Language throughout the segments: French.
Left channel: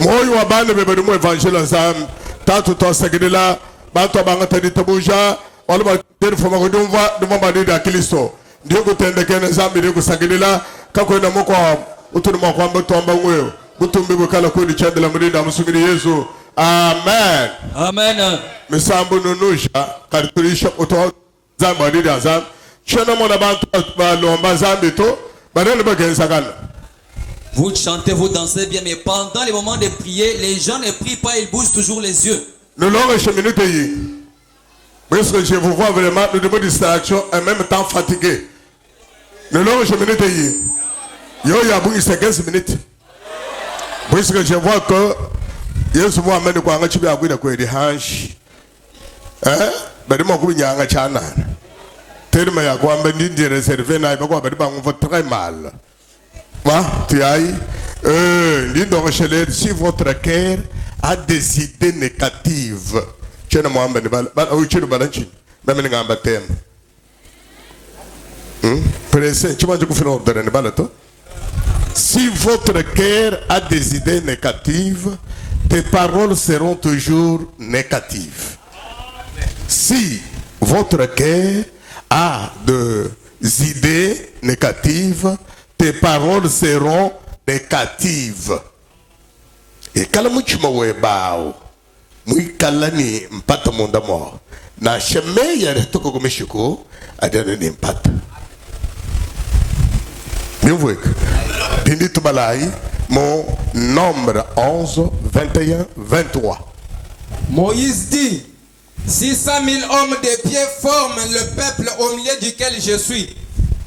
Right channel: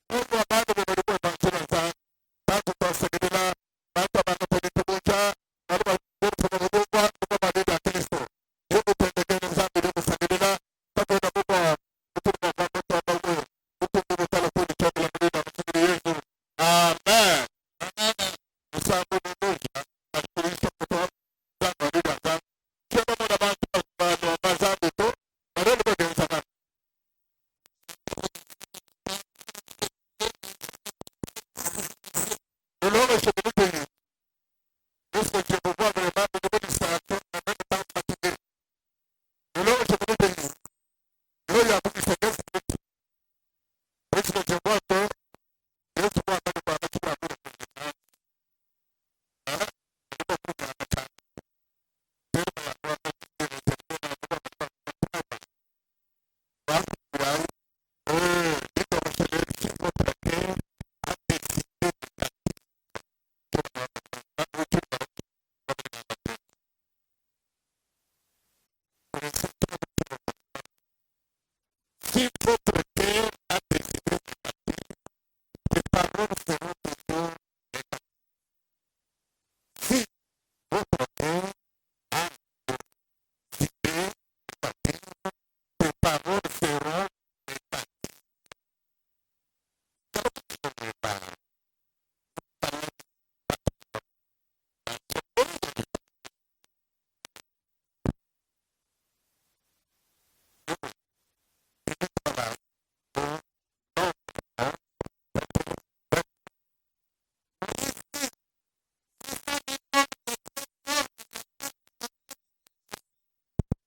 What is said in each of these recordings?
Moyo wa bana bebe mu evangile zam tanto to segedela bantu abanga tani tabuja wala ba den foma ko dumva badi da Kristo ndio kutende kene zambi ndio kusagedela kako na mko utu mo kwa mbeto amba ngweyo butumbi bukala ko ni chandela mudida musungiri Yesu amen amen misambu nunusha kariturisha uto zambi badi zam chena mona bantu ba lomba zambi to badele bagenza kana. Vous chantez, vous dansez bien, mais pendant les moments de prier, les gens ne prient pas, ils bougent toujours les yeux. Nous l'avons cheminé. Parce que je vous vois vraiment, nous devons distraction et en même temps fatigué. Nous l'avons cheminé. Yo y a bouillé 15 minutes. Parce que je vois que Yesu moi amène quoi, tu vas avoir quoi des hanches. Hein? Mais de mon coup il y a un chana. Tellement y a quoi, mais ni de réserver n'a pas quoi, mais on va très mal. Tu ailles, si votre cœur a des idées négatives, chena mwamba ni bala uchiru balanchi meme ngamba tem presse tu manges kufina ordre ni bala to. Si votre cœur a des idées négatives, tes paroles seront toujours négatives. Si votre cœur a des idées négatives, tes paroles seront négatives. Et quand tu m'as bao, mui kalani mpata monda mo. Na sheme ya retoko komeshiko, adana ni mpata. Bien vu. Pindi tubalai, mon nombre 11, 21, 23. Moïse dit, 600 000 hommes de pied forment le peuple au milieu duquel je suis.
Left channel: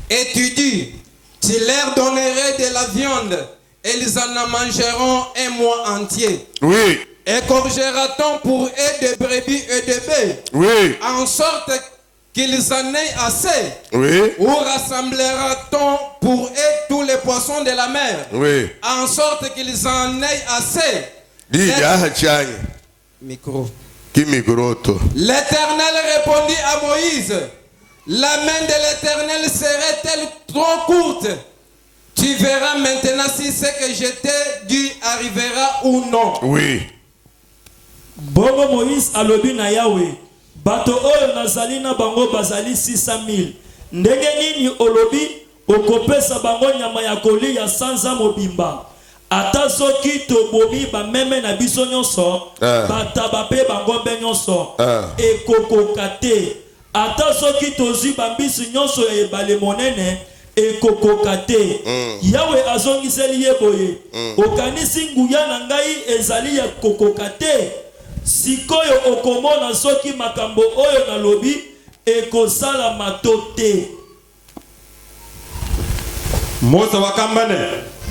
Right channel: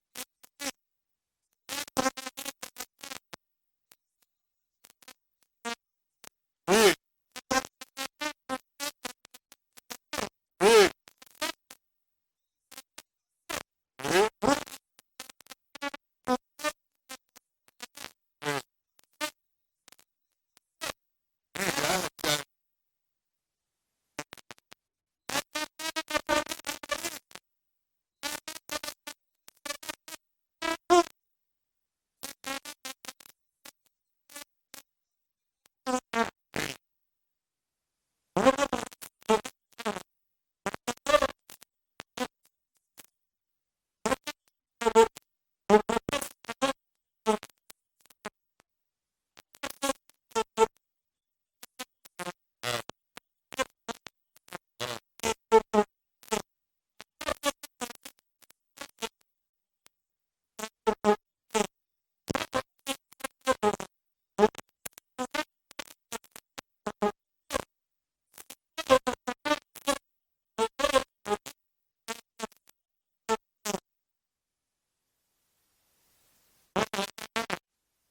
Et tu dis, tu leur donnerais de la viande, et ils en mangeront un mois entier. Oui. Égorgera-t-on pour eux des brebis et des bœufs, Oui. en sorte qu'ils en aient assez? Oui. Ou rassemblera-t-on pour eux tous les poissons de la mer, Oui. en sorte qu'ils en aient assez? Dis, ya Micro. qui migroto. L'Éternel répondit à Moïse, la main de l'Éternel serait-elle trop courte? Tu verras maintenant si ce que je t'ai dit arrivera ou non. Oui. Bongo Moïse alobi na Yahweh, bato oyo nazali na bango bazali 600 000. Ndenge nini olobi okopesa bango nyama ya kolia sanza mobimba? Ata soki tobomi bameme na biso nyonso, bataba pe bango be nyonso, ekokoka te. Ata soki tozwi bambisi nyonso ebale monene, ekokoka te. Yahweh azongiseli ye boye, okanisi nguya na ngai ezali ya kokoka te. Sikoyo okomona soki makambo oyo nalobi ekosala mato te. Mose wakambane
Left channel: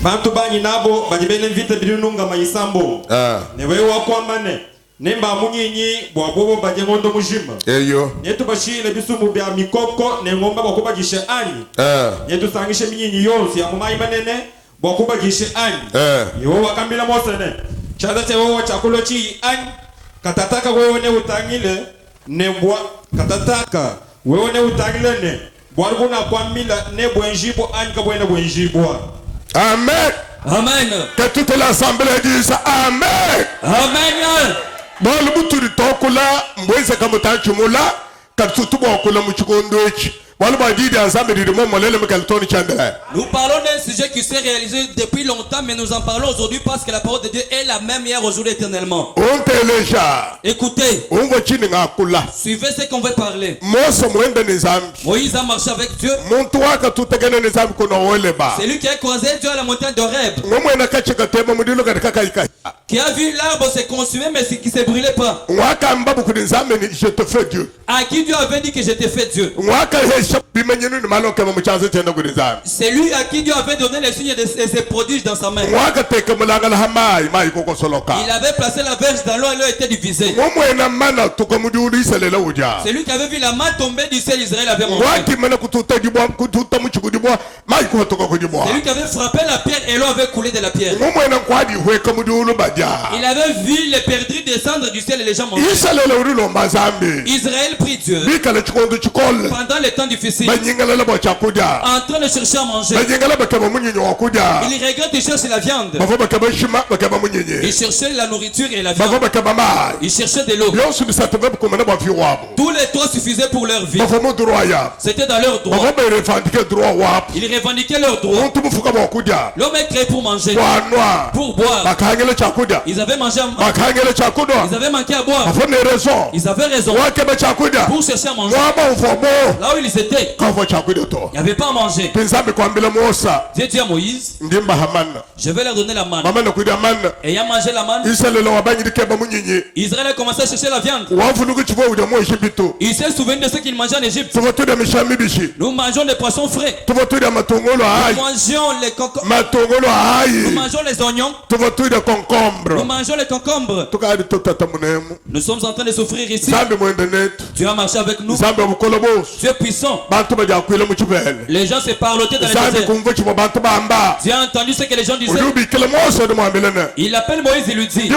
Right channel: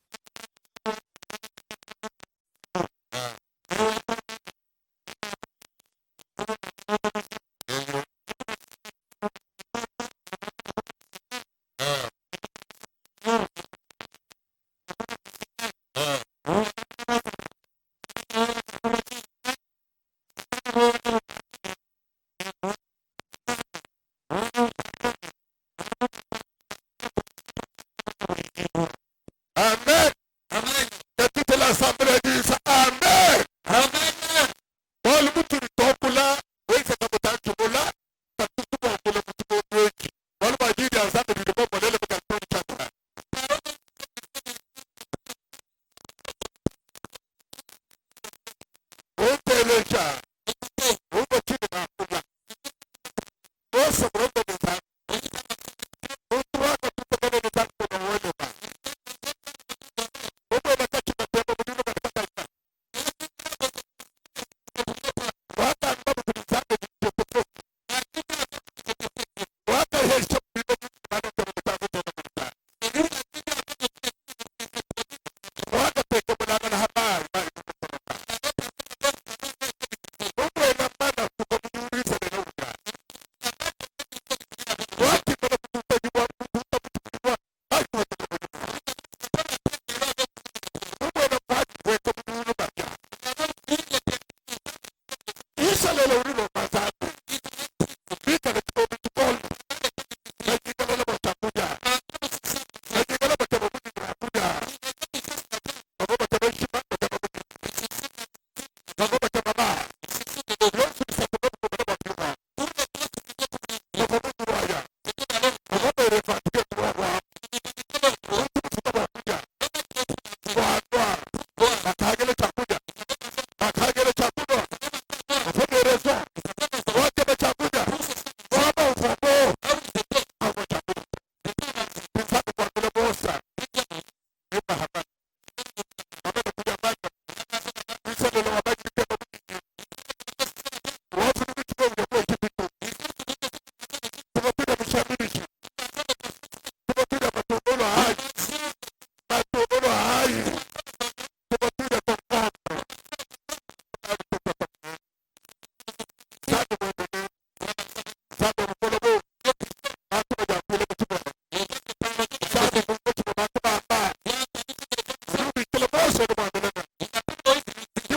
bantu banyi nabo bajibene vite bilinunga mayisambo. Newe wakwambane nemba munyinyi bwabobo baje ngondo mujima. Eyo. Yetu bashile bisumu bya mikoko ne ngomba bakubajishe ani. Yetu sangishe minyinyi yonsi ya mumayi manene bakubajishe ani. Yo wakambila Mose ne. Chada chewo chakulo chi ani. Katataka wewe ne utangile ne bwa katataka wewe ne utangile ne bwaruguna kwamila ne bwenjibo ani kabwene bwenjibwa. Amen. Amen. Que toute l'assemblée dise Amen. Amen. Bon, le bouton du tokula, mbweze kamuta chumula, katutu bokula muchukondochi. Nous parlons d'un sujet qui s'est réalisé depuis longtemps, mais nous en parlons aujourd'hui parce que la parole de Dieu est la même hier, aujourd'hui, éternellement. Écoutez, suivez ce qu'on veut parler. Moïse a marché avec Dieu. C'est lui qui a croisé Dieu à la montagne d'Horeb, qui a vu l'arbre se consumer mais qui ne se brûlait pas. À qui Dieu avait dit que je t'ai fait Dieu. C'est lui à qui Dieu avait donné les signes de ses prodiges dans sa main. Il avait placé la verge dans l'eau et l'eau était divisée. C'est lui qui avait vu la main tomber du ciel, Israël avait mangé. C'est lui qui avait frappé la pierre et l'eau avait coulé de la pierre. Il avait vu les perdrix descendre du ciel et les gens manger. Israël prie Dieu pendant les temps difficiles, en train de chercher à manger. Il regrette de chercher la viande. Il cherchait la nourriture et la viande. Il cherchait de l'eau. Tous les trois suffisaient pour leur vie. C'était dans leur droit. Ils revendiquaient leur droit. L'homme est créé pour manger, pour boire. Ils avaient mangé à boire. Ils avaient manqué à boire. Ils avaient raison pour chercher à manger. Là où ils étaient, il n'y avait pas à manger. Dieu dit à Moïse, je vais leur donner la manne. Et ayant mangé la manne, Israël a commencé à chercher la viande. Il s'est souvenu de ce qu'il mangeait en Égypte. Nous mangeons des poissons frais. Nous mangeons les concombres. Nous mangeons les oignons. Nous mangeons les concombres. Nous sommes en train de souffrir ici. Tu as marché avec nous. Tu es puissant. Les gens se parlotaient dans les déserts. Tu as entendu ce que les gens disaient. Il appelle Moïse et lui dit:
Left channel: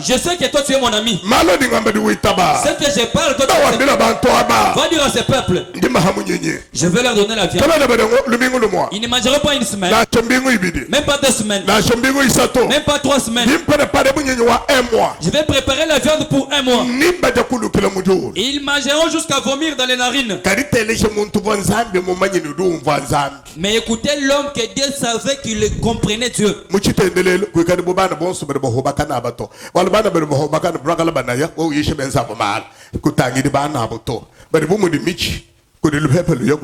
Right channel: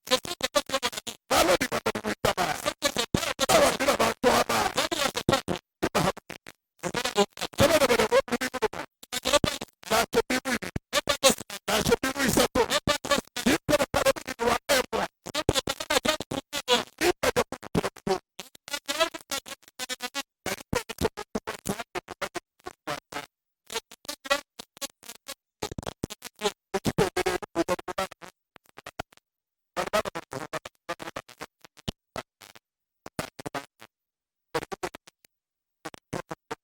je sais que toi tu es mon ami. Ce que je parle, toi tu es. Va dire à ces peuples: je vais leur donner la viande. Ils ne mangeront pas une semaine, même pas 2 semaines, même pas 3 semaines. Je vais préparer la viande pour 1 mois. Ils mangeront jusqu'à vomir dans les narines. Mais écoutez l'homme que Dieu savait qu'il comprenait Dieu. Could you help you?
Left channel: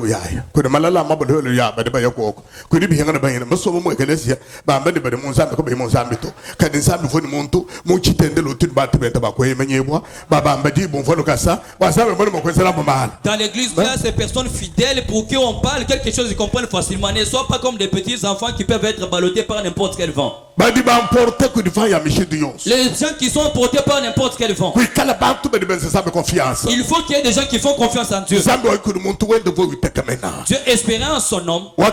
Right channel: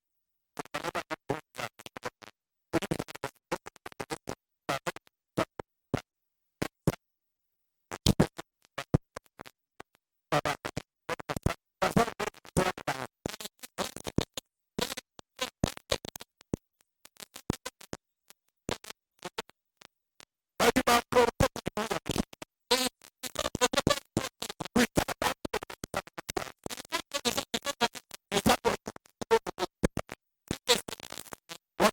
Could Malala Mabel ya, but by your walk? Could you be hanging by him? So much Galesia, Bambi, but Mozambique, Mozambique, Cadizam for the Monto, Muchi Tendelo to Batibetabaco, Meneboa, Babamadi, Bonfolocasa, was a man. Dans l'église, il y a ces personnes fidèles pour qui on parle quelque chose, ils comprennent facilement. Ne soient pas comme des petits enfants qui peuvent être ballottés par n'importe quel vent. Les gens qui sont portés par n'importe quel vent. Il faut qu'il y ait des gens qui font confiance en Dieu. Dieu espérait en son homme à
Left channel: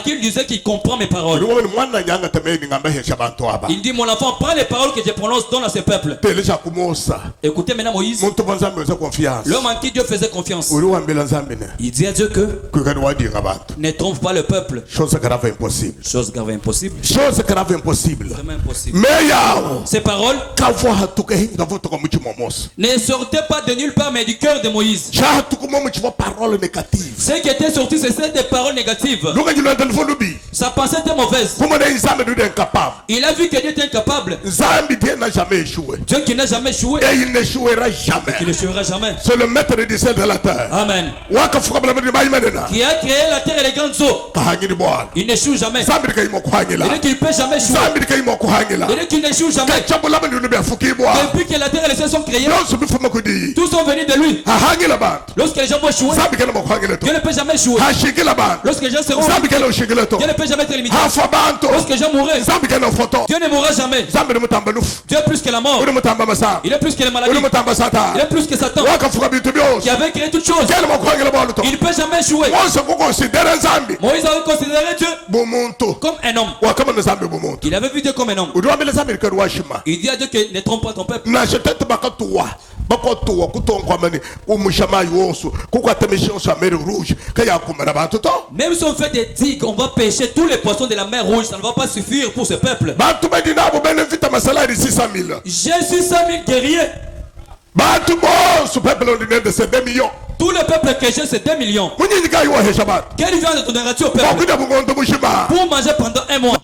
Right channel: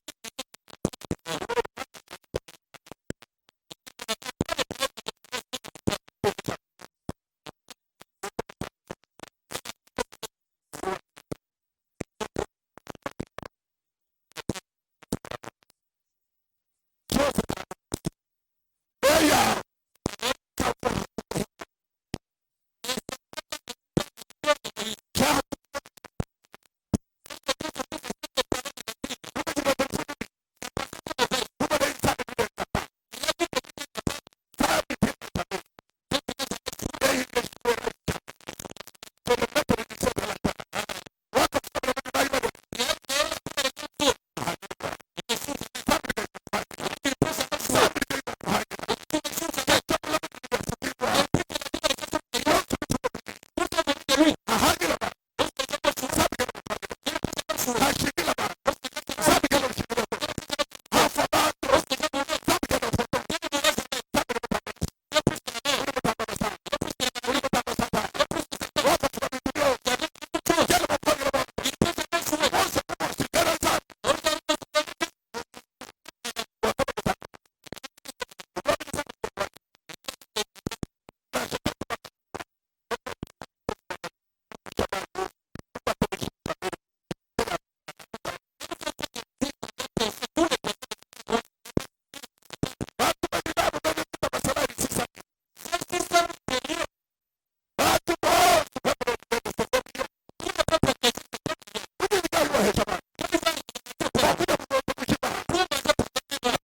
qui il disait qu'il comprend mes paroles. Il dit: mon enfant, prends les paroles que je prononce, donne à ce peuple. Écoutez maintenant Moïse, l'homme en qui Dieu faisait confiance. Il dit à Dieu que ne trompe pas le peuple. Chose grave impossible. Chose grave impossible. Chose grave impossible. Vraiment impossible. Ces paroles ne sortaient pas de nulle part mais du cœur de Moïse. Ce qui était sorti, c'était des paroles négatives. Sa pensée était mauvaise. Il a vu que Dieu était incapable. Dieu qui n'a jamais échoué. Et il n'échouera jamais. Et qui n'échouera jamais. C'est le maître des cieux de la terre. Amen. Qui a créé la terre et les grandes eaux. Il n'échoue jamais. Il dit qu'il ne peut jamais échouer. Il dit qu'il n'échoue jamais. Depuis que la terre et les cieux sont créés, tous sont venus de lui. Lorsque les gens vont échouer, Dieu ne peut jamais échouer. Lorsque les gens seront, Dieu ne peut jamais être limité. Lorsque les gens mourront, Dieu ne mourra jamais. Dieu est plus que la mort. Il est plus que la maladie. Il est plus que Satan qui avait créé toutes choses. Il ne peut jamais échouer. Moïse avait considéré Dieu comme un homme. Il avait vu Dieu comme un homme. Il dit à Dieu que ne trompe pas ton peuple. Même si on fait des digues, on va pêcher tous les poissons de la mer Rouge, ça ne va pas suffire pour ce peuple. J'ai 600 000 guerriers. Tout le peuple que j'ai, c'est 2 millions. Quelle viande te donneras-tu au peuple pour manger pendant 1 mois?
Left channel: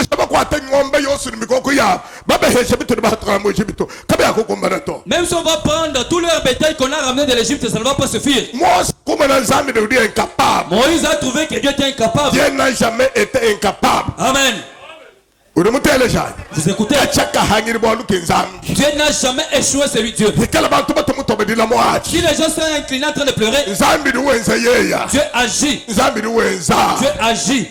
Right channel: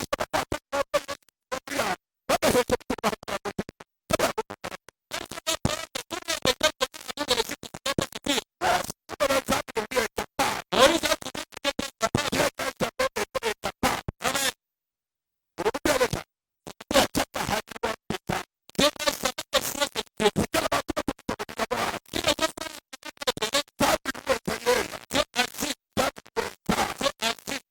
Même si on va prendre tout leur bétail qu'on a ramené de l'Égypte, ça ne va pas suffire. Moïse a trouvé que Dieu était incapable. Dieu n'a jamais été incapable. Amen. Vous écoutez? Dieu n'a jamais échoué, c'est lui Dieu. Si les gens sont inclinés en train de pleurer, Dieu agit. Dieu agit.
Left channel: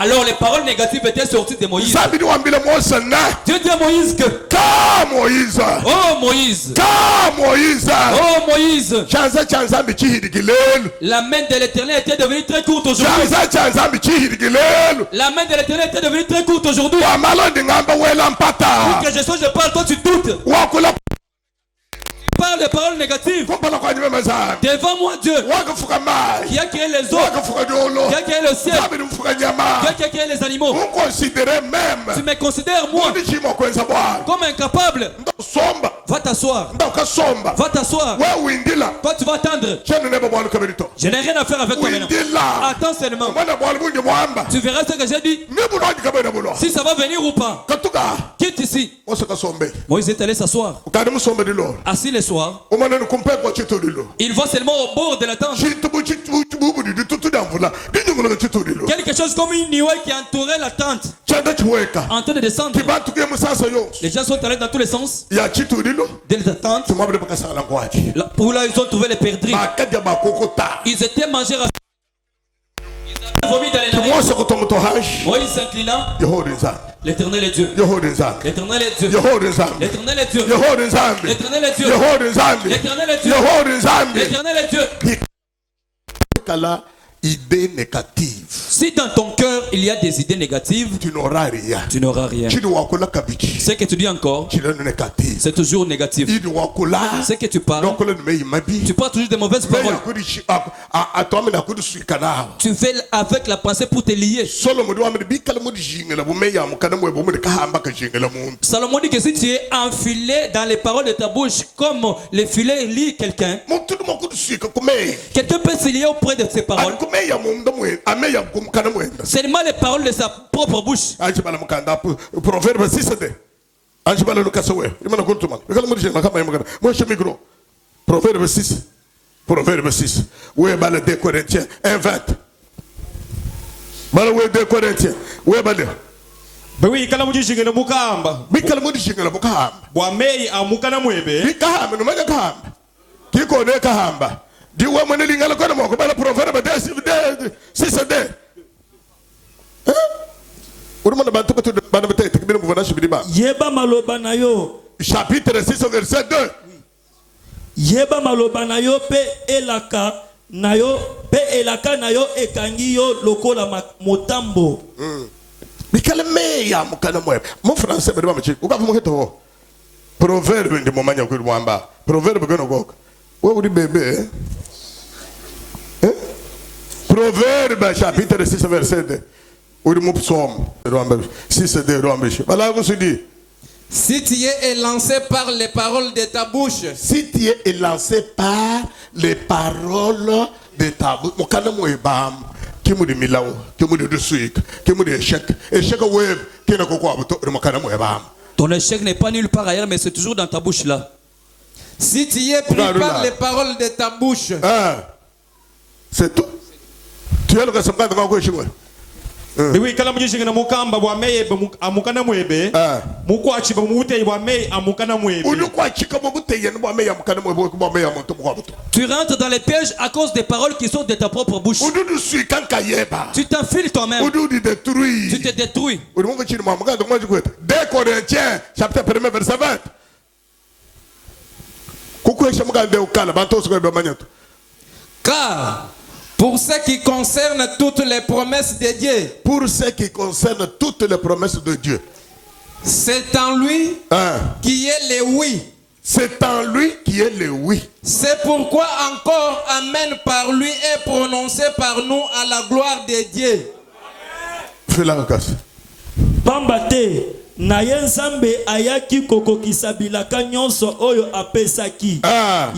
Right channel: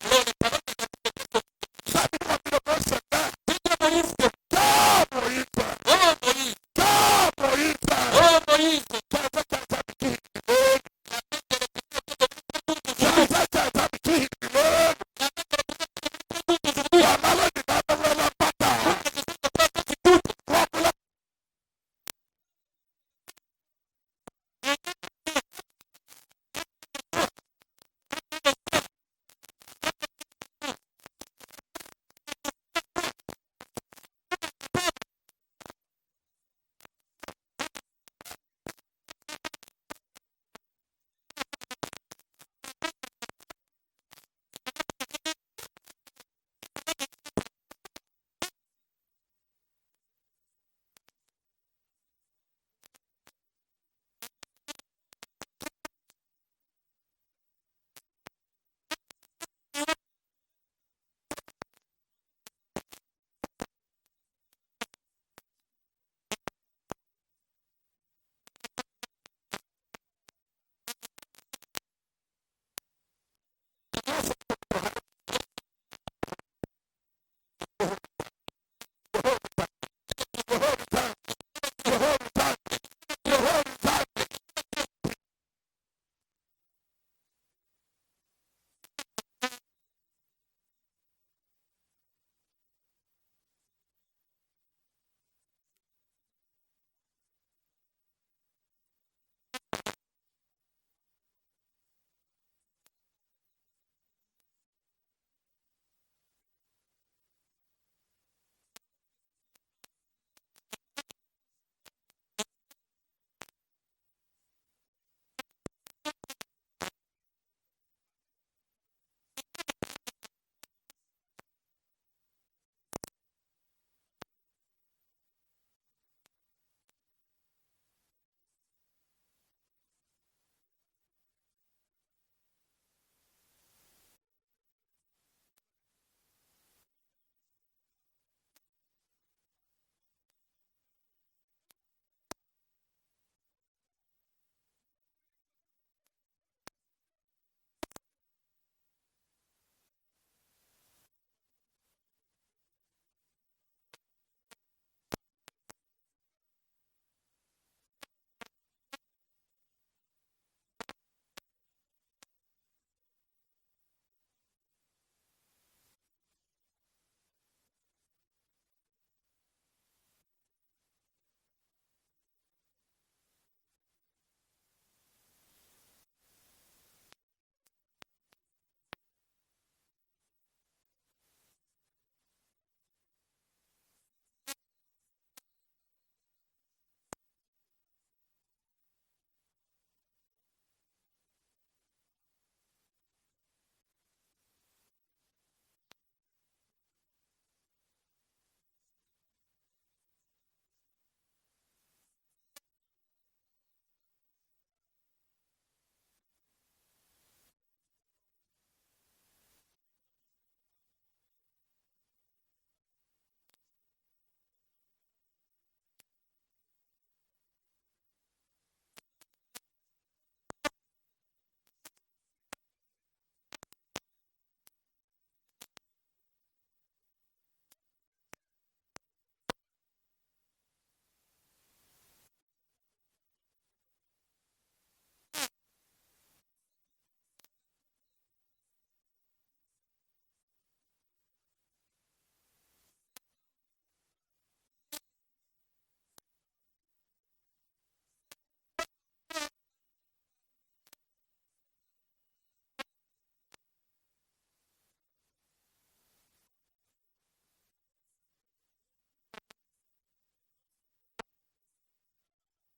Alors les paroles négatives étaient sorties de Moïse. Dieu dit à Moïse que oh Moïse, oh Moïse, la main de l'Éternel était devenue très courte aujourd'hui. La main de l'Éternel était devenue très courte aujourd'hui. Pour que je parle, toi tu doutes. Parle des paroles négatives. Devant moi Dieu qui a créé les eaux, qui a créé le ciel, qui a créé les animaux. Tu me considères moi comme incapable. Va t'asseoir. Va t'asseoir. Toi, tu vas attendre. Je n'ai rien à faire avec toi maintenant. Attends seulement. Tu verras ce que j'ai dit. Si ça va venir ou pas. Quitte ici. Moïse est allé s'asseoir. Assis le soir. Il voit seulement au bord de la tente quelque chose comme une nuée qui entourait la tente. En train de descendre. Les gens sont allés dans tous les sens. De la tente. Pour là, ils ont trouvé les perdrix. Ils étaient mangés. Ils ont vomi dans les narines. Moïse s'inclinant. L'Éternel est Dieu. L'Éternel est Dieu. L'Éternel est Dieu. L'Éternel est Dieu. L'Éternel est Dieu. L'Éternel est Dieu. Idée négative. Si dans ton cœur il y a des idées négatives, tu n'auras rien. Tu n'auras rien. Ce que tu dis encore, c'est toujours négatif. Ce que tu parles, tu parles toujours de mauvaises paroles. Tu fais avec la pensée pour te lier. Salomon dit que si tu es enfilé dans les paroles de ta bouche comme les filets lient quelqu'un, quelqu'un peut se lier auprès de ses paroles. Seulement les paroles de sa propre bouche. Proverbe 6. Proverbe 6. Proverbe 6. Où est le 2 Corinthiens 1:20. Où est 2 Corinthiens? Où est le Bewi kala mujishinga na mukamba. Bikala mujishinga na mukamba. Bwa mei amukana mwebe. Bikahamba no manya kahamba. Kiko ne kahamba. Diwa mwana lingala kwa moko bala proverbe 6. Urumana bantu ko bana bete tekbira muvana shibiba. Yeba maloba na yo. Chapitre 6 verset 2. Yeba maloba na yo pe elaka na yo pe elaka na yo ekangi yo lokola motambo. Bikala meya mukana mwe. Mo français bede ba mchi. Uka fumo keto. Proverbe ndi momanya ko mwamba. Proverbe gono gok. Wo uri bebe. Proverbe chapitre 6 verset 2. Uri mo psalm. 6 Voilà vous se dit. Si tu es élancé par les paroles de ta bouche. Si tu es élancé par les paroles de ta bouche. Mukana mwe bam. Kimu di milao, kimu di suik, kimu di échec. Échec web, qui ne comprend pas. Ton échec n'est pas nulle part ailleurs, mais c'est toujours dans ta bouche là. Si tu es pris par les paroles de ta bouche. C'est tout. Tu es le responsable de ma gauche. Bewi kala mujishinga na mukamba bwa mei amukana mwebe. Mukwachi ba mute bwa mei amukana mwebe. Tu rentres dans les pièges à cause des paroles qui sont de ta propre bouche. Tu t'enfiles toi-même. Tu te détruis. 2 Corinthiens chapitre 1 verset 20. Car pour ce qui concerne toutes les promesses de Dieu. Pour ce qui concerne toutes les promesses de Dieu. C'est en lui qui est le oui. C'est en lui qui est le oui. C'est pourquoi encore Amen par lui est prononcé par nous à la gloire de Dieu. Fais la grâce. Pambate. Na ye nzambe ayaki kokokisa bilaka nyonso oyo apesaki.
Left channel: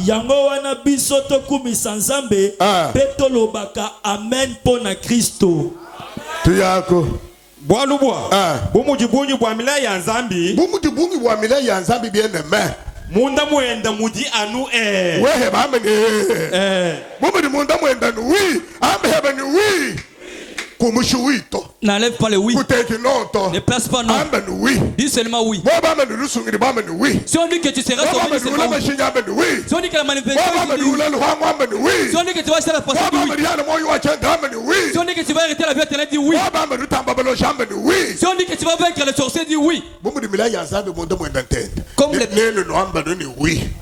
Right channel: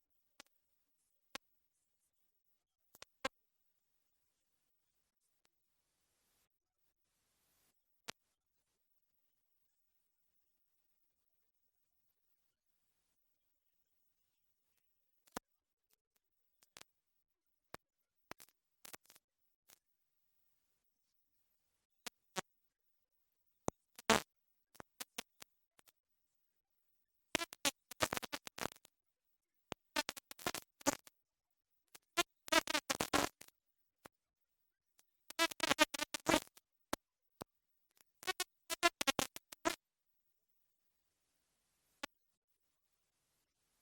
Yango wana biso tokumisa nzambe pe tolobaka amen pona Kristo. Tuyako. Bwalubwa. Bumujibunyi bwa mila ya nzambi. Bumujibunyi bwa mila ya nzambi bien aimé. Munda mwenda mudi anu Wehe ba amene. Bumudi munda mwenda nu wi. Amhebe ni wi. N'enlève pas le oui. Ne place pas non. Dis seulement oui. Si on dit que tu seras sauvé, dis seulement oui. Si on dit que la manifestation est oui. Si on dit que tu vas faire la passage, dis oui. Si on dit que tu vas arrêter la vie éternelle, dis oui. Si on dit que tu vas vaincre les sorciers, dis oui.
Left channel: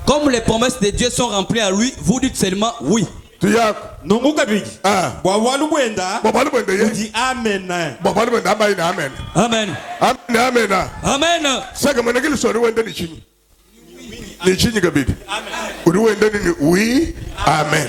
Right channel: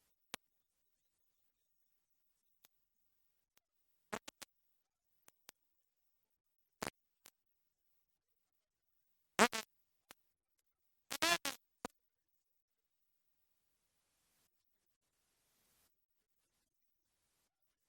Comme les promesses de Dieu sont remplies à lui, vous dites seulement oui. Nonguka bigi. Bwawalu bwenda. Uji amen. Amen. Amen. Amen. Amen. Saka managili sori wenda ni chini. Ni chini kabidi. Uri wenda ni oui. Amen.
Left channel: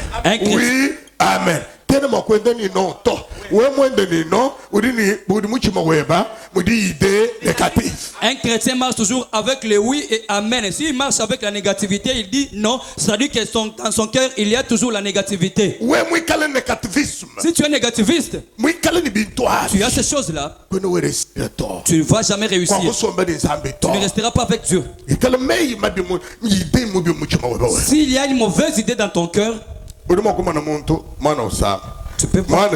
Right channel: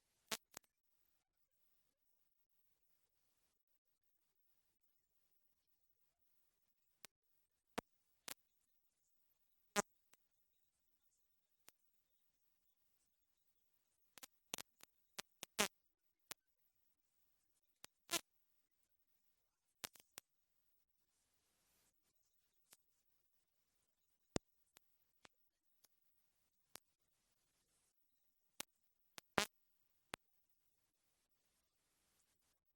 Oui. Amen. tellement kwenda ni non to we mwende ni non udini budi muchimo weba mudi idée négative. Un chrétien marche toujours avec le oui et amen. S'il marche avec la négativité, il dit non, c'est-à-dire que dans son cœur il y a toujours la négativité. Ouais moi kale négativisme. Si tu es négativiste, moi kale ni bintoa. tu as ces choses là. Tu ne vas jamais réussir. Tu ne resteras pas avec Dieu. S'il y a une mauvaise idée dans ton cœur, tu peux voir.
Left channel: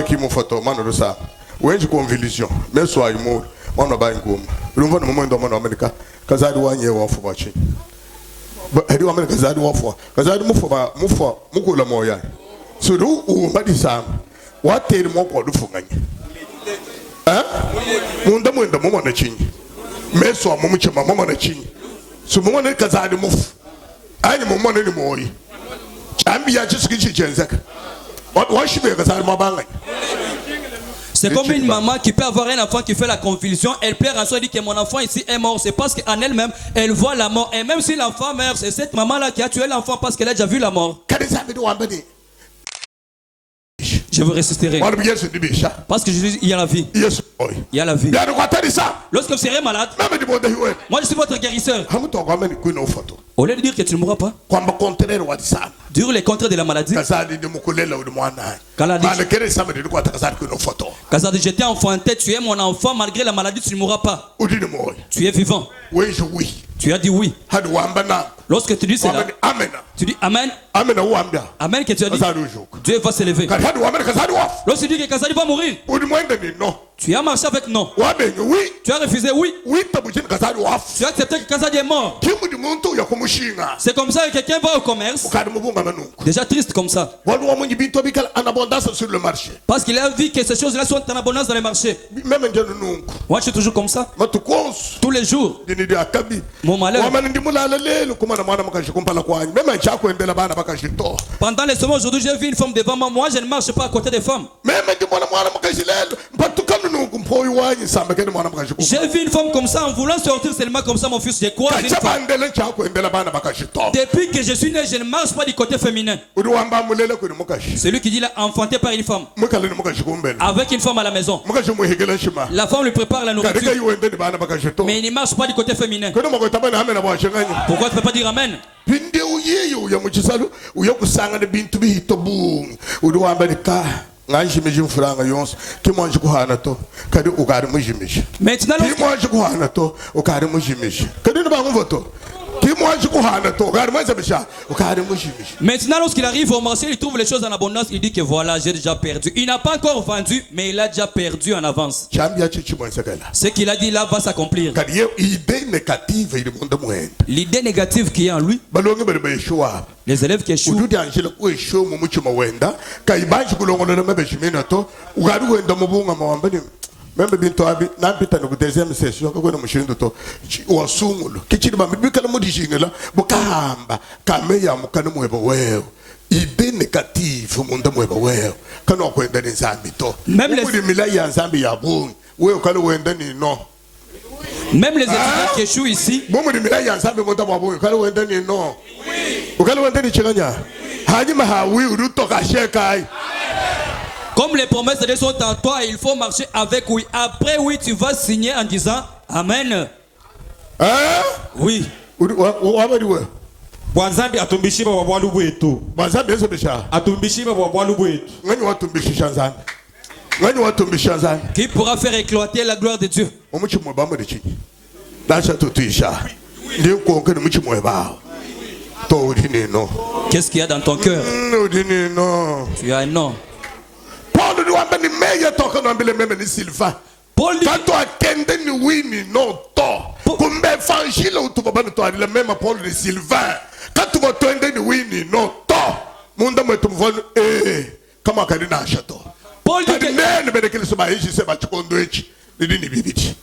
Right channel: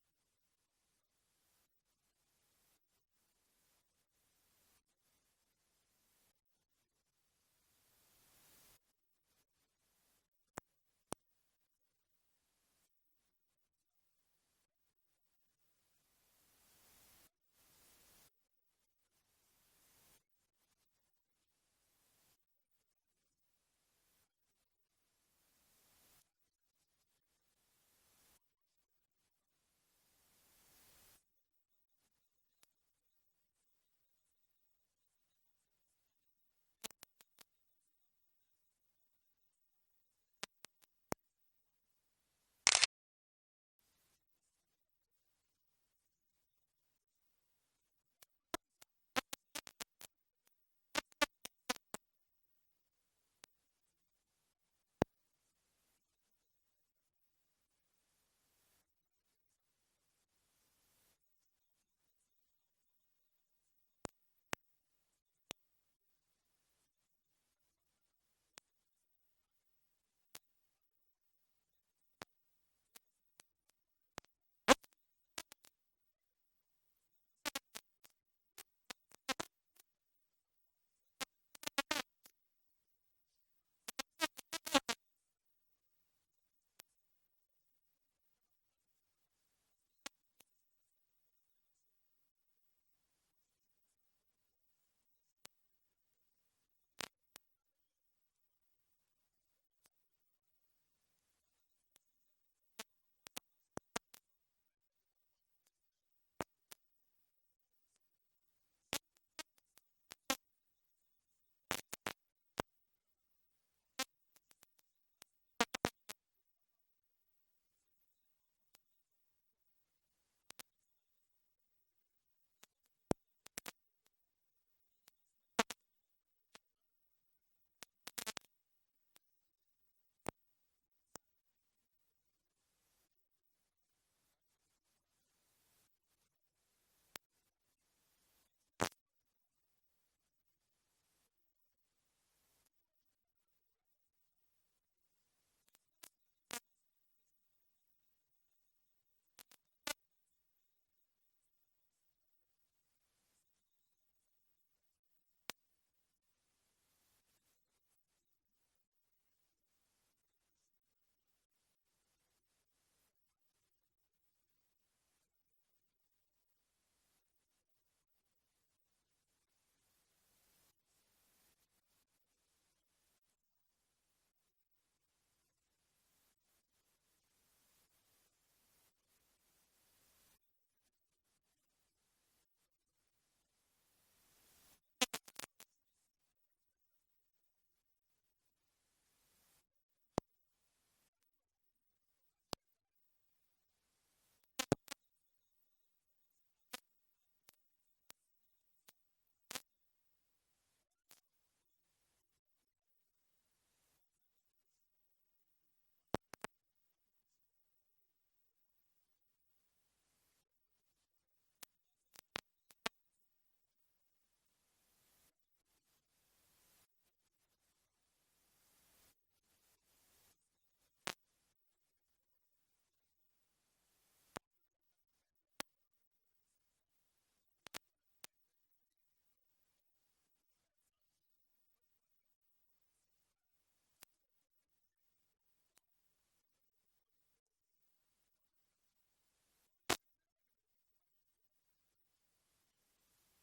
Munda mama na chinyi meso mumuchema mama na chinyi so mama na kazadi mufu ani mama na ni moyi chambi ya chisukichi chenzeka washibe kazadi mabanga. C'est comme une maman qui peut avoir un enfant qui fait la convulsion, elle pleure en soi, elle dit que mon enfant ici est mort. C'est parce qu'en elle-même, elle voit la mort. Et même si l'enfant meurt, c'est cette maman-là qui a tué l'enfant parce qu'elle a déjà vu la mort. Je vous ressusciterai. Parce que Jésus, il y a la vie. Il y a la vie. Lorsque vous serez malade, moi je suis votre guérisseur. Au lieu de dire que tu ne mourras pas, dire les contraires de la maladie. Kazadi, j'étais enfanté, tu es mon enfant, malgré la maladie, tu ne mourras pas. Tu es vivant. Tu as dit oui. Lorsque tu dis cela, tu dis Amen. Amen que tu as dit. Dieu va s'élever. Lorsque tu dis que Kazadi va mourir, tu as marché avec non. Tu as refusé oui. Tu as accepté que Kazadi est mort. C'est comme ça que quelqu'un va au commerce. Déjà triste comme ça. Parce qu'il a vu que ces choses-là sont en abondance dans les marchés. Moi je suis toujours comme ça. Tous les jours. Mon malheur. Pendant les semaines aujourd'hui, j'ai vu une femme devant moi. Moi je ne marche pas à côté des femmes. J'ai vu une femme comme ça en voulant sortir seulement comme ça, mon fils. J'ai croisé une femme. Depuis que je suis né, je ne marche pas du côté féminin. Celui qui dit là, enfanté par une femme. Avec une femme à la maison. La femme lui prépare la nourriture. Mais il ne marche pas du côté féminin. Pourquoi tu ne peux pas dire Amen? Maintenant, lorsqu'il arrive au marché, il trouve les choses en abondance. Il dit que voilà, j'ai déjà perdu. Il n'a pas encore vendu, mais il a déjà perdu en avance. Ce qu'il a dit là va s'accomplir. L'idée négative qui est en lui, les élèves qui échouent, même bintu abi nampita no deuxième session ko no mushindo to wasungulo kichiri ba mbikala modishingela bukahamba kameya mukana mwebo wewe idée négative munda mwebo wewe kana kwenda ni nzambi to même les milaya ya nzambi ya bungu wewe kana wenda ni no. Même les étudiants qui échouent ici, comme les promesses de Dieu sont en toi, il faut marcher avec oui. Après oui, tu vas signer en disant Amen. Oui. Bwanzambi atumbishiba wa bwalu bwetu. Bwanzambi esobisha. Atumbishiba wa bwalu bwetu. Ngani watumbishisha nzambi. Ngani watumbisha nzambi. Qui pourra faire éclater la gloire de Dieu? Omuchimo bamwe de chini. Dasha tutisha. Ndio kuongea muchimo eba. To udini no. Qu'est-ce qu'il y a dans ton cœur? Udini no. Tu as un nom. Paul nous a dit meilleur toka no ambele meme ni Sylvain. Paul dit quand tu attendais ni oui ni non to. Comme évangile ou tu vas pas nous le même Paul de Sylvain. Quand tu vas attendre ni oui ni non to. Munda mwetu mvano kama kadina ashato. Paul dit que bene kile sema hichi sema chikondo hichi ndini bibiti.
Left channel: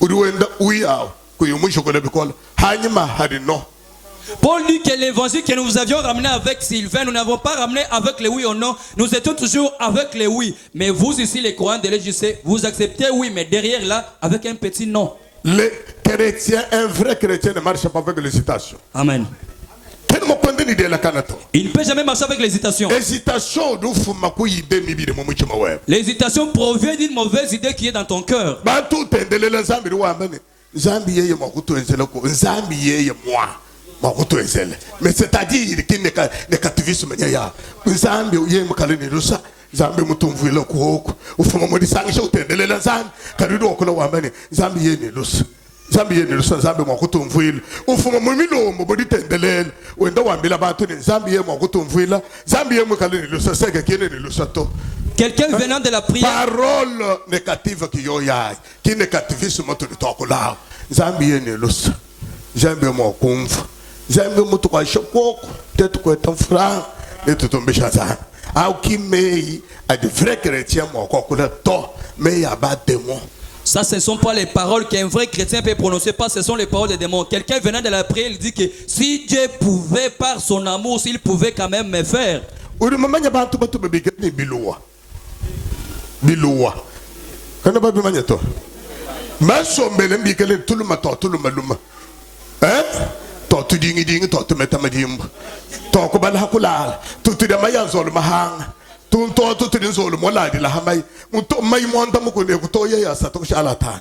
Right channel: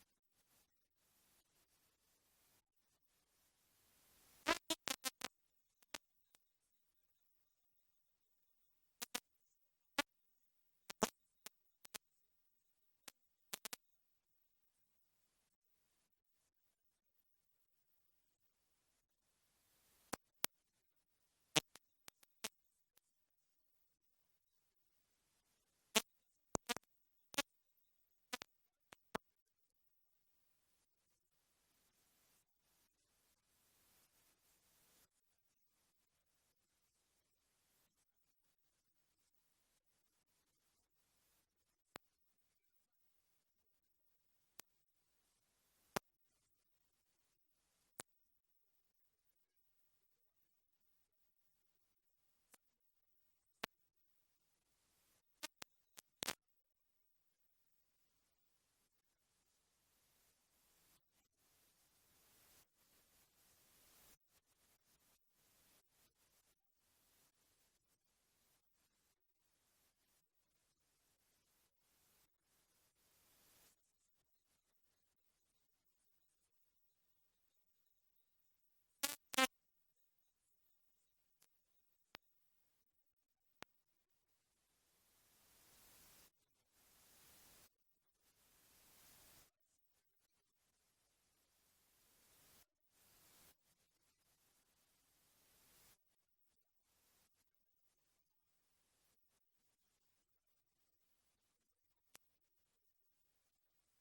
Udiwenda uyao kuyumusho kole bikola. Hanyima hadi no. Paul dit que l'évangile que nous avions ramené avec Sylvain, nous n'avons pas ramené avec les oui ou non. Nous étions toujours avec les oui. Mais vous ici, les croyants de l'EJC, vous acceptez oui, mais derrière là, avec un petit non. Les chrétiens, un vrai chrétien ne marche pas avec l'hésitation. Amen. Quel Il ne peut jamais marcher avec l'hésitation. L'hésitation provient d'une mauvaise idée qui est dans ton cœur. Mais c'est-à-dire qu'il n'est qu'activisme. Zambi mutumvila kuoko ufuma modi sangisha utendelela zambi karido okula wambani zambi yeni lusa zambi mwakutumvila ufuma mumilo modi tendelela wenda wambila batu ni zambi ye mwakutumvila zambi ye mukalini lusa seke kene ni lusa to. Quelqu'un venant de la prière. Parole négative qui yoyai qui négativisme tu de tokola zambi yeni lusa zambi mwakumva zambi mutu kwa shoko tetu kwa tafra etu tumbisha zambi. Ça, ce ne sont pas les paroles qu'un vrai chrétien peut prononcer, pas, ce sont les paroles des démons. Quelqu'un venant de la prière, il dit que si Dieu pouvait, par son amour, s'il pouvait quand même me faire. Tortu dingi dingi tortu metamadimba toko bala hakulala tutu de mayanzolo mahanga tunto tutu dinzolo moladi la hamai munto mai monta mukune kutoya ya sato shalatan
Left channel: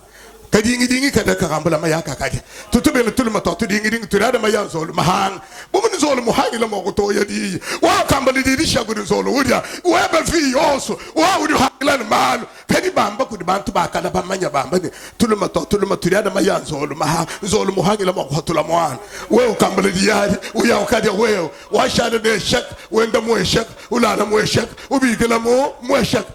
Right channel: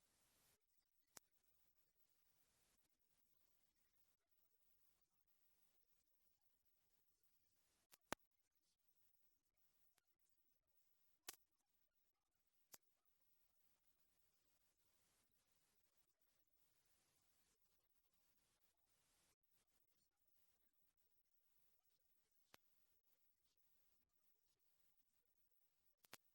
kadingi dingi kada karambula mayaka kadi tutu bele tulma tortu dingi dingi turada mayanzolo mahanga bumun zolo muhangi la mokutoya di wa kambali di shaguru zolo udia wa ba fi oso wa udi haklan mal kadi bamba kudi bantu bakala bamanya bamba ni tulma turada mayanzolo mahanga zolo muhangi la mokutula mwana wewe kambali di yadi uya ukadi wewe wa shada de shak wenda mo shak ulala mo shak ubigela mo shak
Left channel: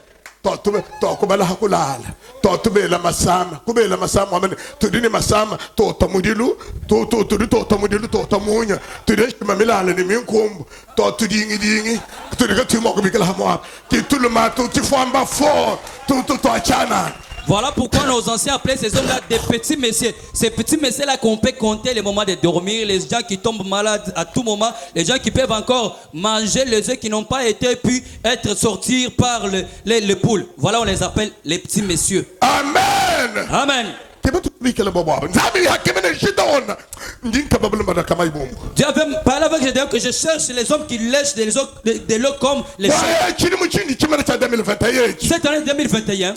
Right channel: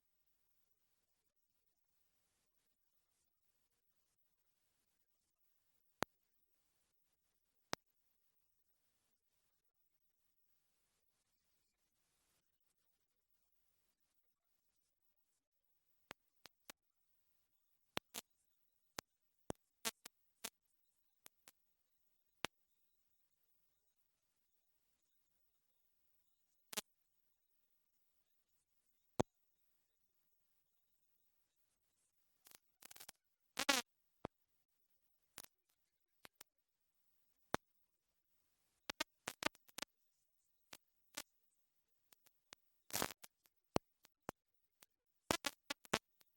tokubala hakulala totubela masama kubela masama amene tudini masama totamudilu totamudilu totamunya tudeshima milala ni minkumbu totudingi tudiga timo kubikala hamwa kituluma tutifamba fo tuachana. Voilà pourquoi nos anciens appelaient ces hommes-là des petits messieurs. Ces petits messieurs-là qu'on peut compter les moments de dormir, les gens qui tombent malades à tout moment, les gens qui peuvent encore manger les œufs qui n'ont pas été pu être sortis par les poules. Voilà, on les appelle les petits messieurs. Amen. Amen. Dieu avait parlé avec Gédéon que je cherche les hommes qui lèchent de l'eau comme les chiens. Cette année 2021,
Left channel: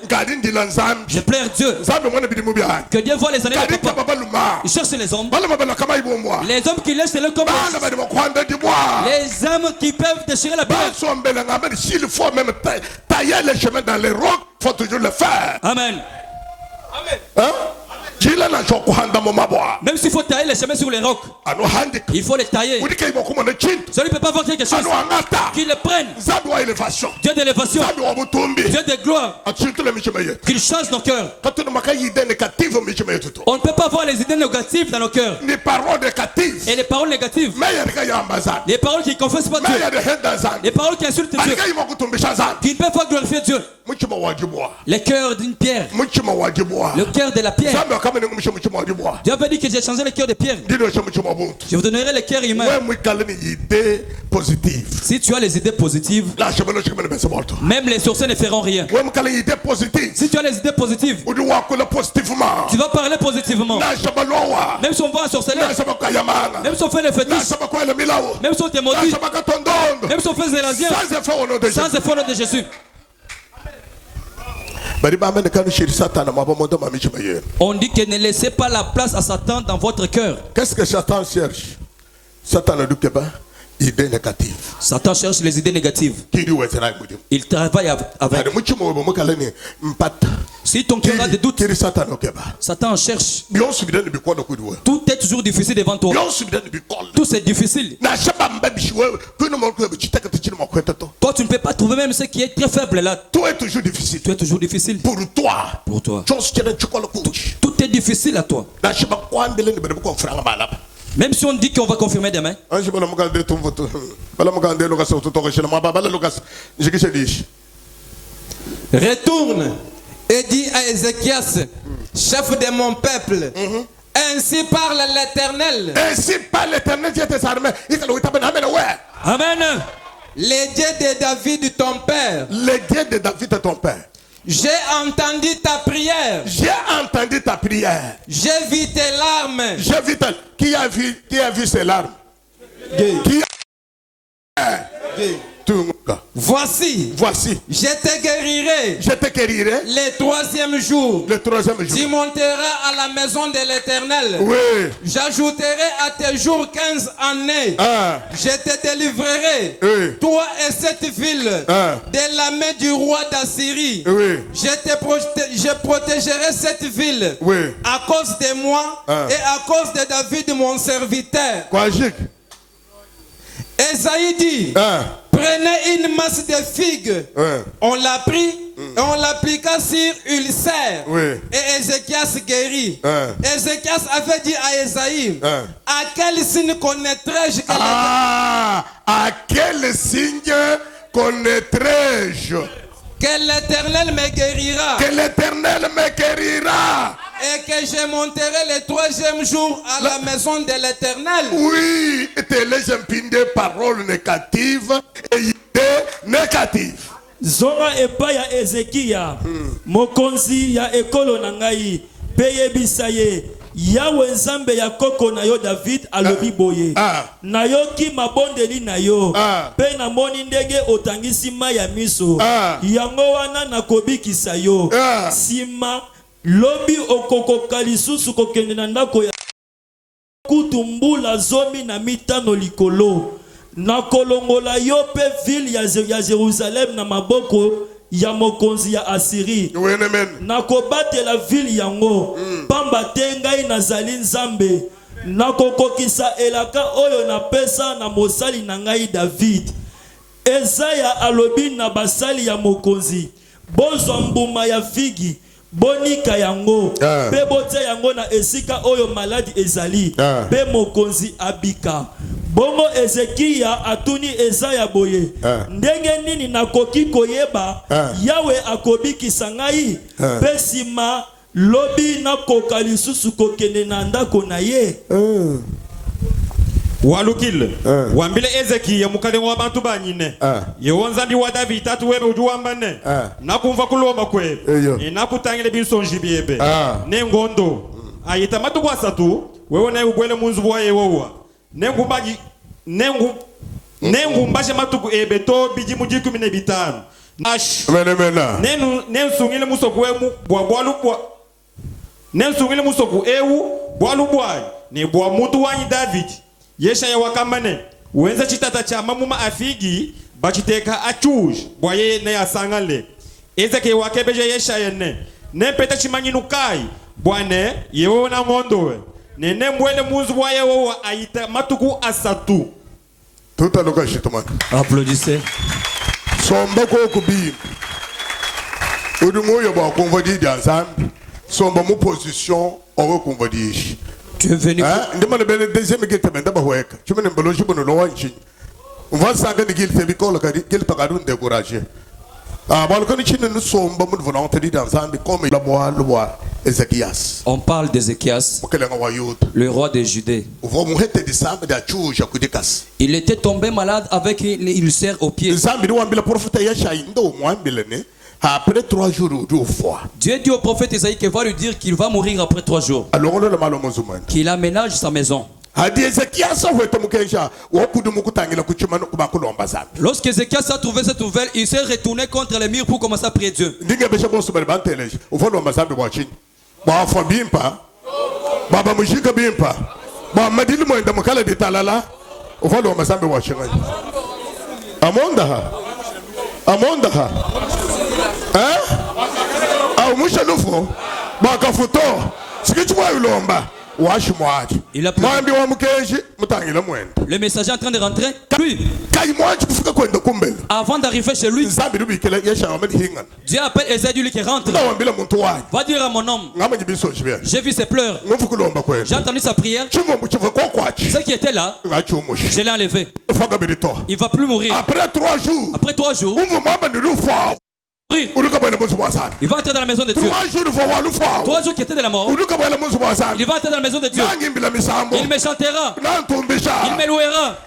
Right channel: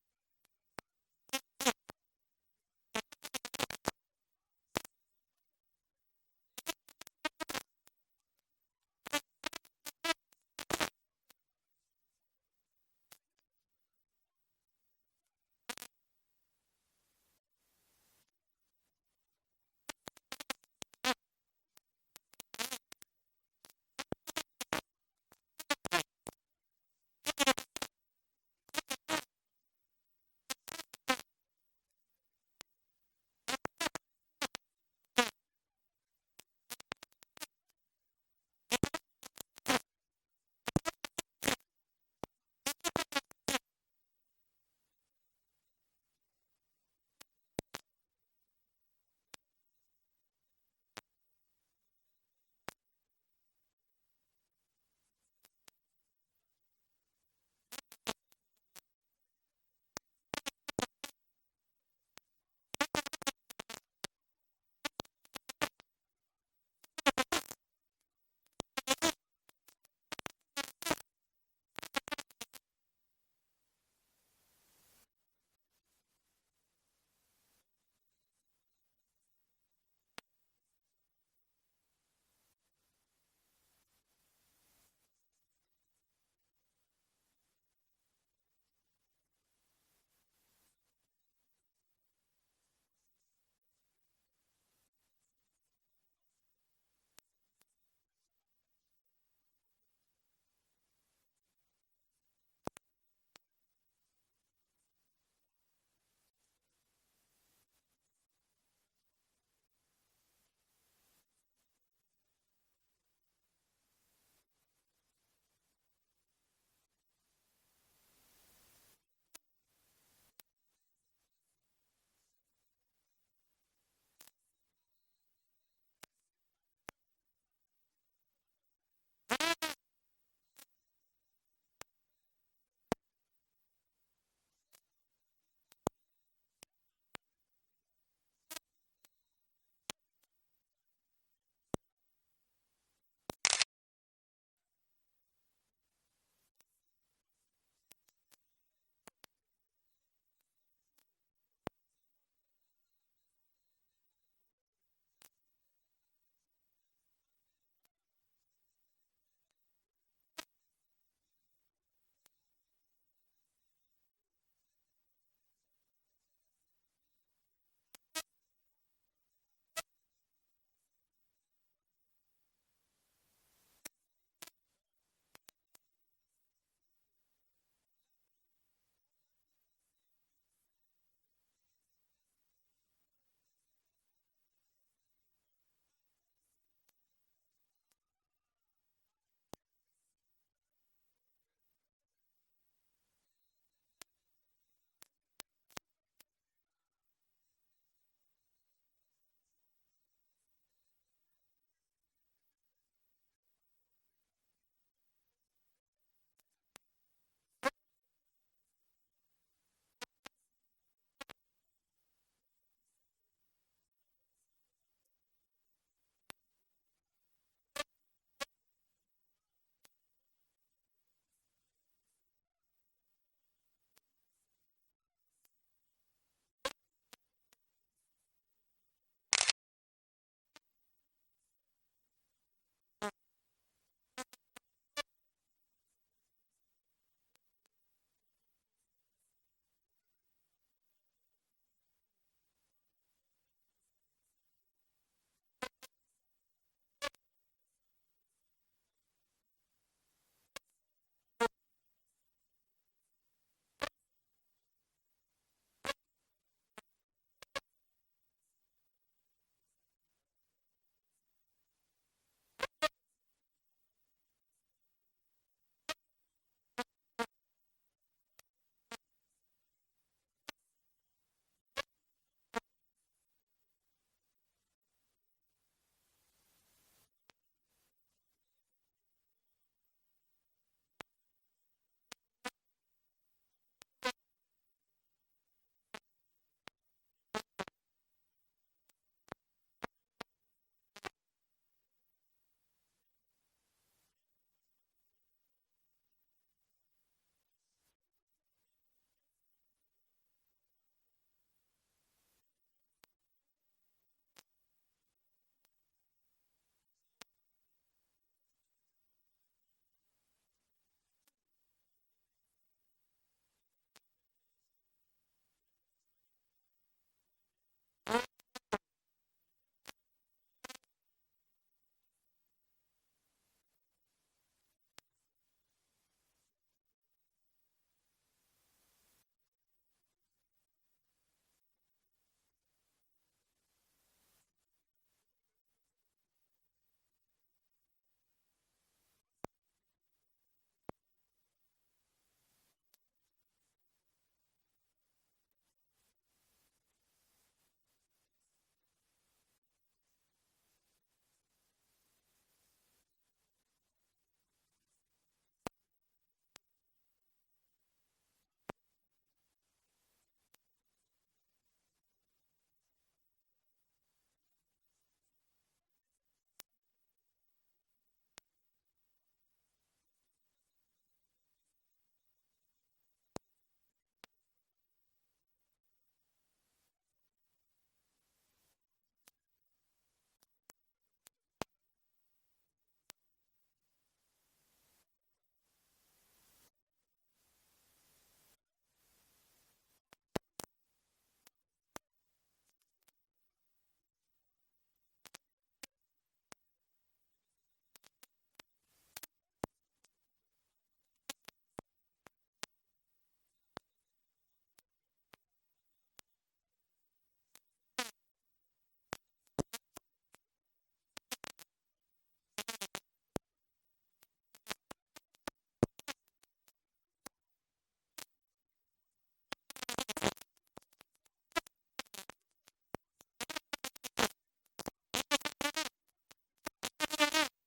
je plaire Dieu. Que Dieu voit les années de papa. Il cherche les hommes. Les hommes qui lèchent de l'eau comme les hommes qui peuvent déchirer la pierre. S'il faut même tailler les chemins dans les rocs, il faut toujours le faire. Amen. Amen. Hein? Même s'il faut tailler les chemins sur les rocs, il faut les tailler. Celui ne peut pas voir quelque chose qu'il le prenne. Dieu d'élévation, Dieu de gloire, qu'il change nos cœurs. On ne peut pas voir les idées négatives dans nos cœurs. Et les paroles négatives, les paroles qui ne confessent pas Dieu, les paroles qui insultent Dieu, qui ne peuvent pas glorifier Dieu. Le cœur d'une pierre, le cœur de la pierre. Dieu avait dit que j'ai changé le cœur de pierre. Je vous donnerai le cœur humain. Si tu as les idées positives, même les sorciers ne feront rien. Si tu as les idées positives, tu vas parler positivement. Même si on va ensorceler, même si on fait les fétiches, même si on te maudit, même si on fait zélazien, sans effort au nom de Jésus. On dit que ne laissez pas la place à Satan dans votre cœur. Qu'est-ce que Satan cherche? Satan ne dit pas idées négatives. Satan cherche les idées négatives. Il travaille avec. Si ton cœur a des doutes, Satan cherche. Tout est toujours difficile devant toi. Tout c'est difficile. Toi, tu ne peux pas trouver même ce qui est très faible là. Tout est toujours difficile. Tout est toujours difficile. Pour toi. Pour toi. Tout est difficile à toi. Même si on dit qu'on va confirmer demain. Retourne et dis à Ézéchias, chef de mon peuple, ainsi parle l'Éternel. Ainsi parle l'Éternel, Dieu des armées. Amen. Les dieux de David ton père. Les dieux de David ton père. J'ai entendu ta prière. J'ai entendu ta prière. J'ai vu tes larmes. J'ai vu qui a vu ses larmes? Qui Voici, je te guérirai. Le troisième jour, tu monteras à la maison de l'Éternel. Oui. J'ajouterai à tes jours 15 années. Je te délivrerai, toi et cette ville, de la main du roi d'Assyrie. Je protégerai cette ville à cause de moi et à cause de David, mon serviteur. Esaïe dit, prenez une masse de figues. On l'a pris et on l'appliqua sur Ulcère. Et Ézéchias guérit. Ézéchias avait dit à Esaïe, à quel signe connaîtrai-je que à quel signe connaîtrai-je que l'Éternel me guérira? Que l'Éternel me guérira. Et que je monterai le troisième jour à la maison de l'Éternel. Oui, et les impindes paroles négatives et idées négatives. Zonga epa ya Ezekia, mokonzi ya ekolo na ngai, peye bisaye, Yawe nzambe ya koko na yo David alobi boye. Na yo ki mabondeli na yo, pe na moni ndenge otangisi mai ya miso, yango wana na kobikisa yo. Sima lobi okokoka lisusu kokende na ndako ya kutumbula zomi na mitano likolo. Na kolongola yo pe ville ya Jerusalem na maboko ya mokonzi ya Assyrie. Na kobatela ville yango, pamba te ngai nazali nzambe. Na kokokisa elaka oyo na pesa na mosali na ngai David. Ezaya alobi na basali ya mokonzi, bozwa mbuma ya figi, bonika yango, pe botia yango na esika oyo maladi ezali, pe mokonzi abika. Bongo Ezekia atuni Ezaya boye, ndenge nini nakoki koyeba Yawe akobikisa ngai, pe sima lobi nakoka lisusu kokende na ndako na ye. Walukile wambile Ezekia mukale wa bantu banyine yewonzambi wa David tatu webe ujuwambane nakumva kulomba kwe nakutangile binsonji biebe nengondo ayita matu wasatu wewe na ugwele munzu bwa yewowa nengumbaji nengumbaje matuku ebe to biji mujiku mine bitanu nensungile musoku wemu bwa nensungile musoku ewu bwalu bwa ne bwa mutu wanyi David yesha ya wakamane wenza chitata cha mamuma afigi bachiteka achuj bwaye ne asangale ezeke wakebeje yesha yene ne peta chimanyinukai bwane yewo na mondowe ne mwele munzu bwaye wo aita matuku asatu tout à l'occasion chitomane. Applaudissez. Somba ko kubi odumo yo ba konvodi danzam somba mu position o konvodi. Tu es venu. Demande bien le deuxième qui te mène d'abord. Tu me n'es pas logé pour nous l'envoyer. On va s'engager de qu'il te bicole qu'il t'a gardé découragé. Nous sommes volontaires dans un comme le bois Ézéchias. On parle d'Ézéchias, le roi de Judée. Il était tombé malade avec une ulcère au pied. Après 3 jours, 2 fois. Dieu dit au prophète Isaïe qu'il va lui dire qu'il va mourir après 3 jours. Qu'il aménage sa maison. Lorsque Ézéchias a trouvé cette nouvelle, il s'est retourné contre les murs pour commencer à prier Dieu. Il a pris. Le messager est en train de rentrer. Lui, avant d'arriver chez lui, Dieu appelle Esaïe qui rentre. Va dire à mon homme, j'ai vu ses pleurs, j'ai entendu sa prière. Ce qui était là, je l'ai enlevé. Il ne va plus mourir. Après 3 jours, il va entrer dans la maison de Dieu. 3 jours qui étaient de la mort, il va entrer dans la maison de Dieu. Il me chantera, il me louera.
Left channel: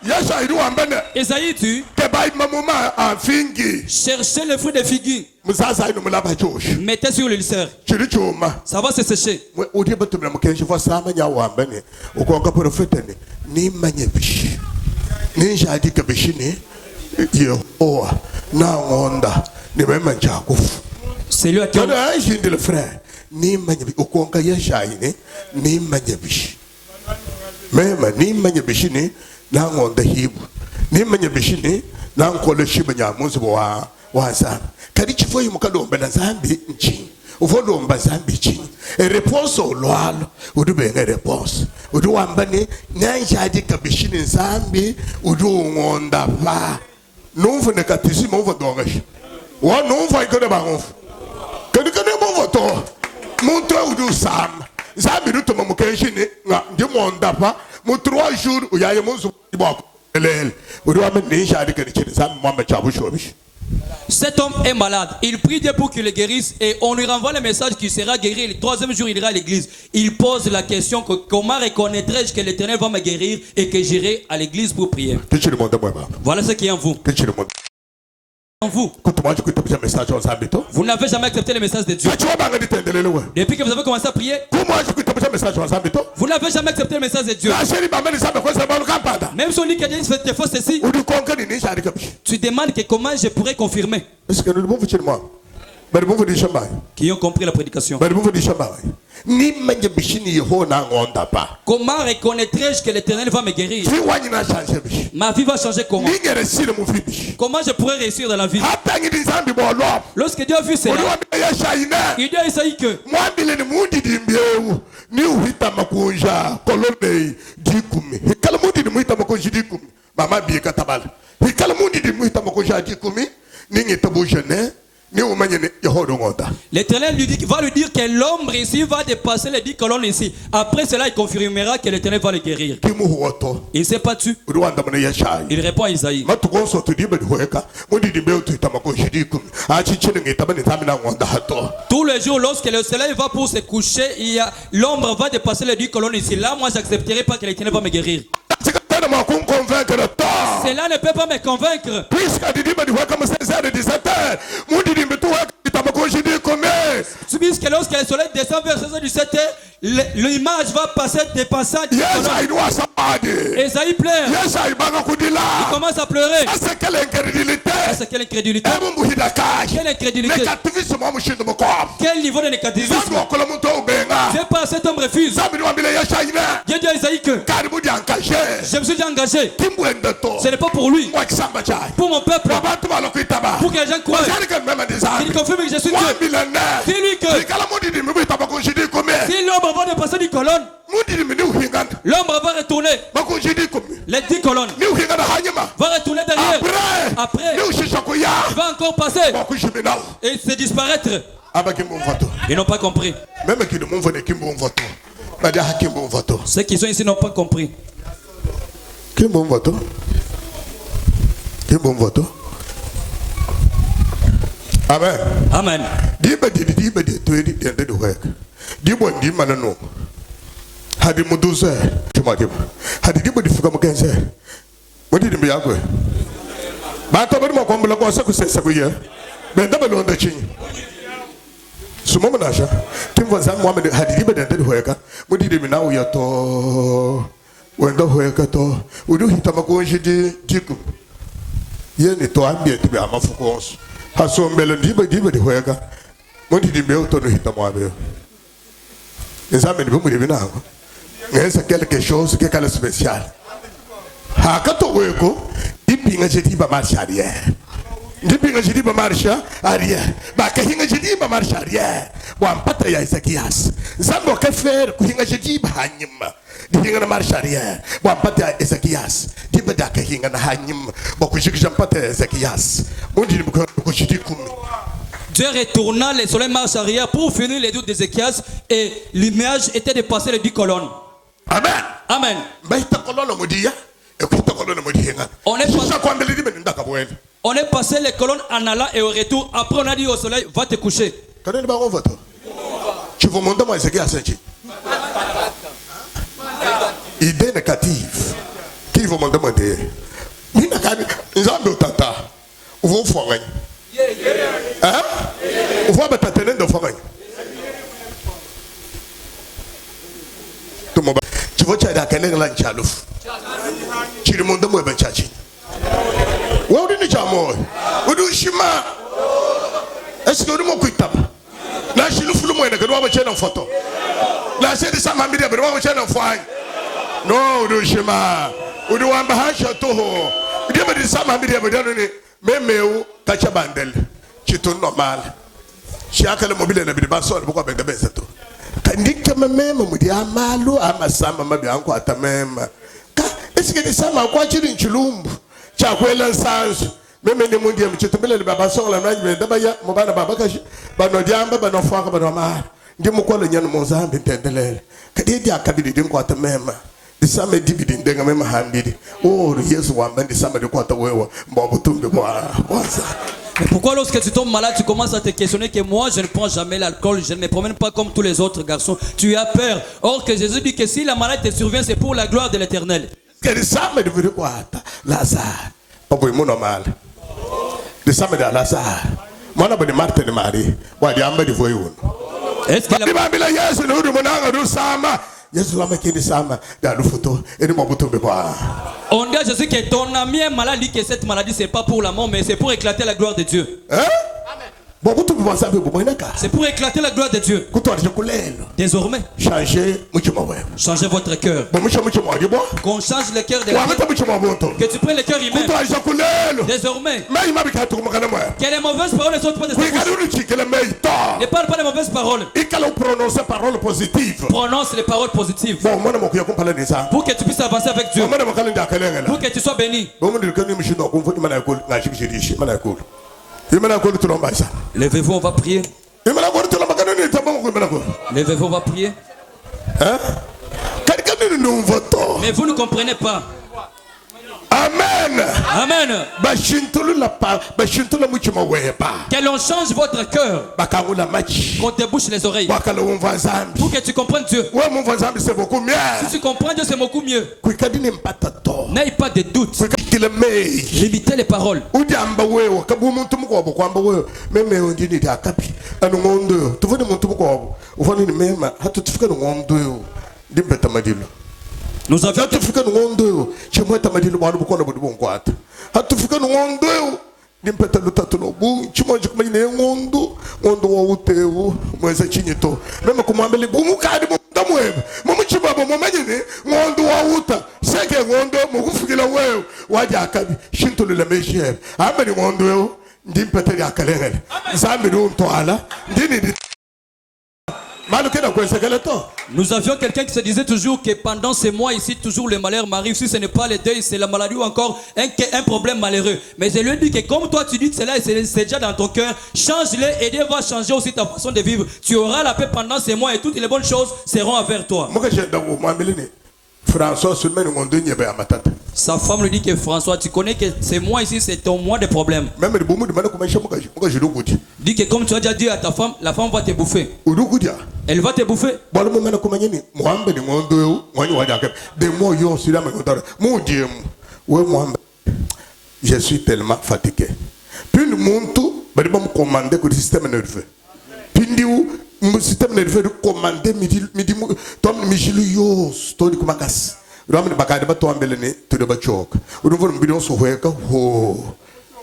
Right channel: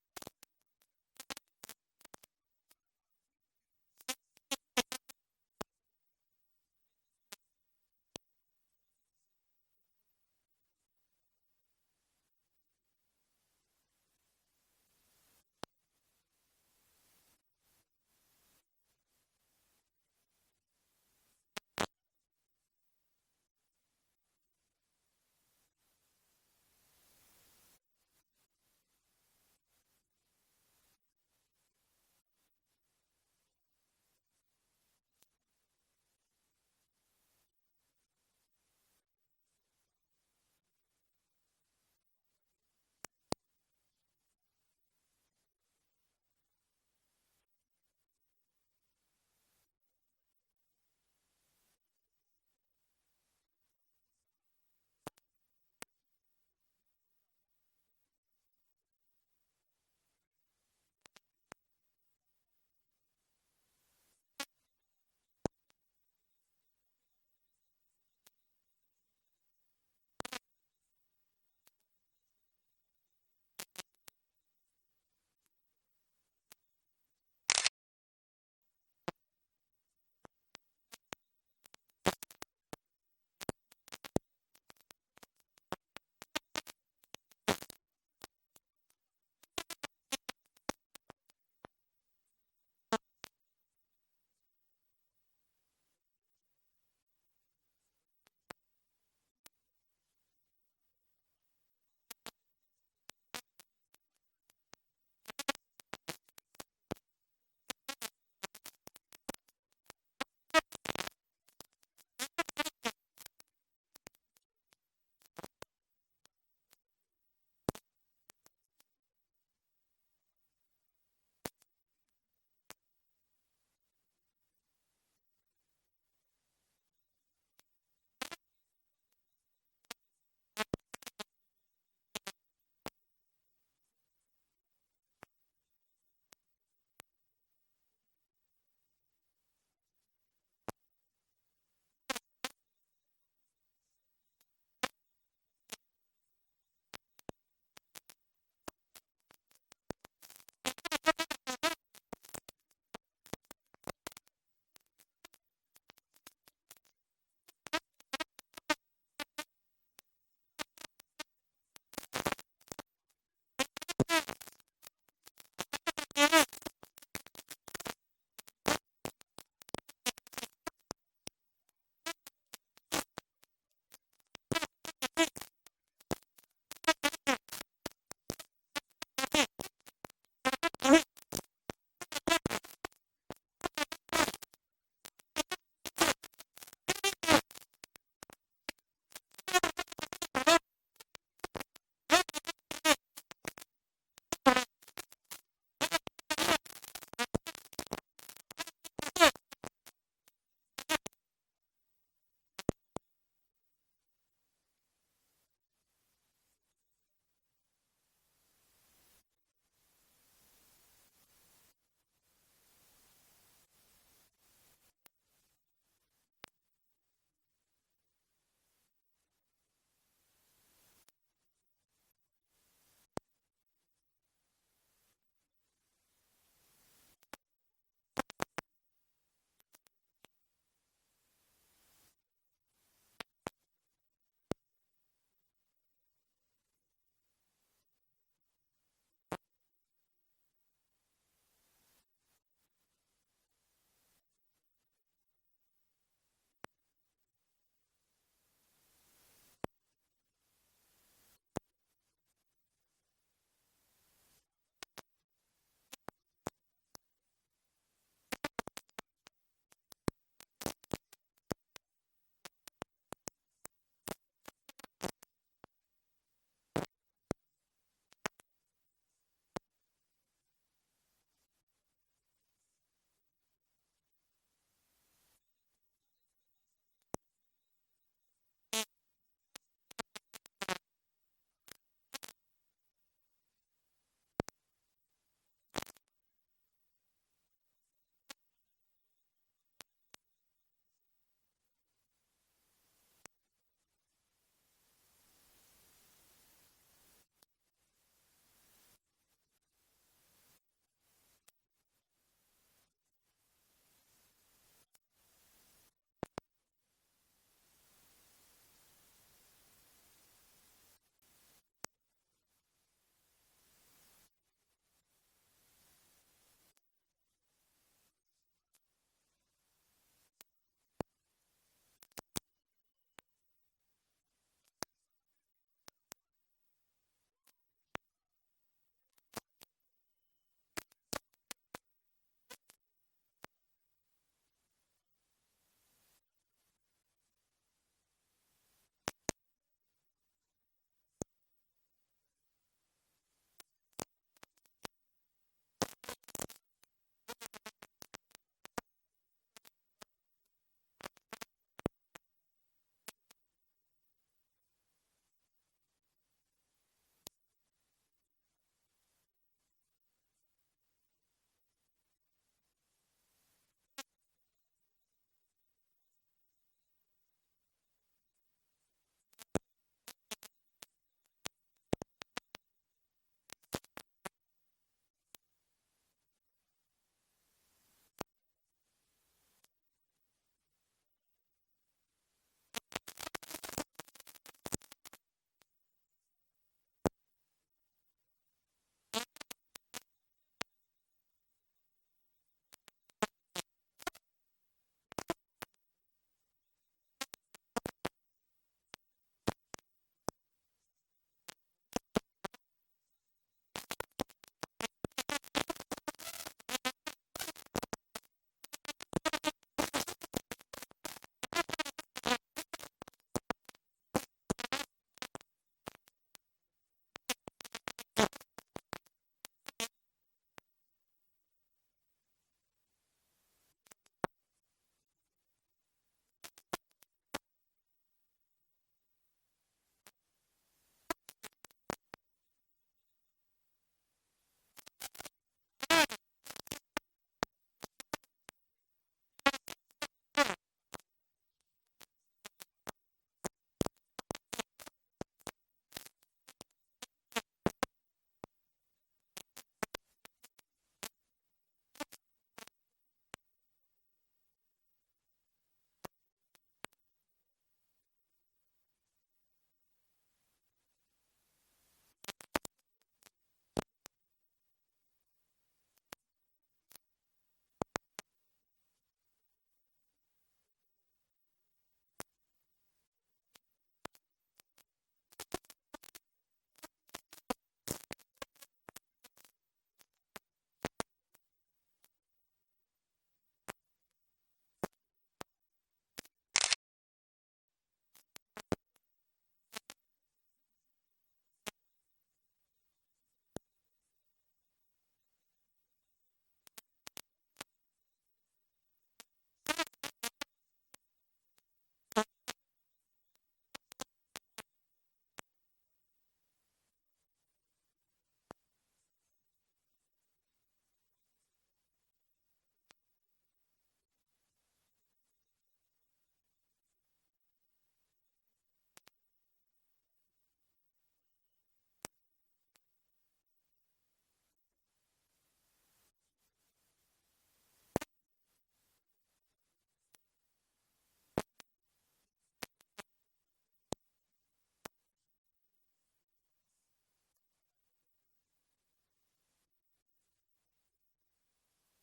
Esaïe dit, cherchez le fruit des figues, mettez sur l'ulcère, ça va se sécher. ninja di kabishini Yehowa na onda ni mema njakufu. C'est lui à qui Kada ajindi le frère ni manyabi ukonga yeshaine ni manyabishi. Mema ni manyabishini na onda hibu. Ni manyabishini na nkole shiba nyamuzi wa zambi. Kadi chifo yumukalomba na zambi nchini. Uvolomba zambi nchini. Réponse au loalo udube nga réponse. Udu wambani nyanjadi kabishini zambi udu ngonda va. Nunfu nekatisi mouva dongashi. Wa nunfu aikone bangonfu. Kadi kane mouva to. Muntu udu sam. Zambi du toma mukeshini nga ndi monda va. Mu 3 jours uyaye munzu bako. Lele. Udu wambani nyanjadi kabishini zambi mwamba chabu shobishi. Cet homme est malade. Il prie Dieu pour qu'il le guérisse et on lui renvoie le message qu'il sera guéri. Et le 3e jour, il ira à l'église. Il pose la question que comment reconnaîtrai-je que l'Éternel va me guérir et que j'irai à l'église pour prier. Voilà ce qui est en vous. En vous. Vous n'avez jamais accepté le message de Dieu. Depuis que vous avez commencé à prier, vous n'avez jamais accepté le message de Dieu. Même si on dit que Dieu fait faux ceci, tu demandes que comment je pourrais confirmer. Qui ont compris la prédication. Comment reconnaîtrai-je que l'Éternel va me guérir? Ma vie va changer comment? Comment je pourrais réussir dans la vie? Lorsque Dieu a vu cela, il dit à Isaïe que l'Éternel va lui dire que l'ombre ici va dépasser les 10 colonnes ici. Après cela, il confirmera que l'Éternel va le guérir. Il ne s'est pas tué. Il répond à Isaïe. Tous les jours, lorsque le soleil va pour se coucher, l'ombre va dépasser les 10 colonnes ici. Là, moi, j'accepterai pas que l'Éternel va me guérir. Cela ne peut pas me convaincre. Puisque lorsque le soleil descend vers 16h17, l'image va passer dépassant. Esaïe pleure. Il commence à pleurer. C'est quelle incrédulité? Quelle incrédulité? Quel niveau de négativisme? C'est pas cet homme refuse. Dieu dit à Esaïe que je me suis déjà engagé. Ce n'est pas pour lui, pour mon peuple, pour que les gens croient. Il confirme que je suis Dieu. Dis-lui que si l'ombre va dépasser 10 colonnes, l'ombre va retourner. Les 10 colonnes va retourner derrière. Après, il va encore passer et se disparaître. Ils n'ont pas compris. Ceux qui sont ici n'ont pas compris. Amen. Amen. C'est quelque chose qui est spécial. Marche arrière. Marche arrière. Marche arrière. Zambo que faire kuhinga jiba hanyima. Dihinga marche arrière. Wampata Ezekias. Dibada kahinga na hanyima. Bokushikisha mpata Ezekias. Mundi mkushiti kumi. Dieu retourna, le soleil marche arrière pour finir les doutes d'Ézéchias et l'image était de passer les 10 colonnes. Amen. Amen. On est passé les colonnes en allant et au retour. Après on a dit au soleil, va te coucher. Idée négative. Qui vous m'en demander? Vous forêt. Hein? Vous avez tâtonné de forêt. Tu vois, tu as quel est l'anchalouf? chirimonda mwebe chachi wodi ni chamo udu shima eske udu mo kuitapa na shilu fulu mo ene kedwa chena photo na se di sama media be wa chena fine no udu shima udu wamba hasha toho udu be di sama media be dano ni memeu kacha bandel chito normal shiaka le mobile na bi ba so le ko be gabe seto kandike memema mudi amalu amasama mabi anko atamema ka eske di sama kwa chiri nchulumbu cha kwela nsanzu meme ni mundi mchitumbele baba songa na nje ndaba ya mubana baba kashi bano diamba bano faka bano ma ndi mukwalo nyano mozambi tendelele kadi dia kabidi ndi ko atamema di sama dibidi ndenga mema hambidi oh Yesu wamba ndi sama ndi ko atawewa mbabutumbe kwa kwanza. Mais pourquoi lorsque tu tombes malade, tu commences à te questionner que moi, je ne prends jamais l'alcool, je ne me promène pas comme tous les autres garçons. Tu as peur. Or que Jésus dit que si la maladie te survient, c'est pour la gloire de l'Éternel. Lazare. Pas pour normal. Le samedi à Lazare. Moi, je suis Martin de Marie. Moi, je suis voyou. Est-ce que la... On dit à Jésus que ton ami est malade, dit que cette maladie c'est pas pour la mort, mais c'est pour éclater la gloire de Dieu. Hein? C'est pour éclater la gloire de Dieu. Désormais, changez votre cœur. Qu'on change le cœur de la vie. Que tu prennes le cœur humain. Désormais, que les mauvaises paroles ne sortent pas de ta bouche. Ne parle pas de mauvaises paroles. Prononce les paroles positives. Pour que tu puisses avancer avec Dieu. Pour que tu sois béni. Levez-vous, on va prier. Levez-vous, on va prier. Mais vous ne comprenez pas. Amen. Amen. Que l'on change votre cœur. Qu'on te bouche les oreilles. Pour que tu comprennes Dieu. Si tu comprends Dieu, c'est beaucoup mieux. N'aie pas de doute. Limitez les paroles. Nous avions Nous avions quelqu'un qui se disait toujours que pendant ces mois ici, toujours le malheur m'arrive. Si ce n'est pas le deuil, c'est la maladie ou encore un problème malheureux. Mais je lui ai dit que comme toi tu dis que cela c'est déjà dans ton cœur, change-le et Dieu va changer aussi ta façon de vivre. Tu auras la paix pendant ces mois et toutes les bonnes choses seront envers toi. Sa femme lui dit que François, tu connais que ces mois ici, c'est ton mois de problème. Dit que comme tu as déjà dit à ta femme, la femme va te bouffer. Elle va te bouffer. Je suis tellement fatigué. Puis le monde, il va me commander que le système nerveux. Puis le système nerveux de commander midi tom mijilios toni kumakas ramne bakade ba to ambele ne to de ba chok udu von bidon so hoeka ho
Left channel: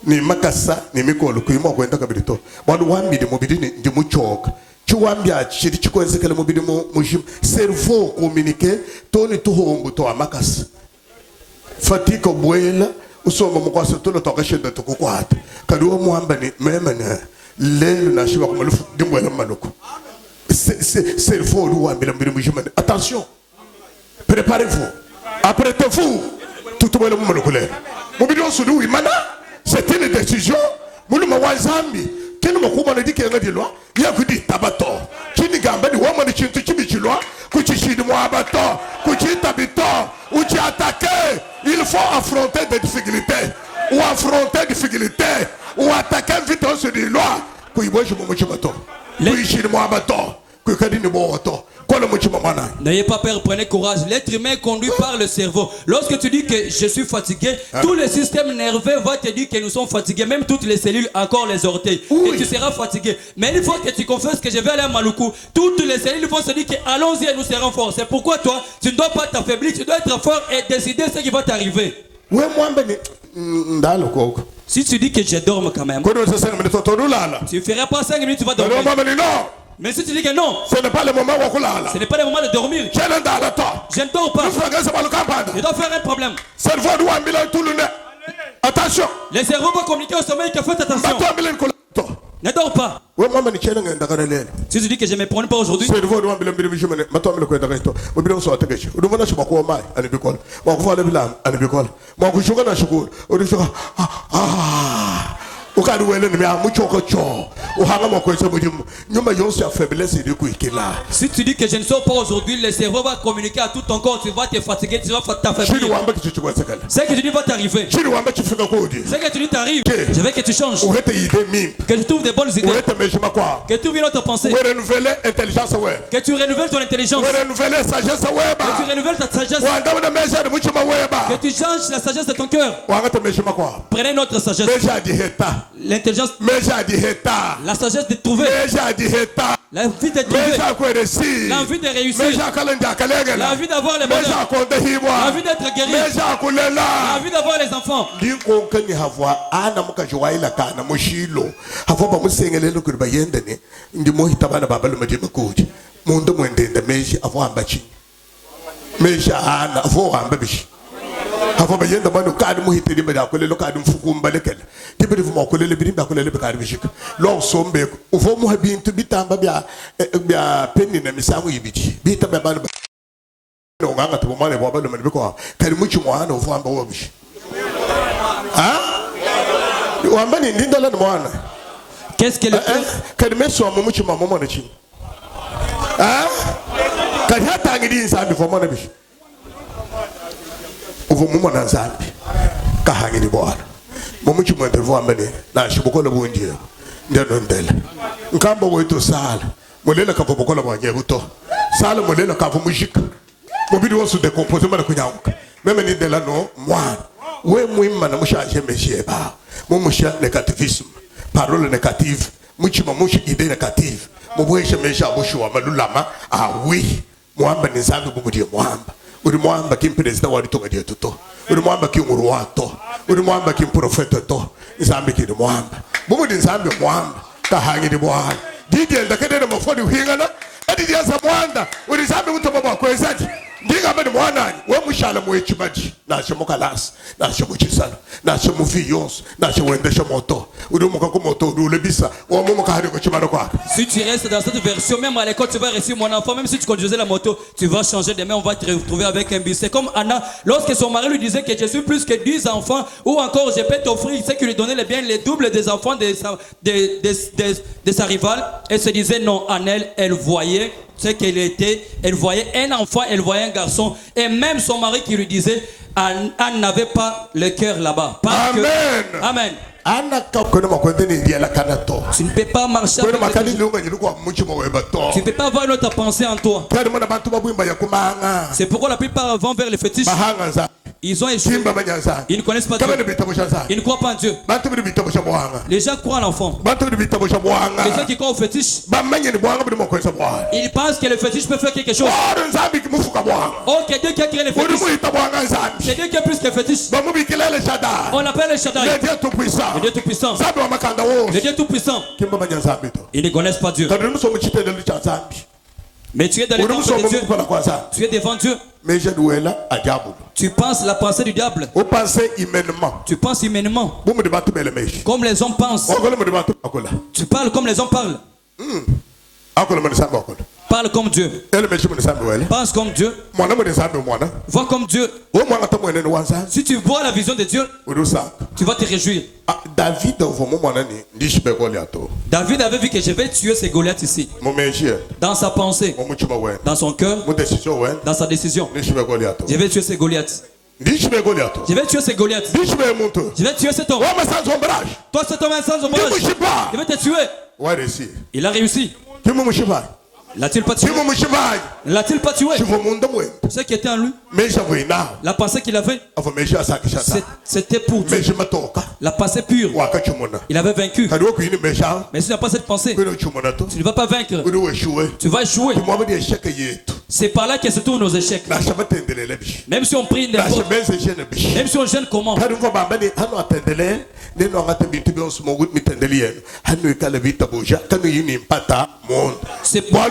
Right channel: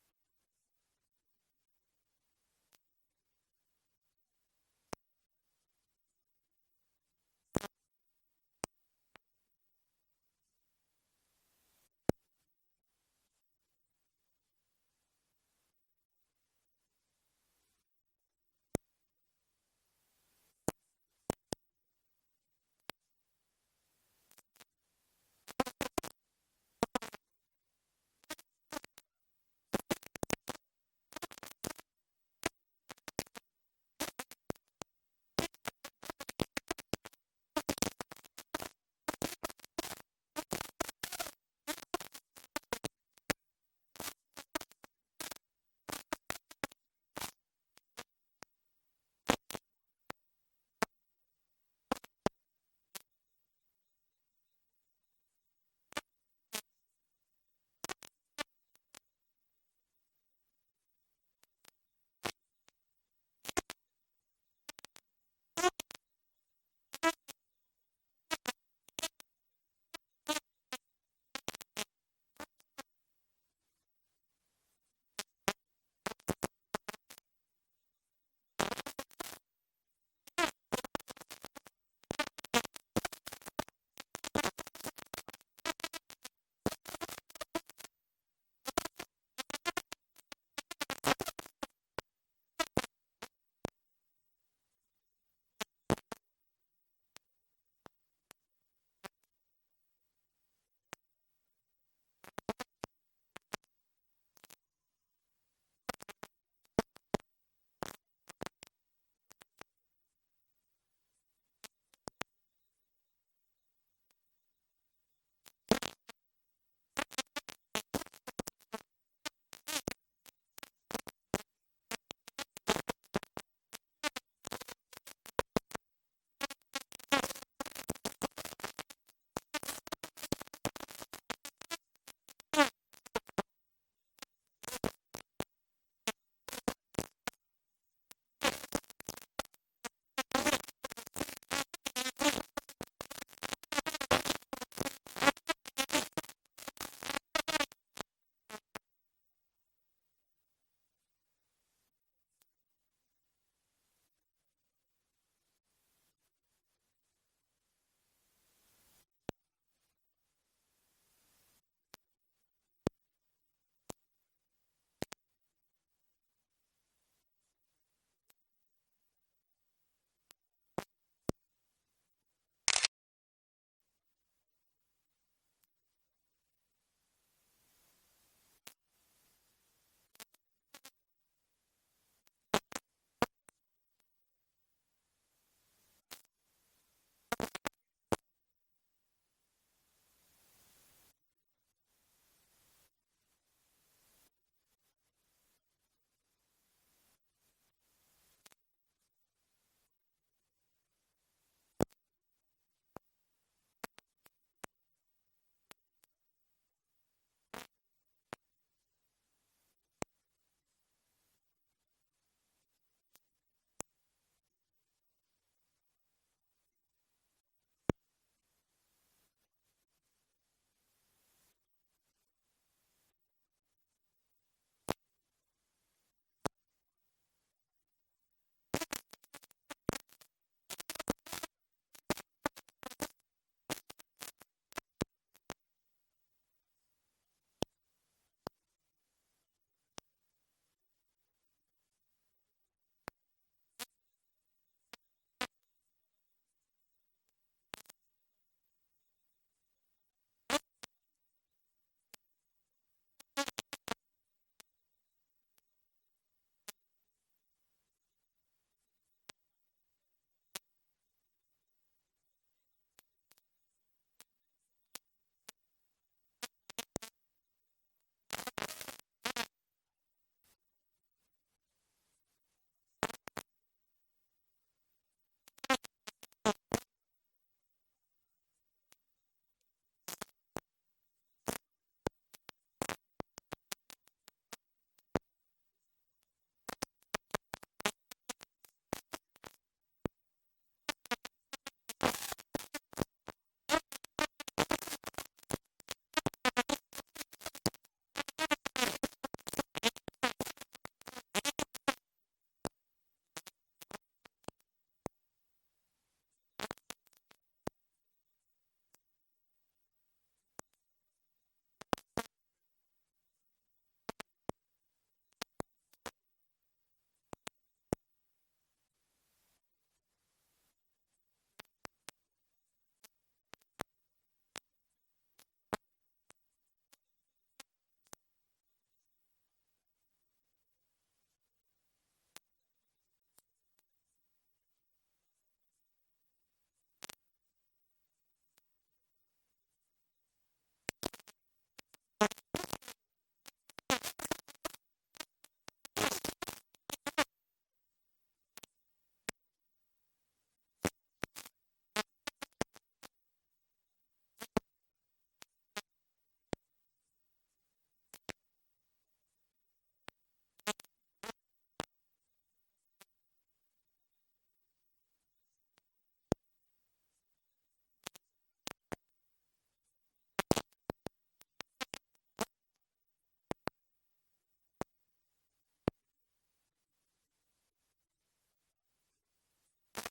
ni makasa ni mikolo ku imo kwenda ka bidito wadu wambi de mobidi ni ndi mu chok chiwambia chiri chikwenze kele mobidi mu mujim cerveau communiquer toni to hongo to amakas fatigue boela usoma mukwasa to to ka sheda to kukwata kadu mu ambani memene lelo na shiba ko malufu dimboela maloko. C'est le faux. Attention, préparez-vous, apprêtez-vous. Tout le monde c'est une décision. Il faut affronter des difficultés ou affronter des difficultés ou attaquer vite sur des lois. N'ayez pas peur, prenez courage. L'être humain est conduit par le cerveau. Lorsque tu dis que je suis fatigué, tout le système nerveux va te dire que nous sommes fatigués, même toutes les cellules, encore les orteils. Et tu seras fatigué. Mais il faut que tu confesses que je vais aller à Maluku. Toutes les cellules vont se dire que allons-y et nous serons forts. C'est pourquoi toi, tu ne dois pas t'affaiblir, tu dois être fort et décider ce qui va t'arriver. Si tu dis que je dorme quand même, tu ne feras pas 5 minutes, tu vas dormir. Mais si tu dis que non, ce n'est pas le moment de dormir. Je ne dors pas. Je dois faire un problème. Attention. Les cerveaux vont communiquer au sommeil que faites attention. Ne dors pas. Si tu dis que je ne me prends pas aujourd'hui, si tu dis que je ne sors pas aujourd'hui, le cerveau va communiquer à tout ton corps, tu vas te fatiguer, tu vas t'affaiblir. Ce que tu dis va t'arriver. Ce que tu dis t'arrive. Je veux que tu changes. Que tu trouves des bonnes idées. Que tu viennes te penser. Que tu renouvelles ton intelligence. Que tu renouvelles ta sagesse. Que tu changes la sagesse de ton cœur. Prenez notre sagesse. L'intelligence, la sagesse de trouver, la vie de trouver, l'envie de réussir, la vie d'avoir les bonheurs, la vie d'être guéri, la vie d'avoir les enfants. Avo bayenda manu kadi muhitiri bada kolelo kadi mfukumbalekele tibiri vuma kolele birimba kolele bekari bishika lo sombe uvo mu habintu bitamba bya penni na misamu yibiti bitamba bana no nganga tubomane bwa balo mani biko kadi muchi mwana uvo amba wobishi wamba ni ndindala no mwana Qu'est-ce que le kadi meso mu muchi mama mwana chi kadi hata ngidi nsambi fo mwana bishi uvo mumo na nzambi kahangini bwana mumuchi mwende vwambene na shibokola bunje ndeno ndele nkamba wetu sala mulela ka bokola bwanye buto sala mulela ka vumujika mubidi wosu decompose mara kunyanguka meme ni ndela no mwana we muimma na mushaje mesheba mumusha negativism parole négative muchi mamushi idée négative mubweshe mesha bushuwa malulama awi mwamba ni nzambi bumudie mwamba uri mwamba kim president wari tonga dia tuto uri mwamba kim uruwato uri mwamba kim profeta to nzambi kidi mwamba bumudi nzambi mwamba kahangi di bwana digenda kedere mafodi uhingana edi dia za mwanda uri nzambi mutoma bwa kwezaji ndiga bani mwanani we mushala mwechimaji na shemokalas na shemuchisala na shemuviyos na shewendesha moto uri mukako moto uri lebisa wa mumu kahari ko chimano kwa. Si tu restes dans cette version, même à l'école tu vas réussir mon enfant, même si tu conduisais la moto tu vas changer demain, on va te retrouver avec un bus. C'est comme Anna lorsque son mari lui disait que je suis plus que 10 enfants, ou encore je peux t'offrir ce qui lui donnait les biens, les doubles des enfants de sa rivale. Elle se disait non. Annelle, elle voyait ce qu'elle était, elle voyait un enfant, elle voyait un garçon, et même son mari qui lui disait Anne n'avait pas le cœur là-bas. Amen. Amen. Tu ne peux pas marcher avec tu ne peux pas avoir une autre pensée en toi. C'est pourquoi la plupart vont vers les fétiches. Ils ont échoué. Ils ne connaissent pas Dieu. Ils ne croient pas en Dieu. Les gens croient en l'enfant. Les gens qui croient au fétiche, ils pensent que le fétiche peut faire quelque chose. Oh, que Dieu qui a créé les fétiches. C'est Dieu qui a plus que le fétiche. On l'appelle le Shaddai. Le Dieu tout-puissant. Le Dieu tout-puissant. Ils ne connaissent pas Dieu. Mais tu es dans le temple de Dieu. Tu es devant Dieu. Tu penses la pensée du diable. Tu penses humainement. Comme les hommes pensent. Tu parles comme les hommes parlent. Parle comme Dieu. Pense comme Dieu. Vois comme Dieu. Si tu vois la vision de Dieu, tu vas te réjouir. David avait vu que je vais tuer ces Goliaths ici. Dans sa pensée, dans son cœur, dans sa décision. Je vais tuer ces Goliaths. Je vais tuer ces Goliaths. Je vais tuer cet homme. Toi, cet homme sans ombrage. Je vais te tuer. Il a réussi. L'a-t-il pas tué? L'a-t-il pas tué? Ce qui était en lui, la pensée qu'il avait, c'était pour Dieu. La pensée pure. Il avait vaincu. Mais si tu n'as pas cette pensée, tu ne vas pas vaincre. Tu vas échouer. C'est par là que se tournent nos échecs. Même si on prie n'importe, même si on gêne comment, c'est pour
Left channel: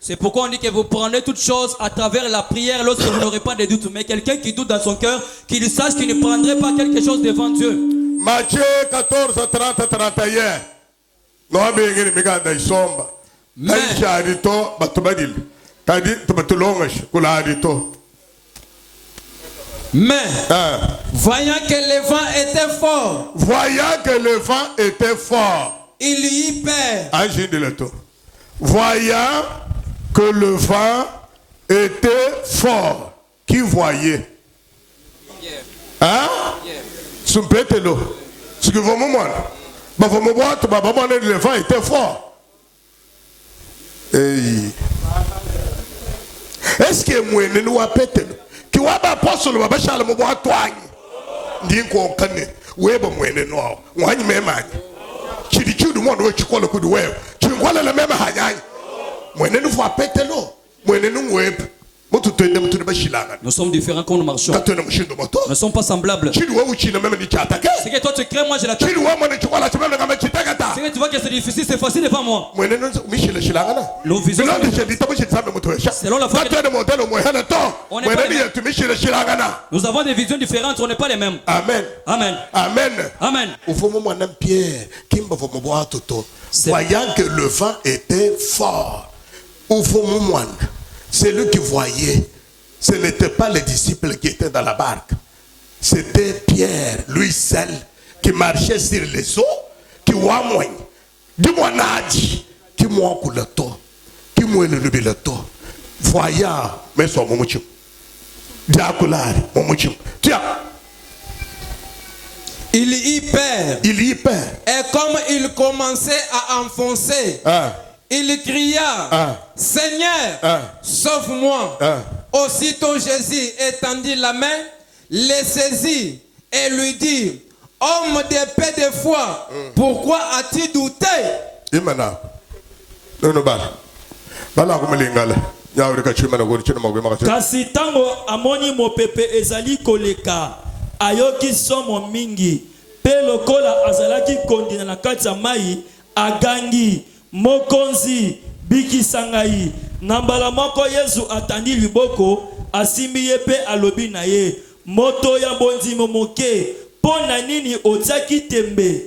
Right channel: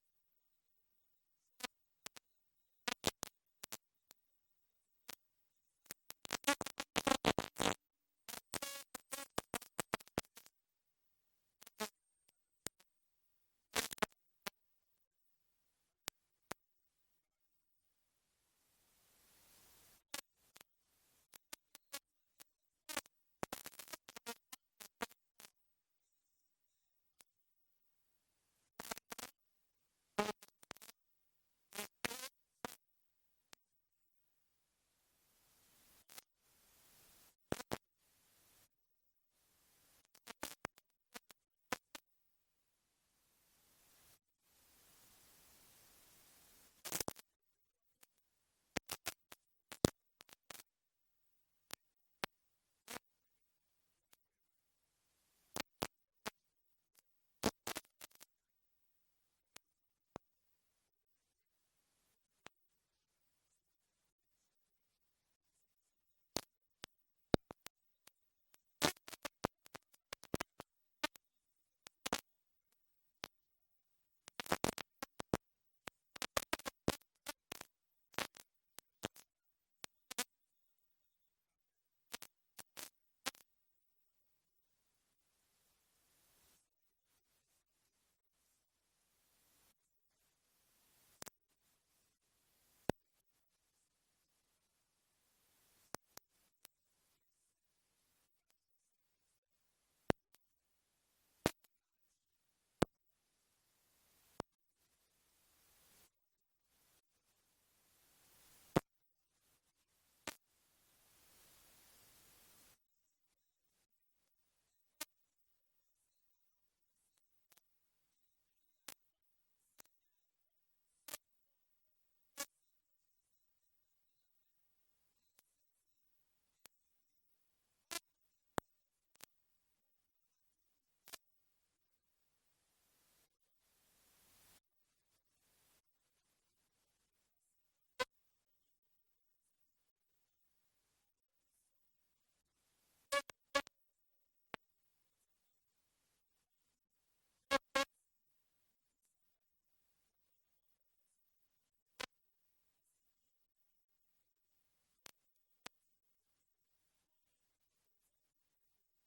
C'est pourquoi on dit que vous prenez toutes choses à travers la prière lorsque vous n'aurez pas de doute. Mais quelqu'un qui doute dans son cœur, qu'il sache qu'il ne prendrait pas quelque chose devant Dieu. Matthieu 14, 30, 31. Mais, voyant que le vent était fort, il y perd. Voyant que le vent était fort, qui voyait? Hein? Sumpetelo. Ce que vous me montrez, le vent était fort. Est-ce que moi ne nous appelle qui va pas apostole va bachal mo boa twany ndinko kane weba mwene no wanyi mema chidi chudu mo no chikola kudu wewe chinkwala la mema hanyanya mwene no fa petelo mwene no web. Nous sommes différents quand nous marchons. Nous ne sommes pas semblables. Ce que toi tu crées, moi je l'attaque. Ce que tu vois que c'est difficile, c'est facile devant moi. Nous visons selon la foi. Nous avons des visions différentes, on n'est pas les mêmes. Amen. Amen. Amen. Amen. Voyant que le vent était fort, c'est lui qui voyait. Ce n'était pas les disciples qui étaient dans la barque. C'était Pierre, lui seul, qui marchait sur les eaux, qui voit moins. Dis-moi, Nadi, qui moi pour le temps, qui moi le temps. Voyant, mais son momuchim. Diacolari, momuchim. Tiens. Il y perd. Et comme il commençait à enfoncer, il cria, Seigneur, sauve-moi. Aussitôt Jésus étendit la main, le saisit et lui dit, homme de paix de foi, pourquoi as-tu douté? Kasi tango amoni mopepe ezali koleka ayoki somo mingi pe lokola azalaki kondina na kati ya mai agangi mokonzi bikisa ngai. Na mbala moko Yesu atandi liboko asimbi ye pe alobi na ye, moto ya bondimo moke mpo na nini otiaki tembe?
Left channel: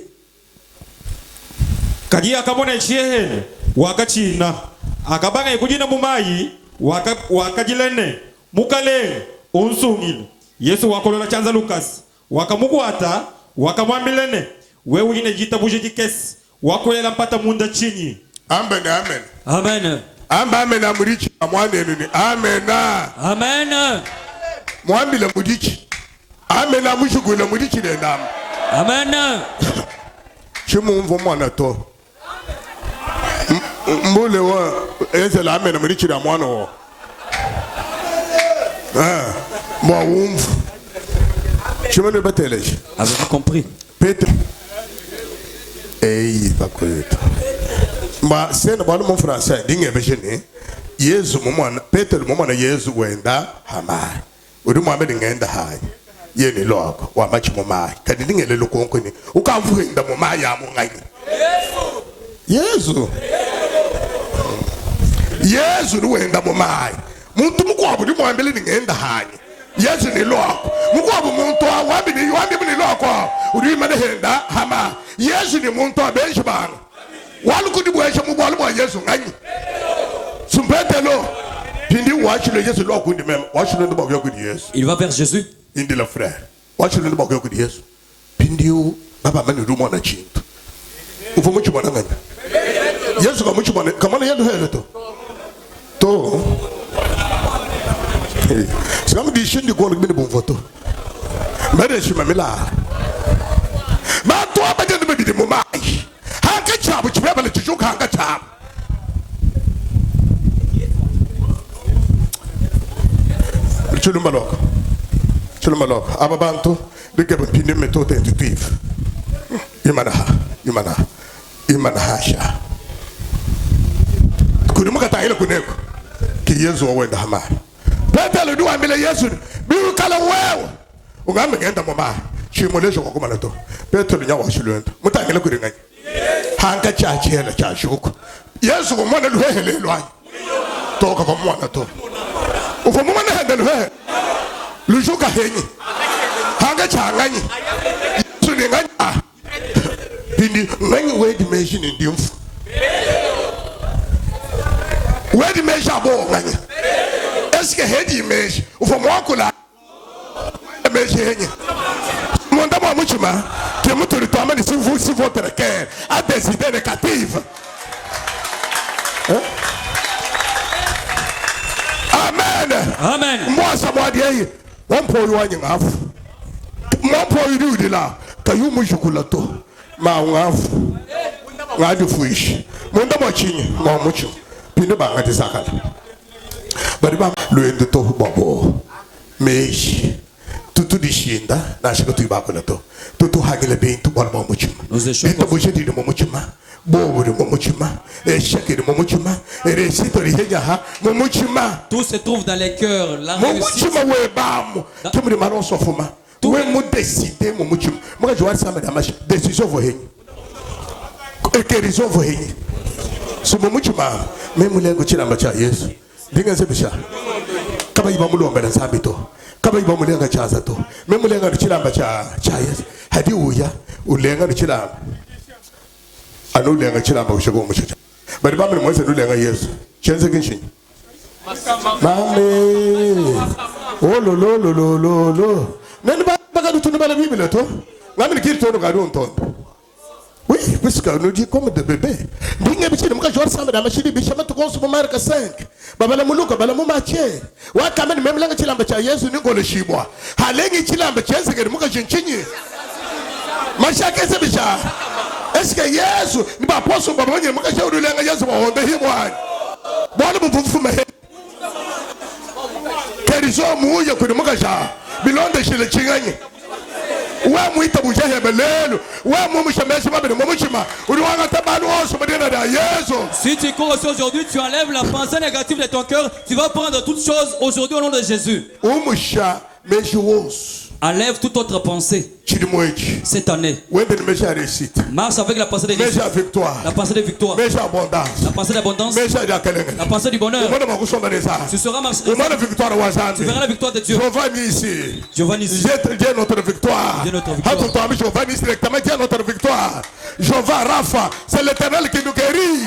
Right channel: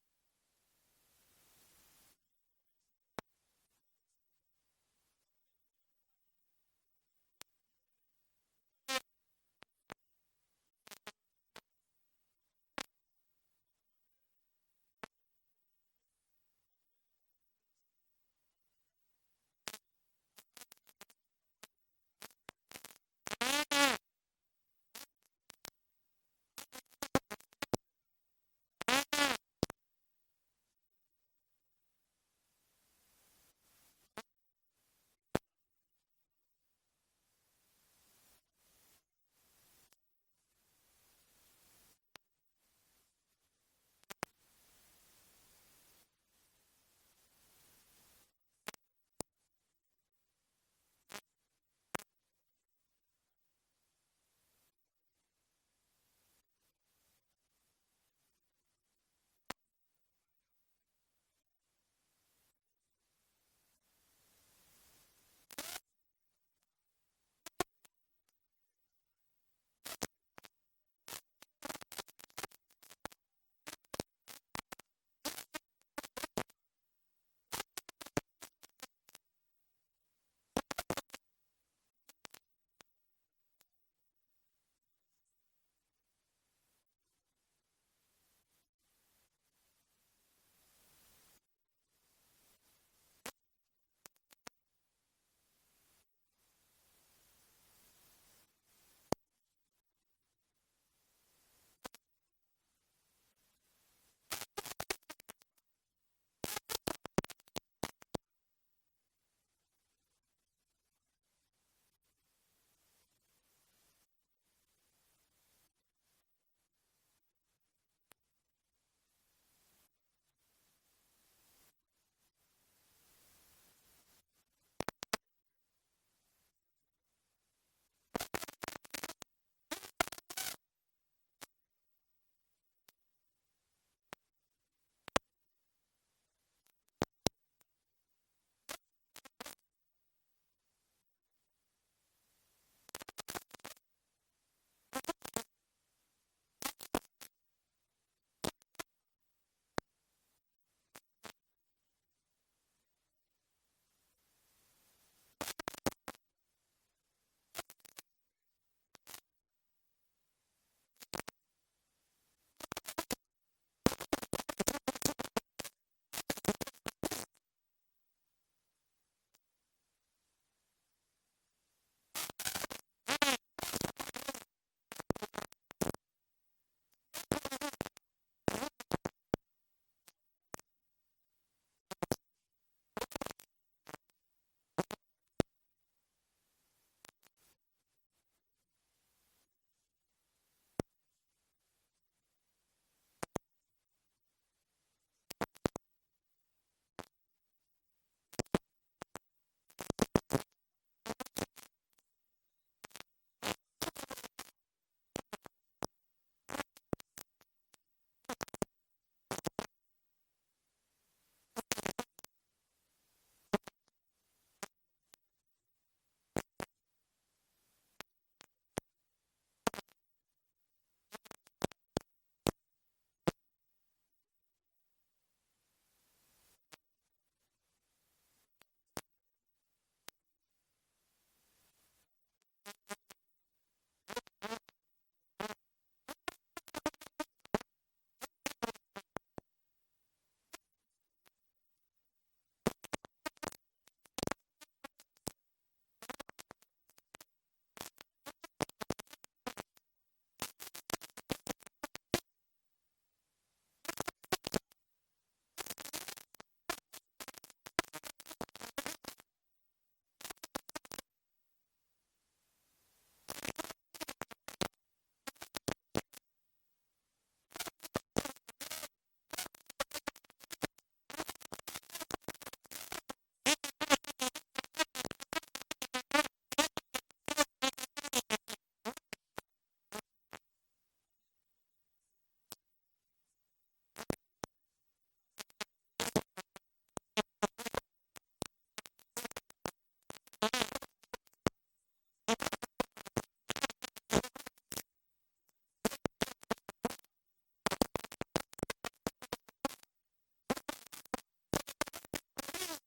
Kadi akamona chiehene wakachina akabanga ikujina mumayi wakajilene mukale unsungile. Yesu wakolola chanza Lukas wakamukwata wakamwambilene wewe uline jitabuje jikesi wakolela mpata munda chini. Amen. Amen. Amen. Amen. Amurichi amwane nini. Amen. Amen. Mwambi la mudichi. Amen. Amushugu la mudichi de nam. Amen. Chimu mvo mwana to. Mbule wa eze la amen mudichi da mwana wo. Mwa umvu. Chimu ne bateleji. Avez-vous compris? Petre. Bakoyeto. Ma sena balo mon français dinge bejene. Yesu momana Peter momana Yesu wenda hamai. Udu mama ngenda hai. Yeni loko wa machi momai. Kadi dinge le lokonko ni. Ukamvuhinda momai ya mungai. Yesu. Yesu du wenda momai. Muntu mukwabu di mwambele ngenda hai. Yesu ni loko. Mukwabu muntu wabi ni loko. Udu mane henda hama. Yesu ni muntu abeshibana. Walu kudi bwesha mubwalu mwa Yesu ngani. Sumpetelo. Pindi watch le Yesu loko ndi mem. Watch le ndo bagyo kudi Yesu. Il va vers Jésus. Indi la frère. Watch le ndo bagyo kudi Yesu. Pindi u baba mani rumo na chintu. Ufu muchu bwana ngani. Yesu kwa muchu bwana kamana yendo hele to. To. C'est comme des chaînes de quoi le bon photo. Mais je suis là. Mais toi, je ne me dis pas moi. Hanka chab, tu vas pas le toujours hanka chab. Tu le malok. Tu le malok. Ababanto, de que tu ne méthode intuitive. Imana hasha. Kudumuka taile kuneko. Ki Yesu wenda hama. Pete le dua mbele Yesu. Biu kala wewe. Ungame genda mama. Chimolejo kwa kuma nato. Pete le nyawa shulendo. Mutangele kuringa. Hanka cha chela cha shuku. Yesu kwa mwana luhele lwanyi. Toka kwa mwana to. Ufa mwana hende luhele. Lujuka henyi. Hanka cha nganyi. Yesu ni nganyi. Bindi nganyi we dimension in diumfu. Where the measure abo ngani? Est-ce que head image ufa mwakula measure henye? Monda mwa muchuma ke mutu litwama ni si votre cœur a des idées négatives. Amen. Amen. Moi ça m'a dit on peut y aller ngafu. Moi pour y aller là kayu mujukulato ma ngafu. Ngadu fuish. Monda mwa chini mwa muchu. Pinde ba ngati sakala bari ba luende to bobo meji tutu dishinda na shiko tu ba kola to tutu hagele be tu bal mo muchima ito bo jedi mo muchima bobo de mo muchima e shake de mo muchima e resito ri henya ha mo muchima tout se trouve dans les cœurs la réussite mo muchima we ba mo kemu de maron sofuma we mo décider mo muchima mo ka joar sa madame décision vo henyi e kerizo vo henyi so mo muchima même les gens qui n'ont pas Yesu, dinga sebisha. Kaba iba mulu ambela sabito. Kaba iba mulu anga chazato. Même les gens qui n'ont pas Yesu, hadi uya ulenga ni chila. Anu lenga chila ba ushago muchacha. Bari ba mwe se lenga Yesu. Chenze kinshin. Mame. Oh lo. Nani ba ga dutu ba la Bible to? Ngami kirito no ga do ntondo. Oui, puisque nous dit comme des bébés. Dingue bichi de muka jouer ensemble dans machine bichi ma to consomme marque 5. Baba la muluka bala mu mache. Wa kama même langa chilamba cha Yesu ni ngolo shibwa. Halengi chilamba cha Yesu ke muka chinchinyi. Masha kese bicha. Est-ce que Yesu ni ba poso baba mwenye muka shauri lenga Yesu wa honde himwa. Bwana mvufu mehe. Kerizo muye ku muka sha. Bilonde shile chinganyi. Si tu cours aussi aujourd'hui, tu enlèves la pensée négative de ton cœur, tu vas prendre toutes choses aujourd'hui au nom de Jésus. Enlève toute autre pensée. Cette année, marche avec la pensée de victoire, la pensée de victoire, la pensée d'abondance, la pensée du bonheur. Tu seras marché. Tu verras la victoire de Dieu. Giovanni ici. Dieu notre victoire. Giovanni directement Dieu notre victoire. Jehovah Rapha, c'est l'Éternel qui nous guérit.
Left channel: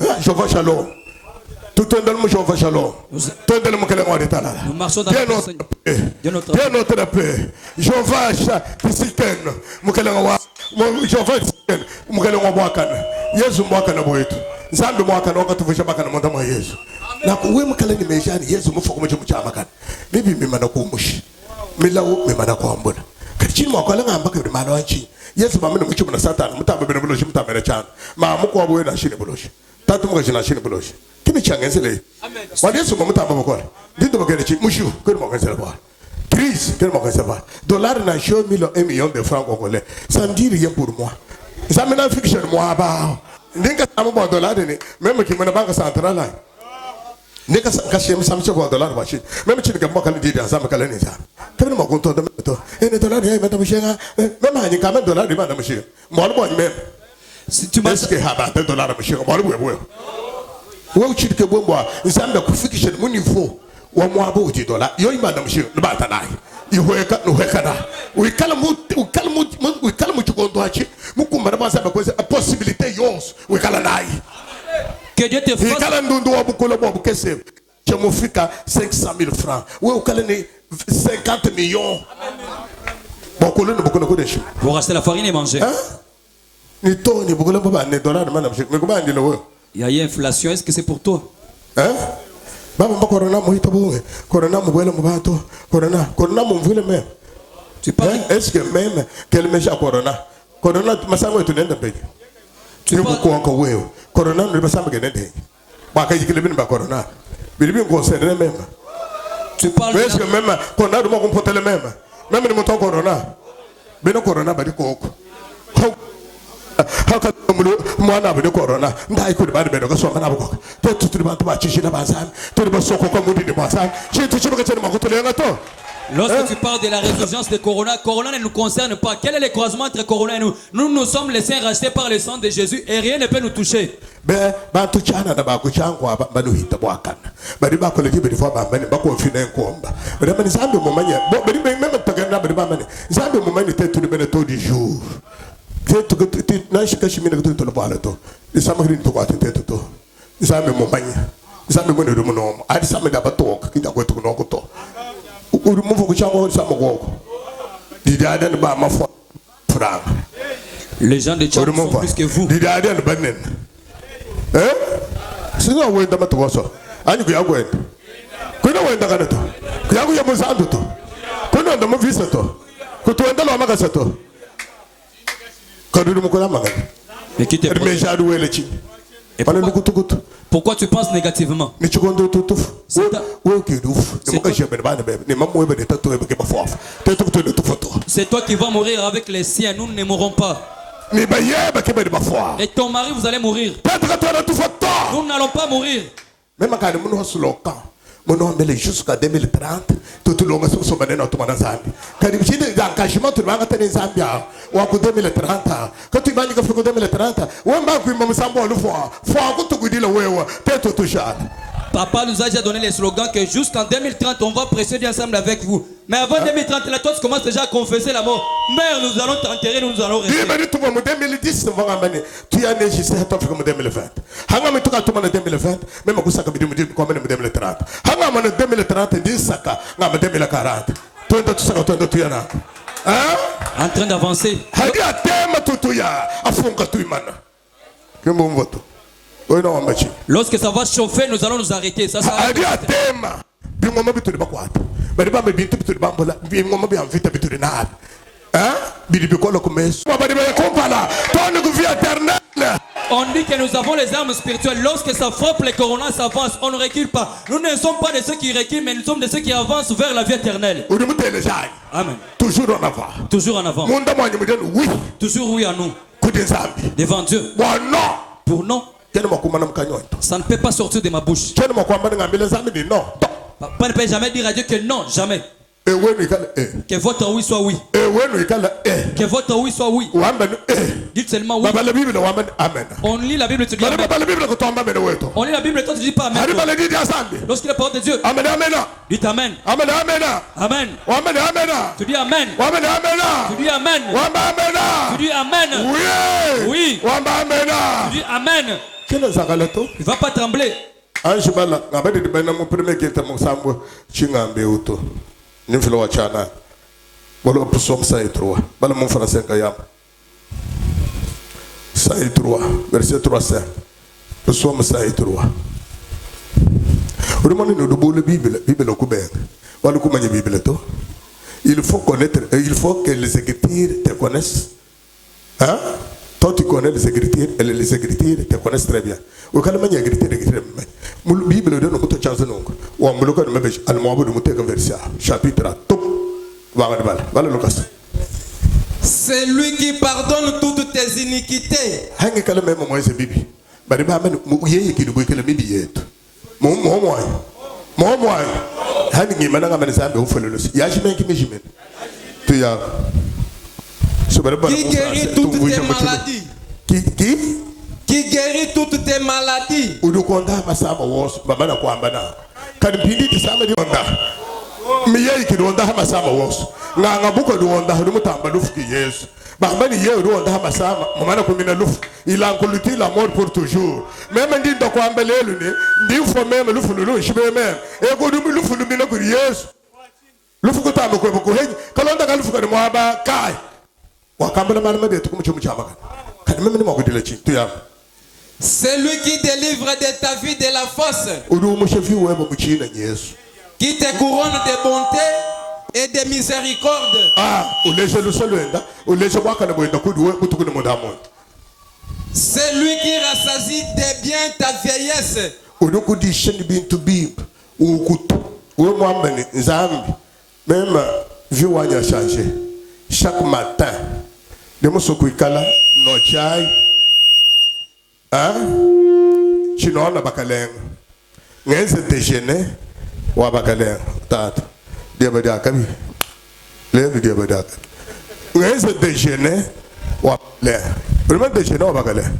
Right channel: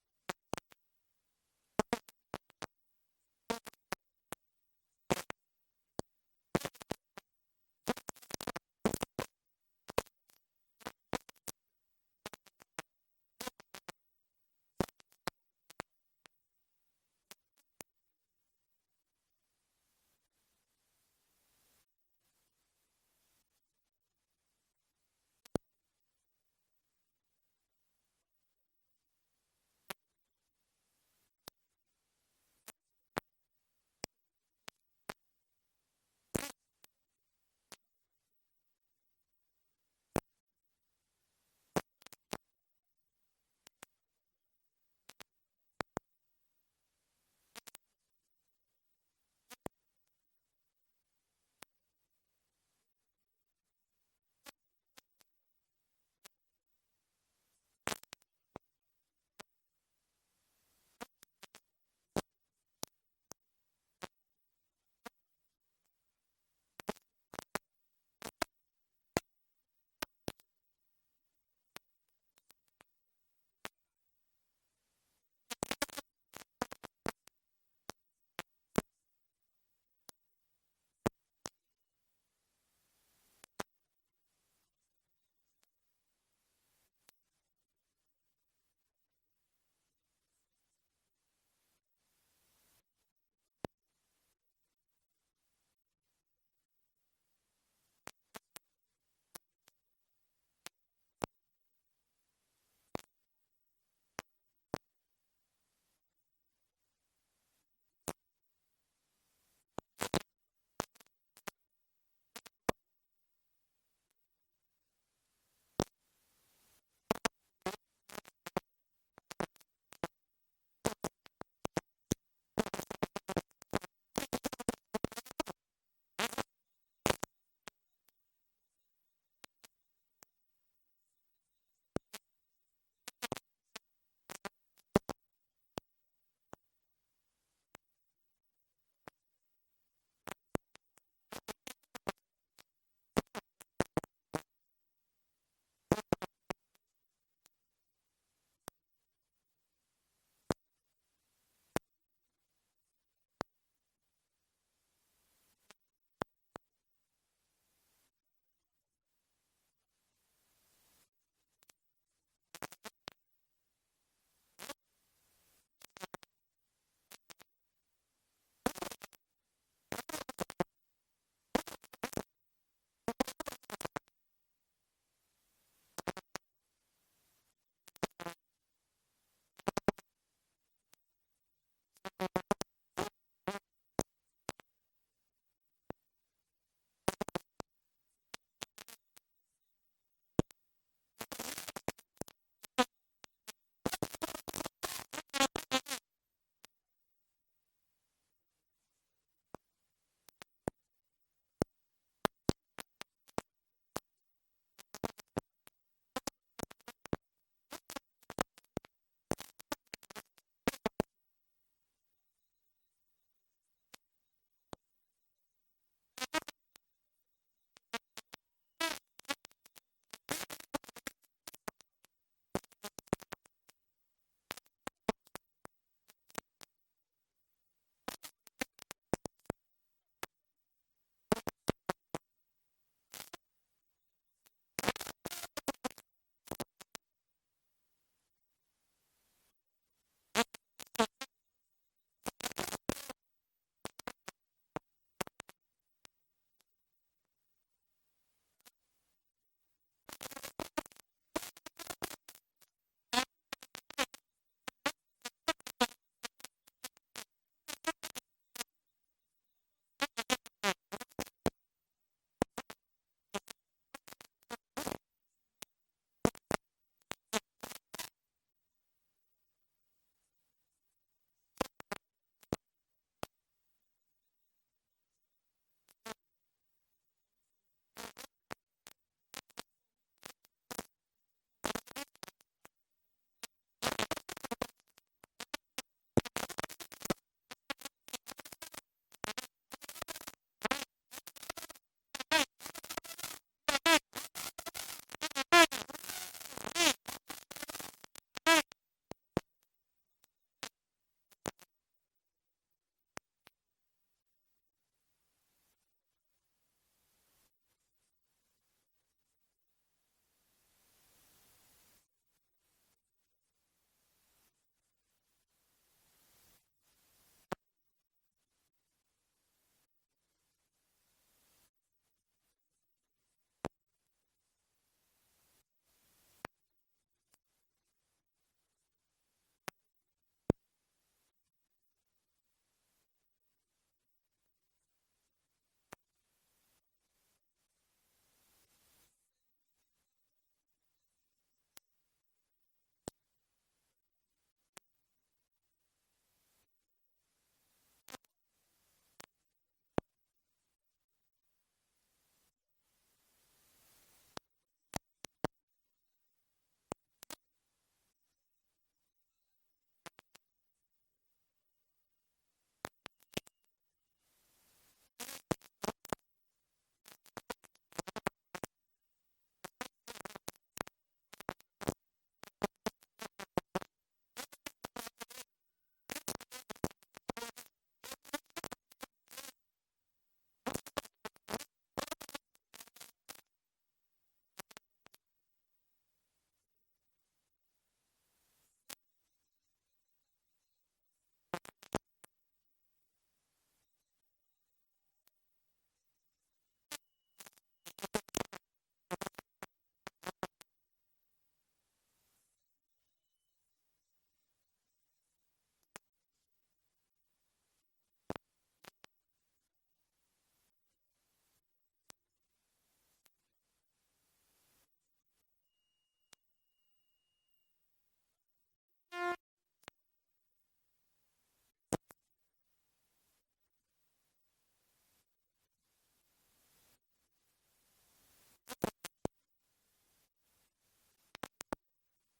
Amen. Jehovah Shalom. Tout un dans le Jehovah Shalom. Nous marchons dans notre paix. Jehovah Tisiken. Jehovah Tisiken. Yesu mwakana boyetu. Zambi mwakana wakatuvusha makana mwandama Yesu. Na kuwe mkala ni mejani Yesu mfuko mcha makana. Bibi mimana kumushi. Milawo mimana kuambuna. Kachini mwakala ngamba kwa mimana wanchi. Yesu mamina mchumu na satana. Mutamba bina buloshi mutambele chana. Maamuku wabuwe na shini buloshi. Tatu mga jina shini buloshi. Kimi changenzele. Wadi Yesu mamutamba mkwala. Dindo mkele chi. Mushu. Kuri mwakenzele kwa. Crise. Kuri mwakenzele kwa. Dollar na show $1 million de francs congolais. Ça me dit rien pour moi. Ça me n'a fiction moi ba. Ndinga samu ba dollar ni. Même qui mena banque centrale. Ndinga kashim samu cho ba dollar ba shi. Même chi ngamba kali di za makala ni za. Kami mo gonto de to. Ene dollar ya meta mushenga. Même hani kama dollar di ba na mushenga. Mo bo ni même. Si tu m'as que haba $1 mushenga. Mo bo bo. Wo chi ke bo mwa. Nzamba ku fiction mu niveau. Wa mo abo di dollar. Yo ima na mushenga. Ba ta nai. Ihoeka no hekana. Ukala mu chikondo achi. Mukumba na basa ba kwese a possibilité yos. Ukala nai. Que Dieu te fasse. Ukala ndundo wa bukolo bo bukese. Chemofika 500,000 francs. We ukala ni 50 millions. Bokolo no bokolo ko deshu. Pour racheter la farine et manger. Hein? Ni to ni bokolo ba ne dollar na mushenga. Me ko ba ndilo wo. Il y a inflation, est-ce que c'est pour toi? Hein? Baba corona mo hitabu. Corona mo bwela mo bato. Corona mo mvile même. Tu parles. Est-ce que même quel méchant corona? Corona masango tu nenda peke. Tu ne peux encore wewe. Corona ne pas sambe nende. Ba ka yikile bin ba corona. Bibi concerne même. Tu parles. Est-ce que même corona mo comporter le même. Même ni monton corona. Beno corona ba di koko. Haka mwana beno corona. Ndai ku ba beno ka so kana boko. To tu ba to ba chichi na ba san. To ba so ko ko mudi ni ba san. Chi tu chiba ka tena ma ko to lenga to. Lorsque tu parles de la résurgence de Corona, Corona ne nous concerne pas. Quel est le croisement entre Corona et nous? Nous sommes les saints rachetés par le sang de Jésus et rien ne peut nous toucher. Ben, tu chana na ba ku changwa ba no hita bwa kana. Ba di ba ko le jibe di fo ba ba ko fina nkomba. Ba di mani zambe mo manya. Ba di même tagana ba di ba mani. Zambe mo mani te tu bene to di jour. Te tu na shi kashi mina to lo bala to. Di sama grin to ko te to. Di zambe mo manya. Di zambe mo ne do mo no. Adi zambe da ba to ko ki da ko to no ko to. Les gens de Tchad sont plus que vous. Mais qui te Pourquoi tu penses négativement? C'est toi qui vas mourir avec les siens, nous ne mourrons pas. Et ton mari, vous allez mourir. Nous n'allons pas mourir. Jusqu'à 2030, tout le monde se souvient de notre Zambie. Quand tu as un engagement, tu vas en Zambie. Ou en 2030, quand tu vas en 2030, ou en bas, tu vas en le voir. Faut que tu dises le ouais, peut-être tout ça. Papa nous a déjà donné les slogans que jusqu'en 2030, on va précéder ensemble avec vous. Mais avant 2030, là, toi, tu commences déjà à confesser la mort. Mère, nous allons t'enterrer, nous allons rester. 2010, tu as neigé, c'est en 2020. Hanga me tuka tuma na 2020, même ku saka bidimu comme 2030. Hanga ma na 2030 di saka na 2040. Twenda tusaka twenda tuyana. En train d'avancer. Hadi atema tutuya, afunga tuimana. Kembo mvoto. Lorsque ça va chauffer, nous allons nous arrêter. Ça sera. On dit que nous avons les armes spirituelles. Lorsque ça frappe, les coronas s'avancent. On ne recule pas. Nous ne sommes pas de ceux qui reculent, mais nous sommes de ceux qui avancent vers la vie éternelle. Amen. Toujours en avant. Toujours en avant. Toujours oui à nous. Devant Dieu. Pour non. Ça ne peut pas sortir de ma bouche. Papa ne peut jamais dire à Dieu que non, jamais. Que votre oui soit oui. Que votre oui soit oui. Dites seulement oui. On lit la Bible et tu dis amen. On lit la Bible et toi tu dis pas amen. Lorsqu'il est la parole de Dieu, dites amen. Amen. Tu dis amen. Tu dis amen. Tu dis amen. Oui. Tu dis amen. Il ne va pas trembler. Verset 3. Psaume 103. Il faut connaître, il faut que les Écritures te connaissent. Hein? Toi, tu connais les Écritures et les Écritures te connaissent très bien. Au cas où il y a des Écritures, la Bible donne une chance de nous. Ou en bloquant le message, allemand de monter un verset, chapitre, top. Voilà Lucas. C'est lui qui pardonne toutes tes iniquités. Hangi kala même moi c'est bibi. Bari ba men mu yeye ki dubo kala bibi yetu. Mo hangi ngi mananga men zambe u fele losi. Ya jimen ki jimen. Tu ya. Qui guérit toutes tes maladies. Qui guérit toutes tes maladies. Udu konda masama wos baba na kwamba na. Kan pindi tisama di onda. Mi yeye ki onda masama wos. Nga buko du onda du mutamba lufuki Yesu. Barbani yeye du onda masama mama kumina lufu. Il a englouti la mort pour toujours. Même ndi ndo kwamba lelu ni ndi fo même lufu lulu shibe même. E ko du lufu lu mina ku Yesu. Lufu ko tambo ko ko henyi. Kalonda ka lufu ko mo aba kai. Wakambala mama de tukumu chumu chama. Kan même ni mo ko dile chi tu ya. Celui qui délivre de ta vie de la fosse. Qui te couronne de bonté et de miséricorde. C'est lui qui rassasie de bien ta vieillesse. Même vieux a changé. Chaque matin, de mon sokuikala, no chai, chino na bakaleng. Ngenze déjeuner, wa bakaleng. Tata, diabadakabi. Lève diabadakabi. Ngenze déjeuner, wa bakaleng. Vraiment déjeuner wa bakaleng.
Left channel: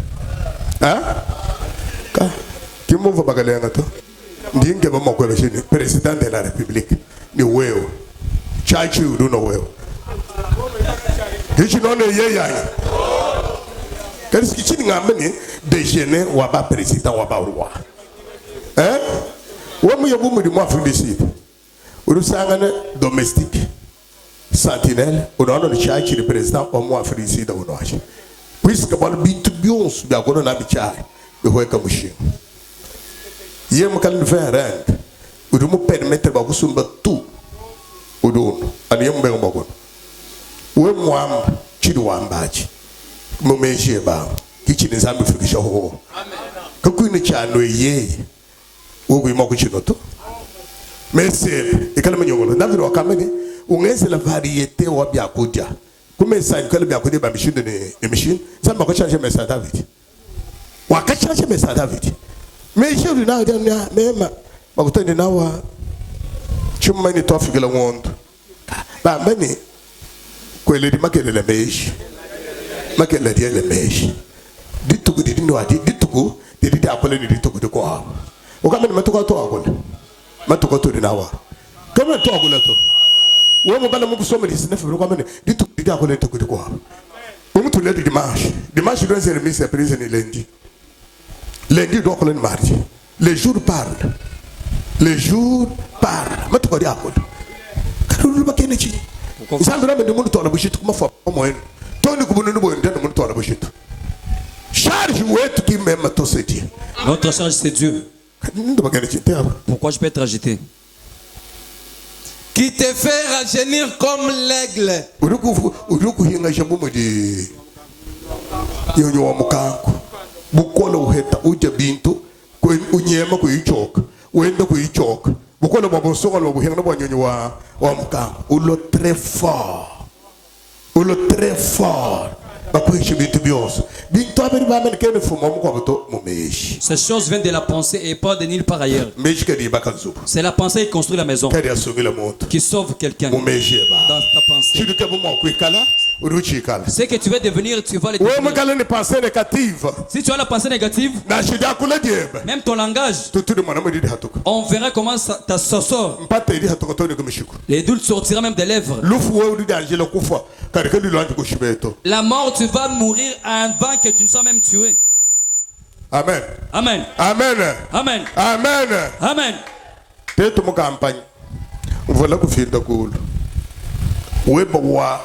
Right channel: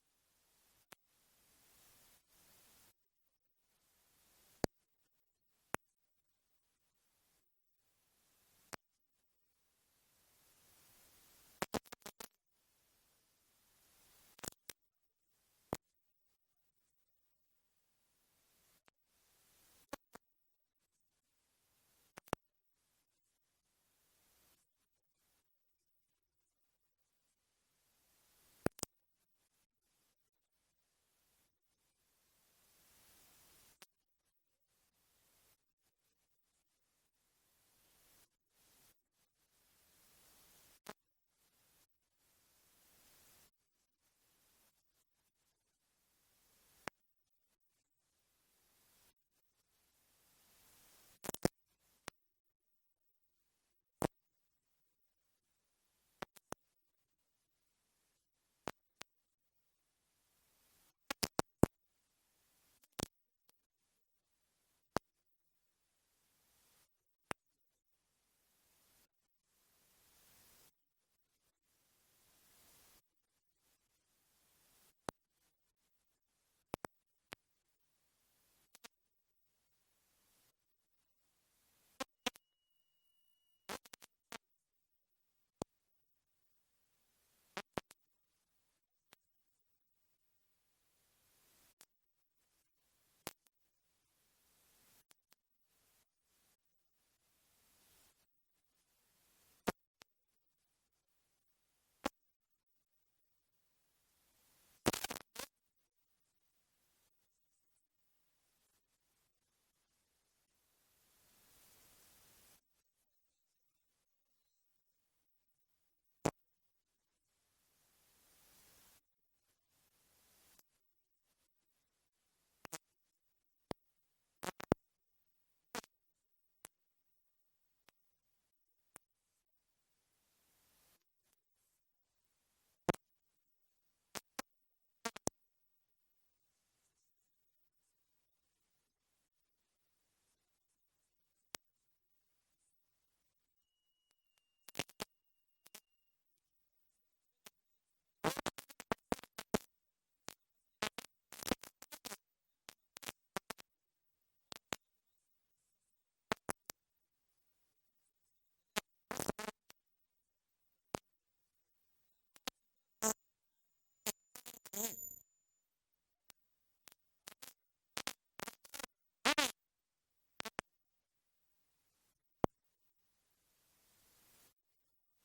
Qui m'ouvre bakaleng ato? Ndinge ba mokwele chini, président de la République. Ni wewe. Chachi you don't know well. Hichi no ne ye ya. Kasi kichini ngamene déjeuner wa ba président wa ba roi. Wa mu yobu mu di mo Afrique du Sud. Uru sangane domestique. Sentinelle, on a le chachi le président au mo Afrique du Sud on a. Puisque bal bintu bions da kono na bichai. Be hoye kamushi. Ye mo kan faire rend. Uru mu permettre ba kusumba tout. Udun, ani yemu bengo bagon. We mwam chidu wambaji. Mumeshi ba. Kichi ni zambi fikisha ho. Amen. Kakuni chano ye. Wogu imoku chinoto. Mese, ikala mnyongolo. Davido wakamene. Ungeze la variété wa biakudia. Kumesa ikala biakudia ba machine ni machine. Zamba ko change mesa David. Waka change mesa David. Meshi uri na mema. Bakutani nawa. Chuma ni tofi la wondo. Ba mbani kwele di makele le meshi. Makele di le meshi. Dituku di no adi dituku di akole ni dituku de kwa. Okamene matuka to akole. Matuka to di nawa. Kama to akole to. Wo mo bala mo kusoma di sine fero kamene dituku di akole to de kwa. Wo mo to le di dimanche. Dimanche doit se remise prise ni lundi. Lundi do akole ni mardi. Les jours parlent. Les jours parlent. Matuka di akole. Karulu makene chi. Sandra me demundo tola bushit kuma fa moen. Toni kubunu no boen demundo tola bushit. Charge ouet qui même to se dit. Notre charge c'est Dieu. Pourquoi je peux être agité? Qui te fait rajeunir comme l'aigle. Uruku hinga shabumo di. Yonyo wa mukanku. Bukola uheta uja bintu ko unyema ko ichoka. Wenda ko ichoka. Bukola babosonga lo buhinga no banyonyo wa mukanku. Ulo très fort. Ulo très fort. Ces choses viennent de la pensée et pas de nulle part ailleurs. C'est la pensée qui construit la maison, qui sauve quelqu'un. Dans ta pensée. Ce que tu veux devenir, tu vas le devenir. Si tu as la pensée négative, même ton langage, on verra comment ça sort. Les doutes sortiront même des lèvres. La mort, tu vas mourir avant que tu ne sois même tué. Amen. Amen. Amen. Amen. Amen. Amen. Teto mo campagne. Voilà que fin da cool. We bawa.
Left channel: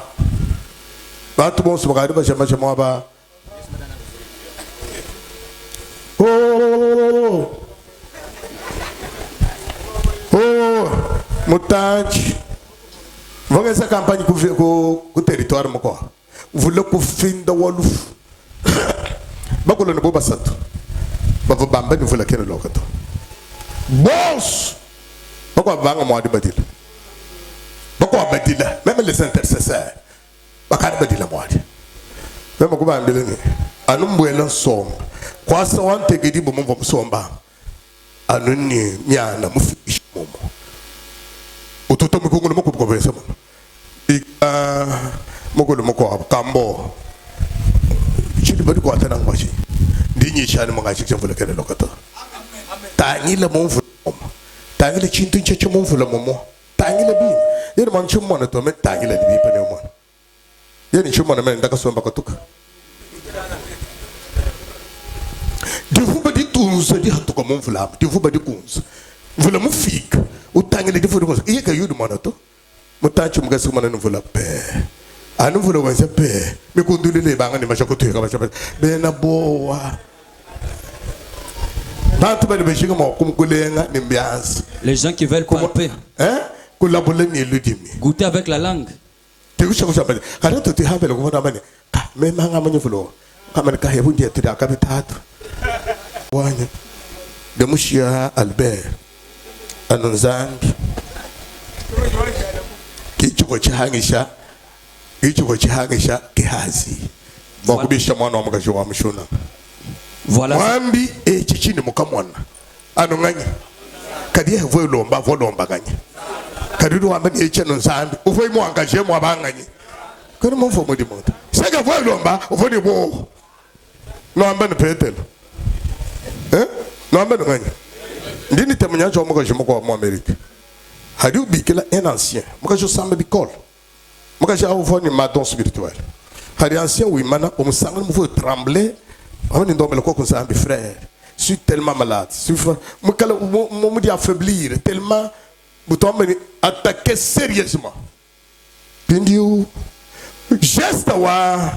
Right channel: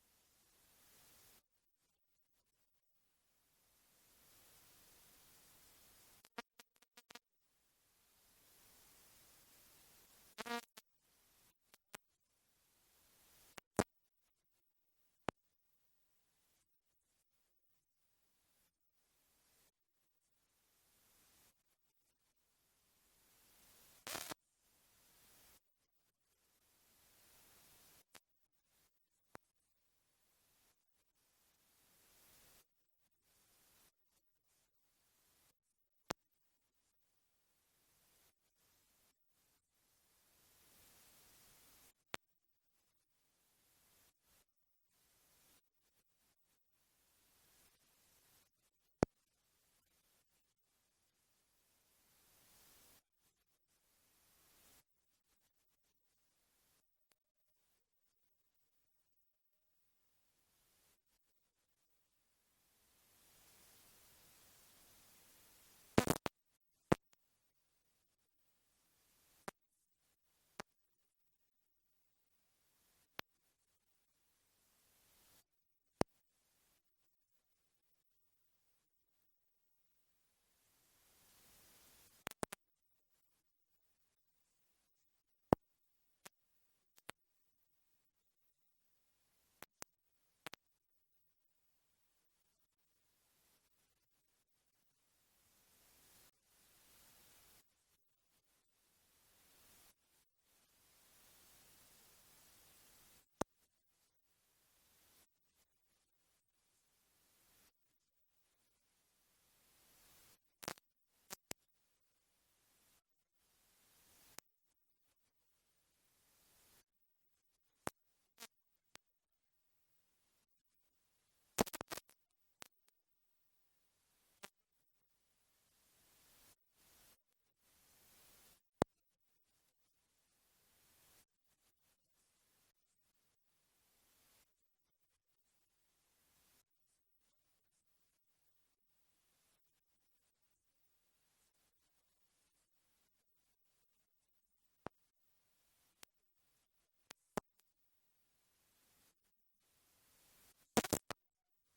Ba to bon sumagari ba chama chama ba. Oh. Mutanchi. Vamos essa campanha com território mo ko. Vula ku finda woluf bakolo no boba sato bava bamba ni vula kene lokato boss bako banga mo adi badila bako badila même les intercesseurs bakari badila mo adi même ko ba mbele ni anu mbwela som kwasa wante gidi bo mo somba anu ni nyana mu fishi mo ototo mo ko mo ko besa mo mokolo moko kambo chidi bari ko atana ngwashi ndinyi chani mangachi chemvula kele lokata tangile monvu tangile chintu cheche monvu la momo tangile bi yene man chummo na to me tangile bi pa ne mo yene chummo na me ndaka somba katuka difu badi tunza di hatuka monvu la difu badi kunza vula mu fika utangile difu kunza iye ka yudu manato mutachi mugasi mana nvula pe anu vula wanse pe me kundulile banga ni mashako tuya kabasha be na boa Les gens qui veulent palper. Goûter avec la langue. Anonzambi kichuko chihangisha kihazi bakubisha mwana wa mugaje wa mushuna voilà mwambi chichini mukamwana anonganya kadiye vo lomba ganya kadiru wamba ni cheno nzambi ufoi mu angaje mu abanganye kani mu mfomo di moto sega vo lomba ufoni bo no amba ni petelo no amba nganya ndini temanya cho mugaje mu kwa Amerika hadi ubikela un ancien mugaje samba bikol mugaje avoni madon spirituel hadi ancien oui mana o musanga mu faut trembler on est dans le quoi comme ça mes frères je suis tellement malade me dit affaiblir tellement bouton me attaquer sérieusement pindiu geste wa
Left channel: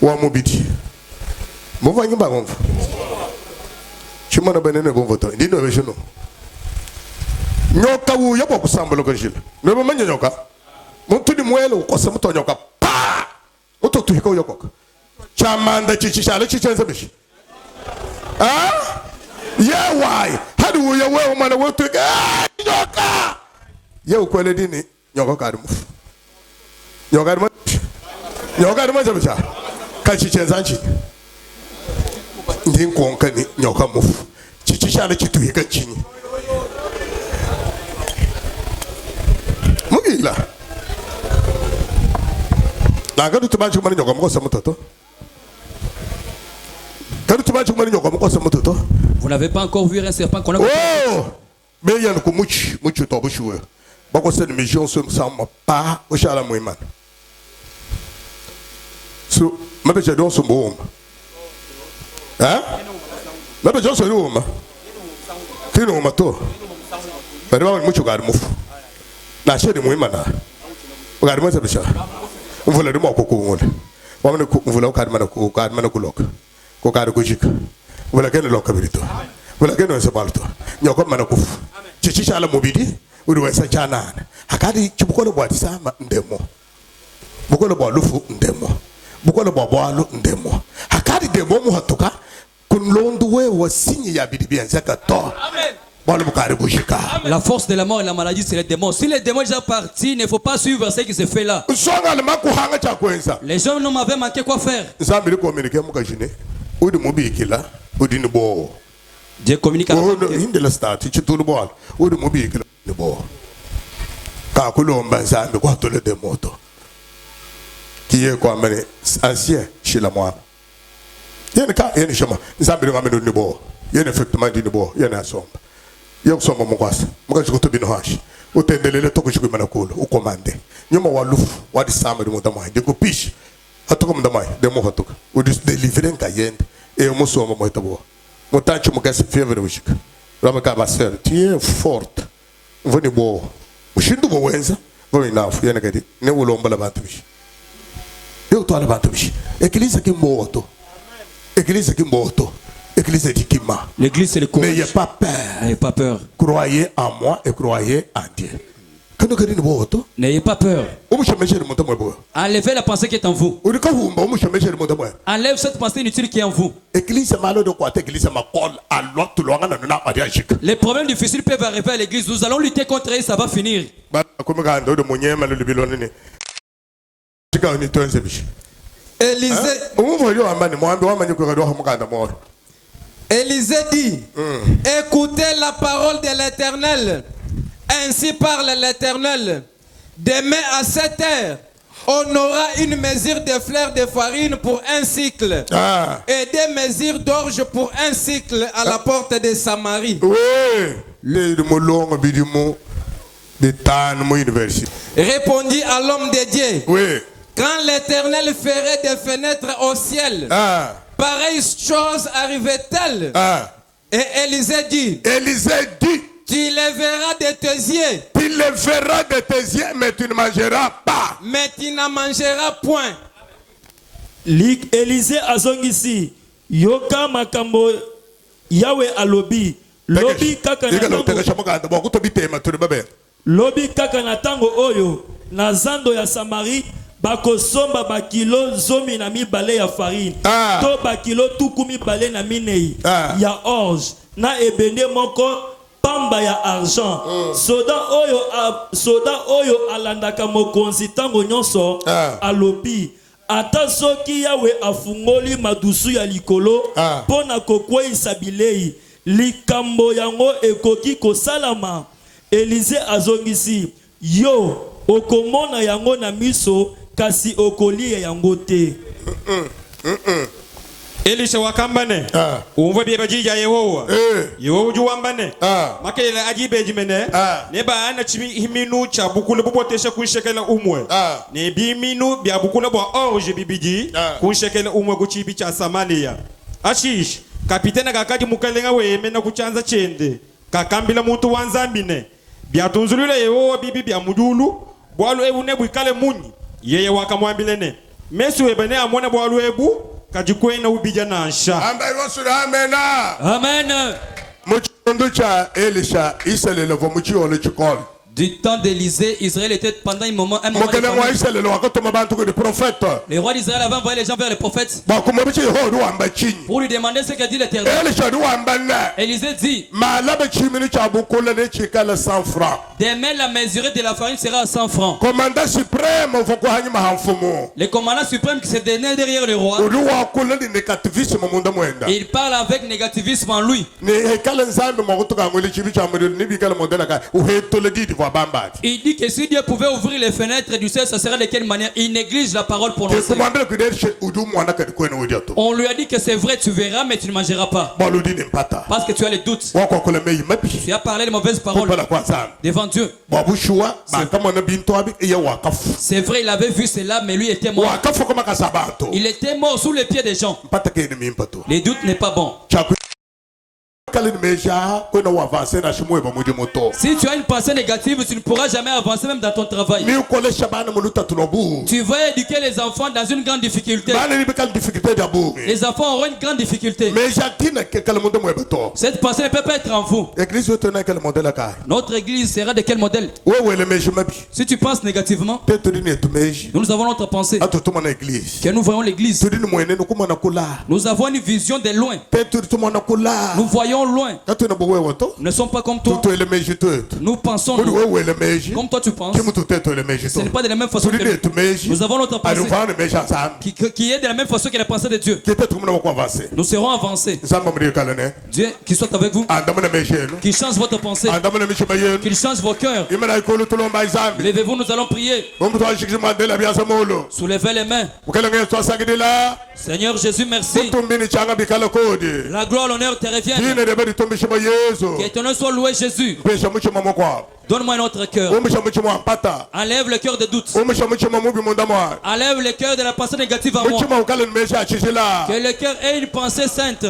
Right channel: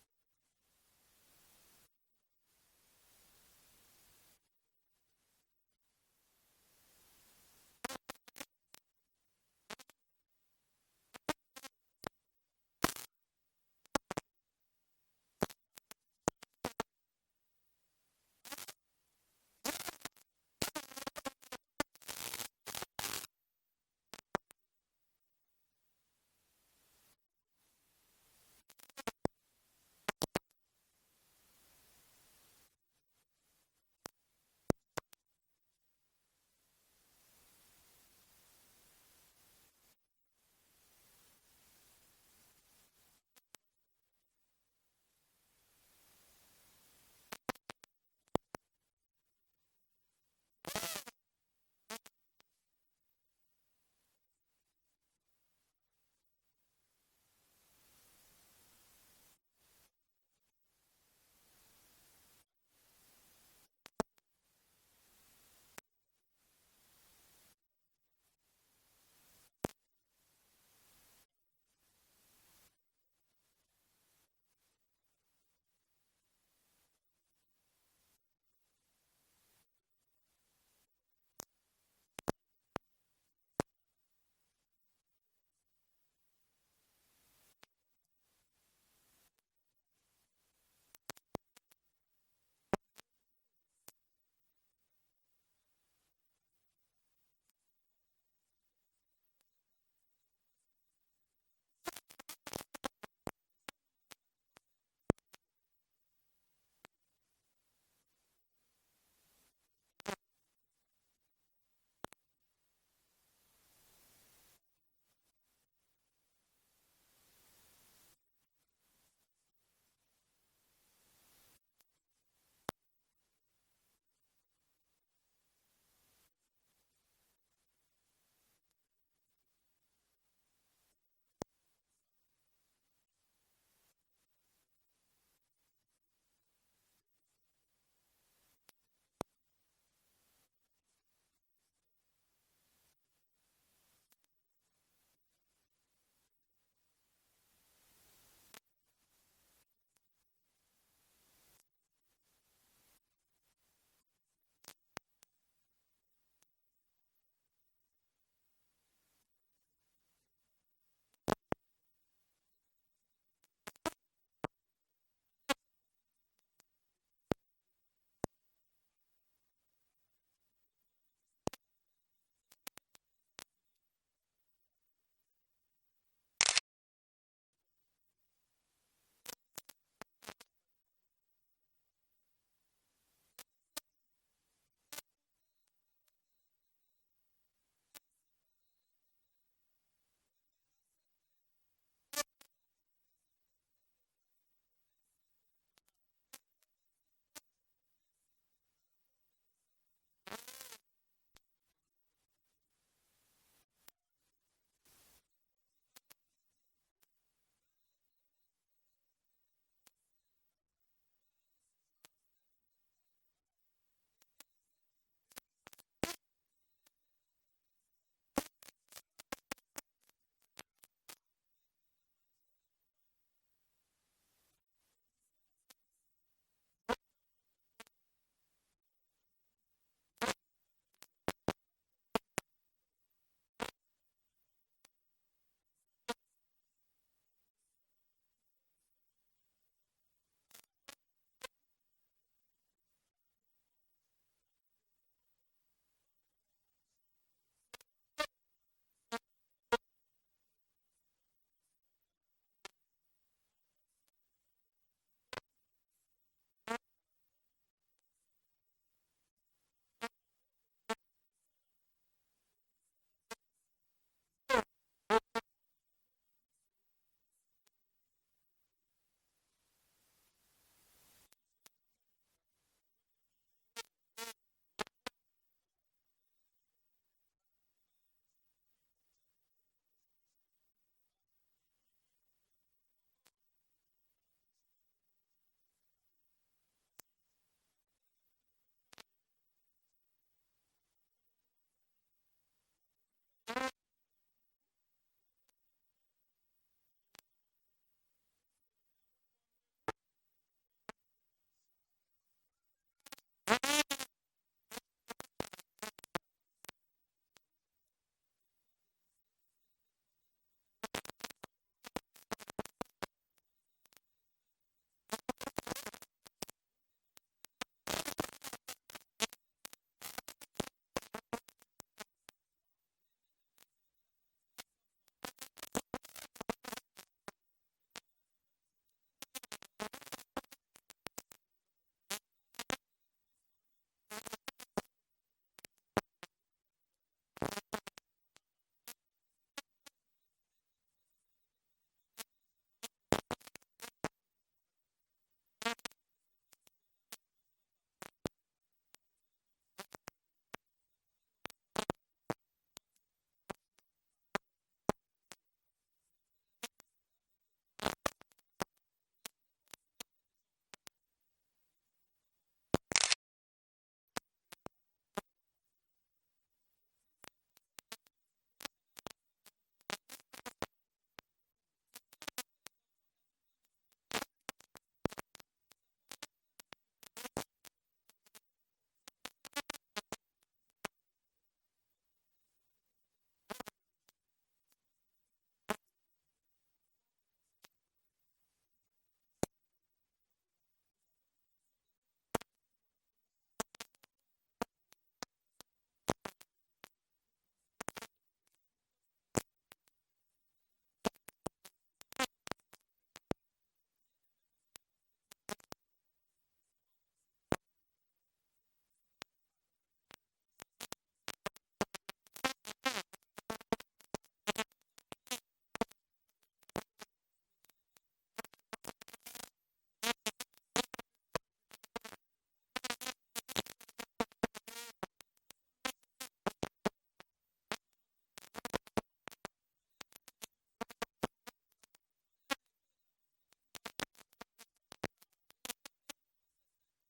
mobidi mo vangi ba gonfa chimana benene gonvoto ndino vejono nyoka wu yabo kusamba lokajil no mo manya nyoka mo tudi mwelo ko sa muto nyoka pa muto tu hiko yokoka chamanda chichishala chichenza bishi yeah why how do you wewe mwana wetu nyoka ye ukwele dini nyoka karimu nyoka zabisha kachichenza nchi ndi konka ni nyoka mufu chichishala chituhika chini mugila nanga tutubanchi kumani nyoka mukosa mutoto. Vous n'avez pas encore vu un serpent qu'on a vu? Oh! Mais il y a un kumuchi, muchi to bushuwe. Bako se mission so sama pa oshala muimana. So, mabe je don so mboma. Hein? Mabe je so mboma. Tino mato. Bari ba muchi gari mufu. Na shedi muimana. Gari mo sabisha. Mvula de mo kokongole. Wamne mvula ukadi mana kuloka. Kokari kujika wala kene loka birito wala kene sebalto nyoko mana kufu chichisha ala mubidi uri wesa chana hakadi chibukolo bwa tisama ndemo bukolo bwa lufu ndemo bukolo bwa bwalu ndemo hakadi demo mu hatuka kunlondu we wasinyi ya bidi bien zaka to amen. La force de la mort et la maladie, c'est les démons. Si les démons sont déjà partis, il ne faut pas suivre ce qui se fait là. Les gens ne m'avaient manqué quoi faire. Dieu communique avec Yok soma mkwasa mkaje kutubino hashi utendelele tokushikwe manakulu ukomande nyuma walufu wadi sama de mudamai de kupish hatuko mudamai de mo hatuka udis deliver nkayende e musoma moitabo mutanchi mukase fever wishika rama ka basel tie forte voni bo mushindu bo wenza voni nafu yana kadi ne ulomba la bantu bishi yo to ala bantu bishi eglise kimboto eglise kimboto. L'église c'est le courage. N'ayez pas peur. N'ayez pas peur. Croyez en moi et croyez en Dieu. N'ayez pas peur. Enlevez la pensée qui est en vous. Enlève cette pensée inutile qui est en vous. Les problèmes difficiles peuvent arriver à l'église. Nous allons lutter contre eux, ça va finir. Élisée dit, écoutez la parole de l'Éternel. Ainsi parle l'Éternel. Demain à 7 heures, on aura une mesure de fleurs de farine pour un cycle. Et des mesures d'orge pour un cycle à la porte de Samarie. Répondit à l'homme de Dieu. Quand l'Éternel ferait des fenêtres au ciel, pareille chose arrivait-elle? Et Élisée dit, tu les verras de tes yeux. Tu les verras de tes yeux, mais tu ne mangeras pas. Mais tu n'en mangeras point. Élisée azongisi, yoka makambo Yahweh alobi lobi kaka na tango oyo na zando ya Samari bakosomba bakilo zomi na mibale ya farine to bakilo tuku mibale na minei ya orge na ebende moko pamba ya argent soda oyo alandaka mokonzi tango nyonso alobi ata soki Yawe afungoli madusu ya likolo pona kokweyisa bilei likambo yango ekoki kosalama. Elize azongisi yo okomona yango na miso kasi okolia yango te. Elisha wakambane umva bye bajija Yehowa Yehowa juwambane makele ajibe jimene neba ana chimi himinu cha bukule bubotesha kunshekela umwe ne biminu bya bukule bwa orge bibiji kunshekela umwe kuchibi cha Samaria ashish kapitena kakati mukalenga weme na kuchanza chende kakambila muntu wanzambine bya tunzulule Yehowa bibi bya mudulu bwalu ebu nebu ikale munyi yeye wakamwambilene mesu ebene amone bwalu ebu kajikwena ubija nansha Amen. Elisha isele levo muchiole chikol. Du temps d'Élysée, Israël était pendant un moment de le roi d'Israël avait envoyé les gens vers les prophètes pour lui demander ce qu'a dit l'Éternel. Élisée dit demain la mesurée de la farine sera à 100 francs. Le commandant suprême qui s'est donné derrière le roi, il parle avec négativisme en lui. Il dit que si Dieu pouvait ouvrir les fenêtres du ciel, ça serait de quelle manière? Il néglige la parole prononcée. On lui a dit que c'est vrai, tu verras, mais tu ne mangeras pas. Parce que tu as les doutes. Tu as parlé de mauvaises paroles devant Dieu. C'est vrai, il avait vu cela, mais lui était mort. Il était mort sous les pieds des gens. Les doutes n'est pas bon. Si tu as une pensée négative, tu ne pourras jamais avancer même dans ton travail. Tu vas éduquer les enfants dans une grande difficulté. Les enfants auront une grande difficulté. Cette pensée ne peut pas être en vous. Notre église sera de quel modèle? Si tu penses négativement, nous avons notre pensée. Que nous voyons l'église. Nous avons une vision de loin. Nous voyons loin. Nous ne sommes pas comme toi. Nous pensons comme toi tu penses. Ce n'est pas de la même façon que nous. Nous avons notre pensée qui est de la même façon que la pensée de Dieu. Nous serons avancés. Dieu qui soit avec vous, qui change votre pensée, qu'il change vos cœurs. Levez-vous, nous allons prier. Soulevez les mains. Seigneur Jésus, merci. La gloire, l'honneur te reviennent. Que ton nom soit loué, Jésus. Donne-moi un autre cœur. Enlève le cœur de doute. Enlève le cœur de la pensée négative en moi. Que le cœur ait une pensée sainte.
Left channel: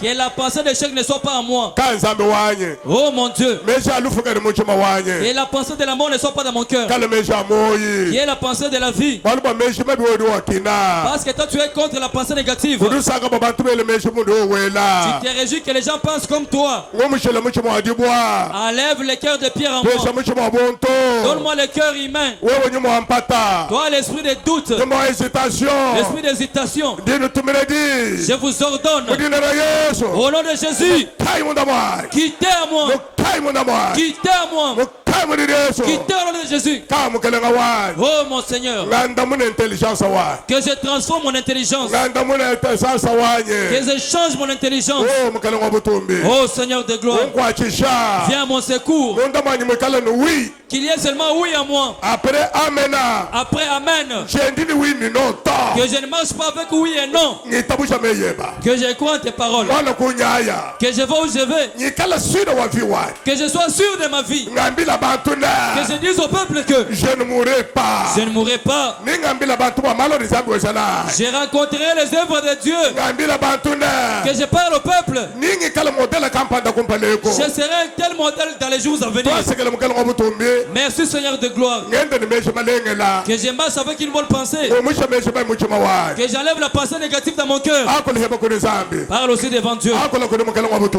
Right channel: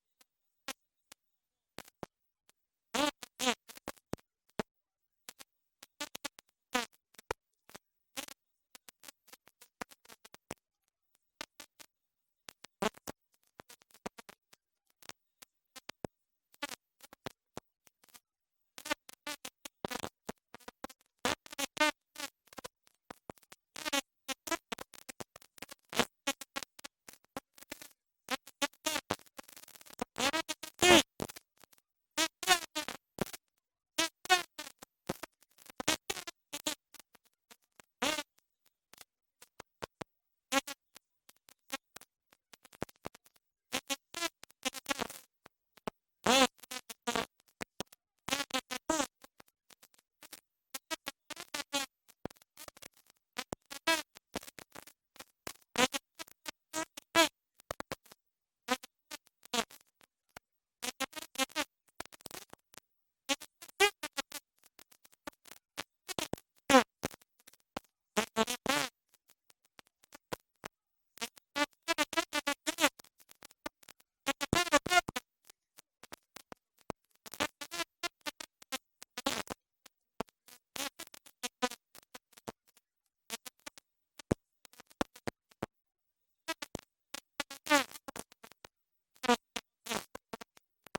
Que la pensée d'échec ne soit pas en moi. Oh mon Dieu. Que la pensée de la mort ne soit pas dans mon cœur. Qui est la pensée de la vie. Parce que toi tu es contre la pensée négative. Tu te réjouis que les gens pensent comme toi. Enlève le cœur de pierre en moi. Donne-moi le cœur humain. Toi l'esprit de doute, l'esprit d'hésitation, je vous ordonne au nom de Jésus, quittez à moi, quittez à moi, quittez au nom de Jésus. Oh mon Seigneur, que je transforme mon intelligence, que je change mon intelligence. Oh Seigneur de gloire, viens à mon secours. Qu'il y ait seulement oui à moi. Après amen. Que je ne marche pas avec oui et non. Que je crois en tes paroles. Que je vais où je vais. Que je sois sûr de ma vie. je dise au peuple que je ne mourrai pas. Je ne mourrai pas. J'ai rencontré les œuvres de Dieu. Que je parle au peuple. Je serai un tel modèle dans les jours à venir. Merci Seigneur de gloire. Que je marche avec une bonne pensée. Que j'enlève la pensée négative dans mon cœur. Parle aussi devant Dieu.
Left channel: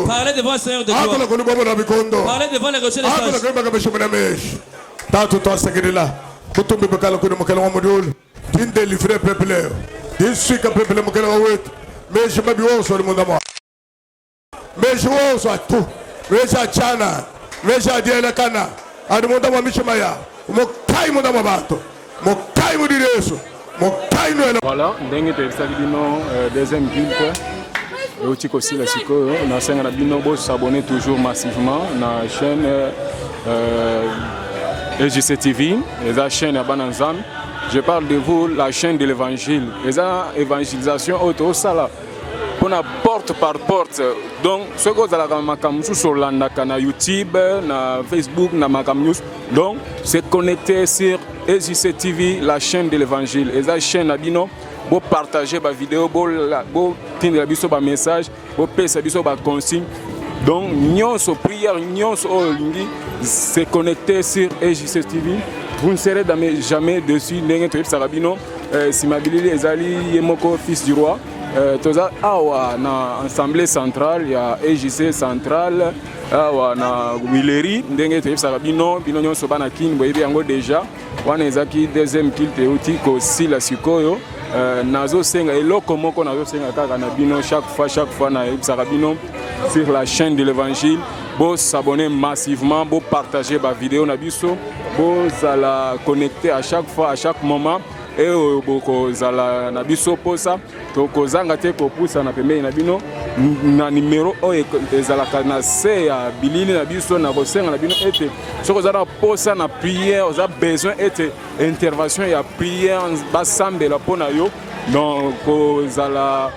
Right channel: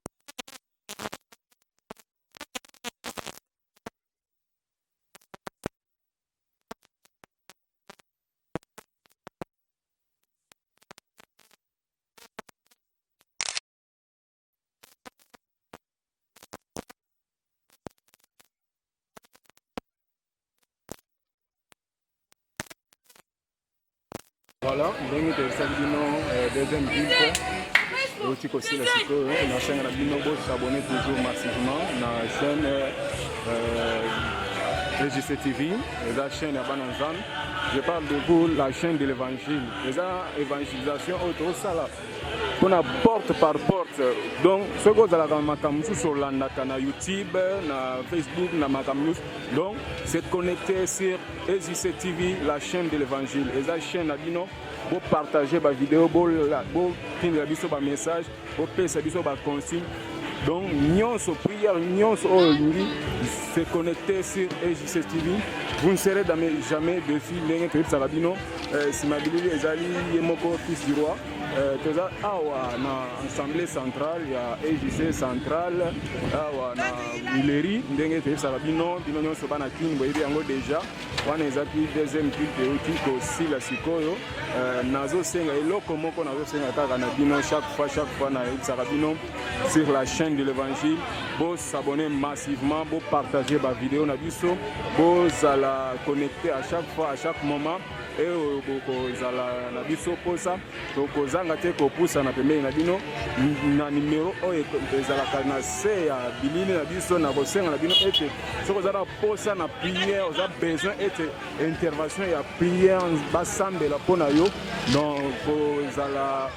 Parlez devant le Seigneur de gloire. Parlez devant les rochers des sages. Tanto toi là. Kutumbi bakala kuno mukala wa modul. Tin délivrer peuple. Tin suika peuple mukala wa wet. Mais je m'abi wo le monde moi. Mais je wo so tout. Mais ja chana. Mais ja diela kana. Adu monde wa mishimaya. Mo kai monde wa bato. Mo kai mo direso. Mo kai no. Voilà, ndenge te sabino deuxième ville. Aussi aussi la siko na senga na bino bo s'abonner toujours massivement na chaîne EJC TV, la chaîne à Bananzan. Je parle de vous, la chaîne de l'évangile. La évangélisation auto sala. On a porte par porte. Donc, ce que vous avez makamsu sur la na YouTube, na Facebook, na makamnews. Donc, c'est connecté sur EJC TV, la chaîne de l'évangile. Et la chaîne à bino. Pour partager ma vidéo, pour tenir la message, pour passer la consigne. Donc, nous sommes prières, nous sommes c'est connecté sur EJC TV. Vous ne serez jamais dessus. Si ma bilili est mon fils du roi. Na assemblée centrale, il y a EJC centrale, na Willery, ndenge tebisaka bino nyonso bana kin boyebi yango déjà wana ezaki deuxième culte euti kosi la sikoyo nazo senga eloko moko nazo senga kaka na bino chaque fois na ebisaka bino sur la chaîne de l'évangile. Bo s'abonner massivement, bo partager ma vidéo na biso, bo zala connecter à chaque fois, à chaque moment. Et boko zala na biso posa to kozanga te ko pusa na pembeni na bino na numéro o ezala kana se ya bilili na biso na kosenga na bino ete soko zala posa na prière oza besoin ete intervention ya prière basambela pona yo donc kozala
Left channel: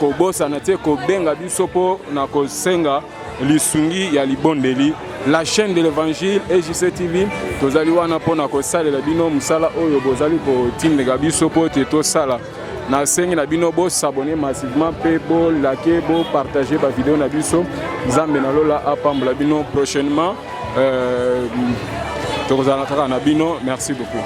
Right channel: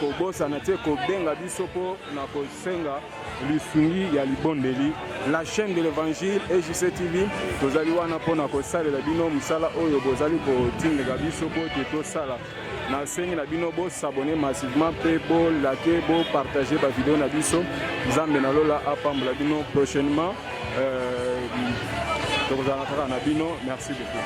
ko bosa na te ko benga biso po na kosenga lisungi ya libondeli. La chaîne de l'évangile EJC TV tozali wana pona ko salela bino musala oyo bozali ko tindega biso po te to sala na sengi na bino bo s'abonner massivement pe bo liker bo partager ba vidéo na biso nzambe na lola apambola bino prochainement tokozala kaka na bino. Merci beaucoup.